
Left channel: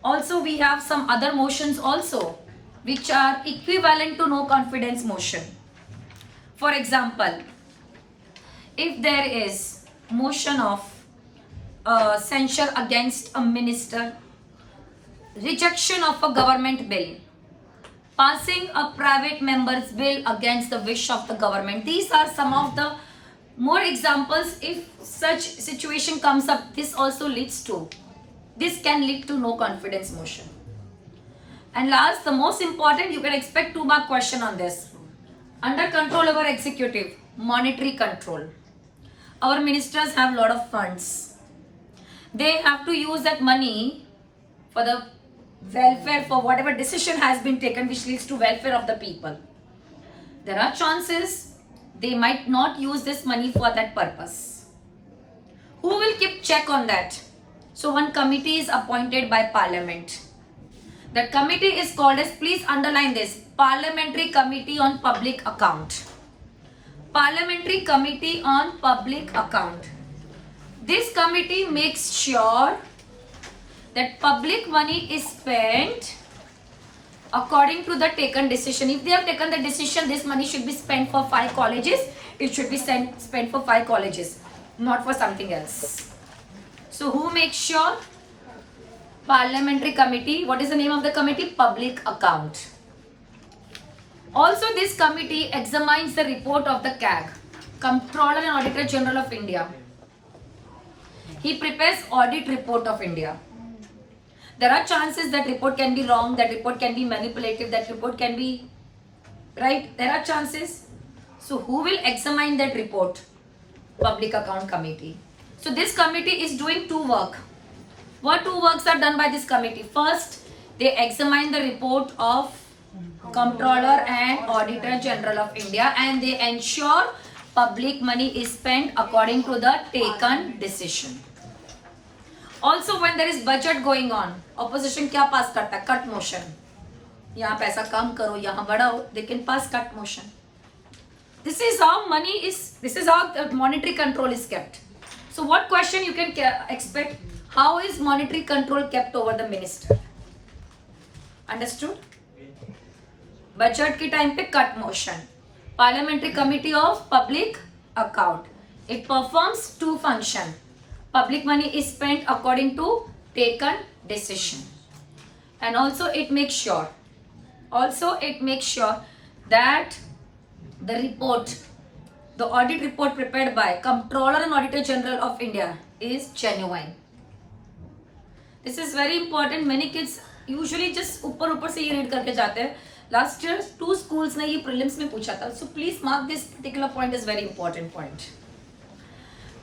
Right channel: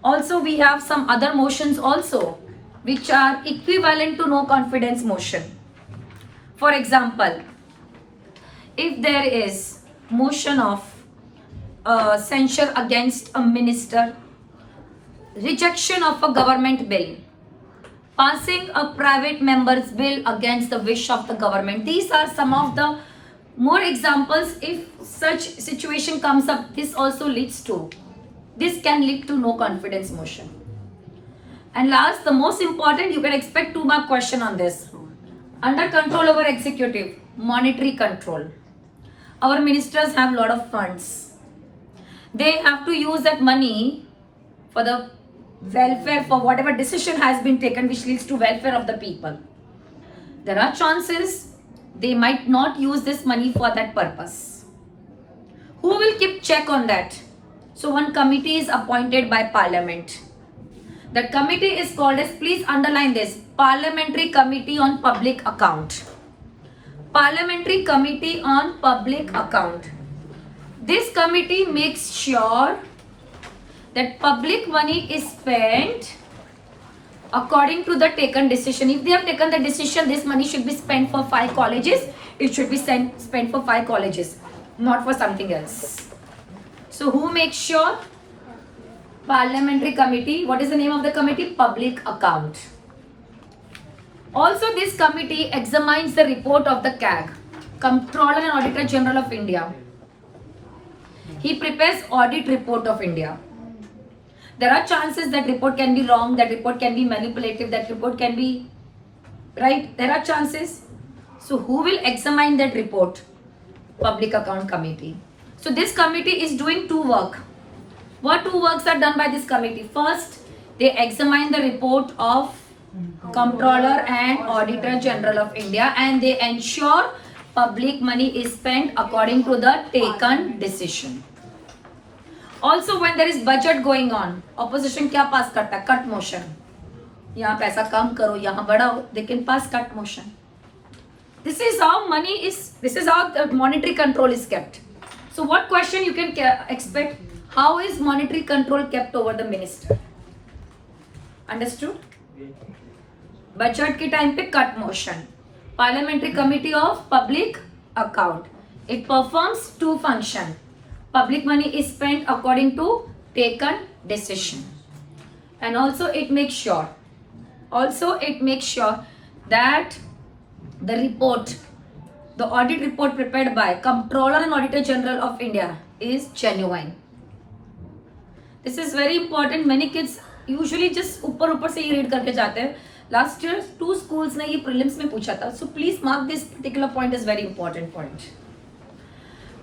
Also, we have some other motions also, which are equivalent to no confidence motion. For example, if there is motion of censure against a minister, rejection of a government bill, passing a private member's bill against the wish of the government. These are some of the more examples. If such situation comes up, this can lead to no confidence motion. And last, the most important, you can expect 2-mark question on this. Under control over executive, monetary control. Our ministers have a lot of funds. They have to use that money for the welfare, for whatever decision has been taken which leads to welfare of the people. There are chances they might not use this money for that purpose. Who will keep check on that? So one committee is appointed by Parliament. The committee is called as, please underline this, Parliamentary Committee on Public Account. Parliamentary Committee on Public Account. This committee makes sure that public money is spent according to the taken decision. If they have taken the decision, this money should be spent for 5 colleges, it should be spent for 5 colleges, not for something else. So who makes sure? Parliamentary Committee. What is the name of the committee? Public Account. Also, this committee examines the report of the CAG, Comptroller and Auditor General of India. He prepares audit report of India. There are chances that report can be wrong, that report can be manipulative, that report can be right. There are chances. So who will examine that report? Public Account Committee. So this committee is doing 2 work. What 2 works are done by this committee? First, they examine the report of Comptroller and Auditor General of India and they ensure public money is spent according to the taken decision. Also, when there is budget going on, opposition क्या pass करता है? Cut motion. यहाँ पैसा कम करो, यहाँ बढ़ाओ. They can pass cut motion. This is how the monetary control is kept. So what question you can expect? How is monetary control kept over the minister? Understood? Budget के time पे cut motion. Parliamentary Committee of Public Account. It performs 2 functions. Public money is spent according to taken decision. And also it makes sure that the report, the audit report prepared by Comptroller and Auditor General of India is genuine. This is very important. Many kids usually just ऊपर से ही read करके जाते हैं. Last year 2 schools ने ये prelims में पूछा था. So please mark this particular point is very important point.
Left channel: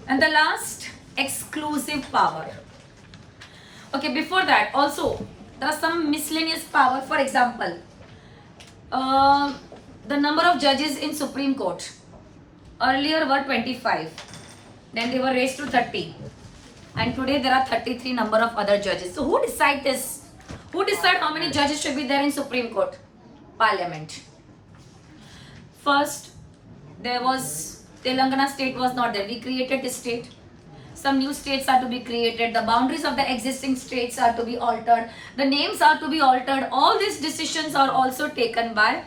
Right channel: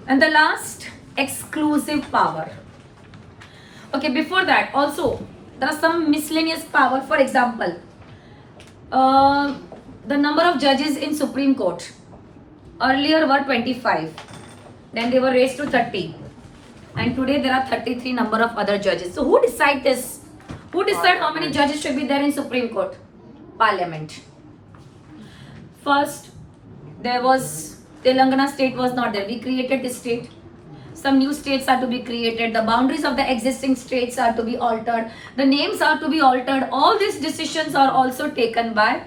And the last, exclusive power. Okay, before that also there are some miscellaneous power. For example, the number of judges in Supreme Court earlier were 25, then they were raised to 30, and today there are 33 number of other judges. So who decide this? Who decide how many judges should be there in Supreme Court? Parliament. First, there was Telangana state was not there. We created this state. Some new states are to be created. The boundaries of the existing states are to be altered. The names are to be altered. All these decisions are also taken by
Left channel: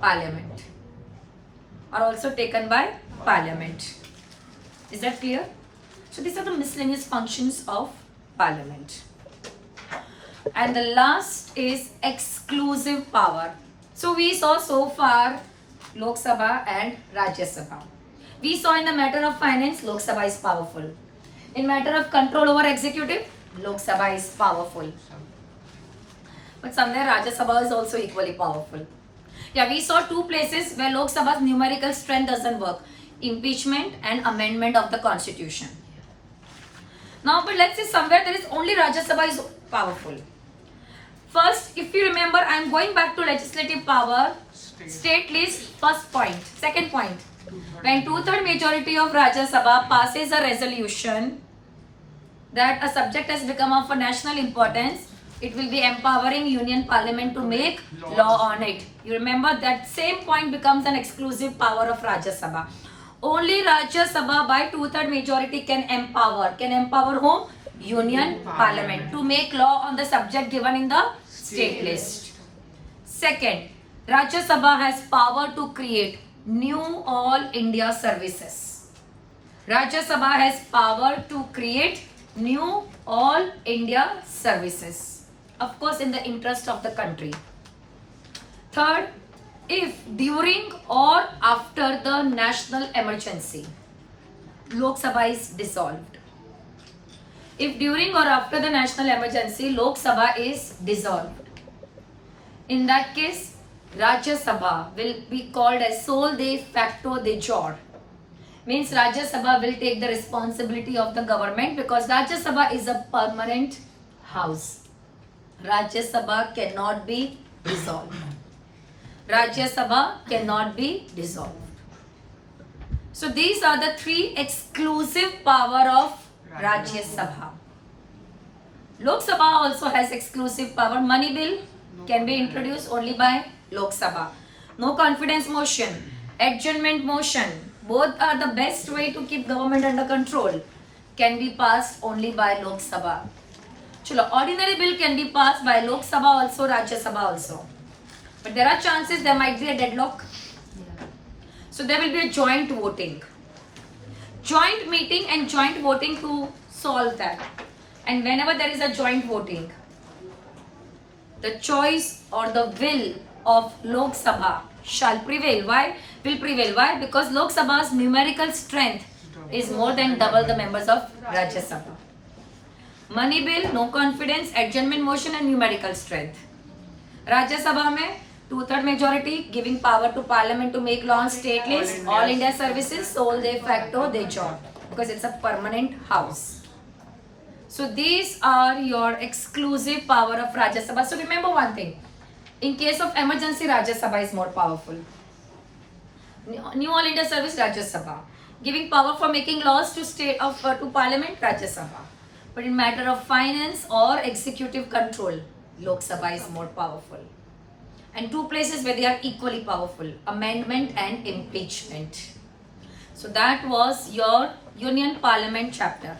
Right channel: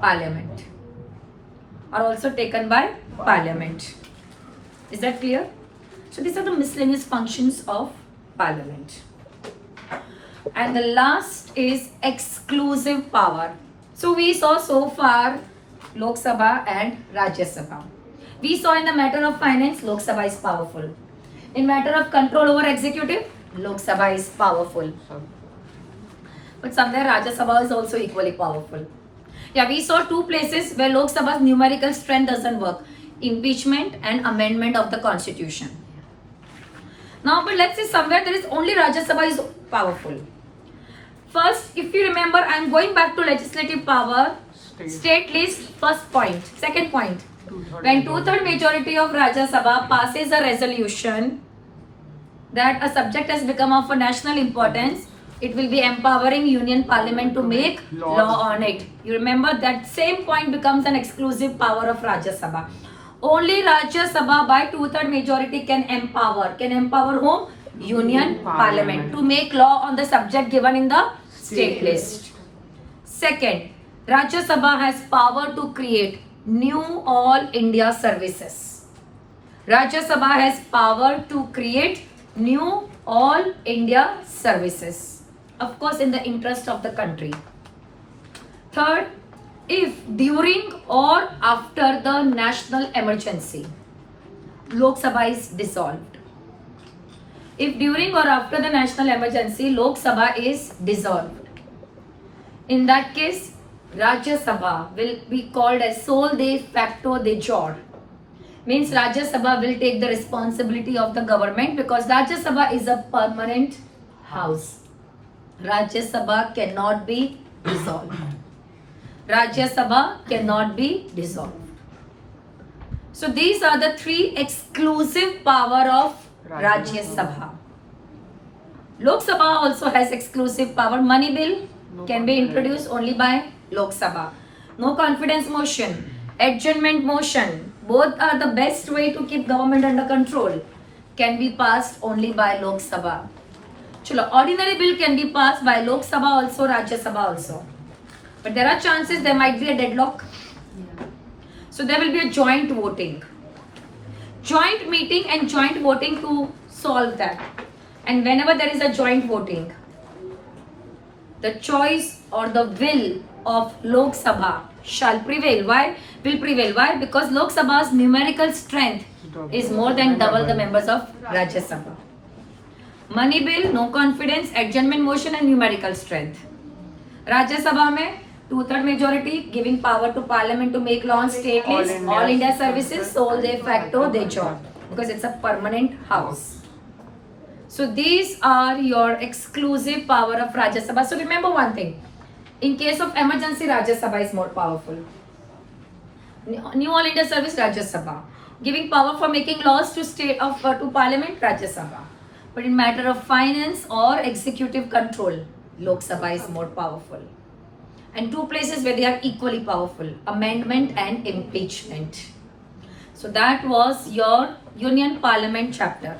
Parliament. Is that clear? So these are the miscellaneous functions of Parliament. And the last is exclusive power. So we saw so far Lok Sabha and Rajya Sabha. We saw in the matter of finance, Lok Sabha is powerful. In matter of control over executive, Lok Sabha is powerful. But somewhere Rajya Sabha is also equally powerful. Yeah, we saw 2 places where Lok Sabha's numerical strength doesn't work. Impeachment and amendment of the constitution. Now, but let's say somewhere there is only Rajya Sabha is powerful. First, if you remember, I am going back to legislative power, state list, first point. Second point, When two-third majority of Rajya Sabha passes a resolution that a subject has become of a national importance, it will be empowering Union Parliament to make law on it. You remember that same point becomes an exclusive power of Rajya Sabha. Only Rajya Sabha by two-third majority can empower. Can empower whom? Union Parliament to make law on the subject given in the state list. Second, Rajya Sabha has power to create new All India services. Rajya Sabha has power to create new All India services. Of course, in the interest of the country. Third, if during or after the national emergency, Lok Sabha is dissolved. If during or after the national emergency, Lok Sabha is dissolved, in that case, Rajya Sabha will be called as sole de facto de jure. Means Rajya Sabha will take the responsibility of the government because Rajya Sabha is a permanent house. Rajya Sabha cannot be dissolved. Rajya Sabha cannot be dissolved. So these are the three exclusive power of Rajya Sabha. Lok Sabha also has exclusive power. Money bill can be introduced only by Lok Sabha. No confidence motion, adjournment motion, both are the best way to keep government under control, can be passed only by Lok Sabha. Chalo, ordinary bill can be passed by Lok Sabha also, Rajya Sabha also. But there are chances there might be a deadlock. So there will be a joint voting. Joint meeting and joint voting to solve that. And whenever there is a joint voting, the choice or the will of Lok Sabha shall prevail. Why? Will prevail. Why? Because Lok Sabha's numerical strength is more than double the members of Rajya Sabha. Money bill, no confidence, adjournment motion and numerical strength. Rajya Sabha mein two-third majority giving power to Parliament to make law on state list, all India services, sole de facto de jure, because it's a permanent house. So these are your exclusive power of Rajya Sabha. So remember one thing, in case of emergency, Rajya Sabha is more powerful. New All India Service, Rajya Sabha. Giving power for making laws to state of to Parliament, Rajya Sabha. But in matter of finance or executive control, Lok Sabha is more powerful. And two places where they are equally powerful, amendment and impeachment. So that was your Union Parliament chapter.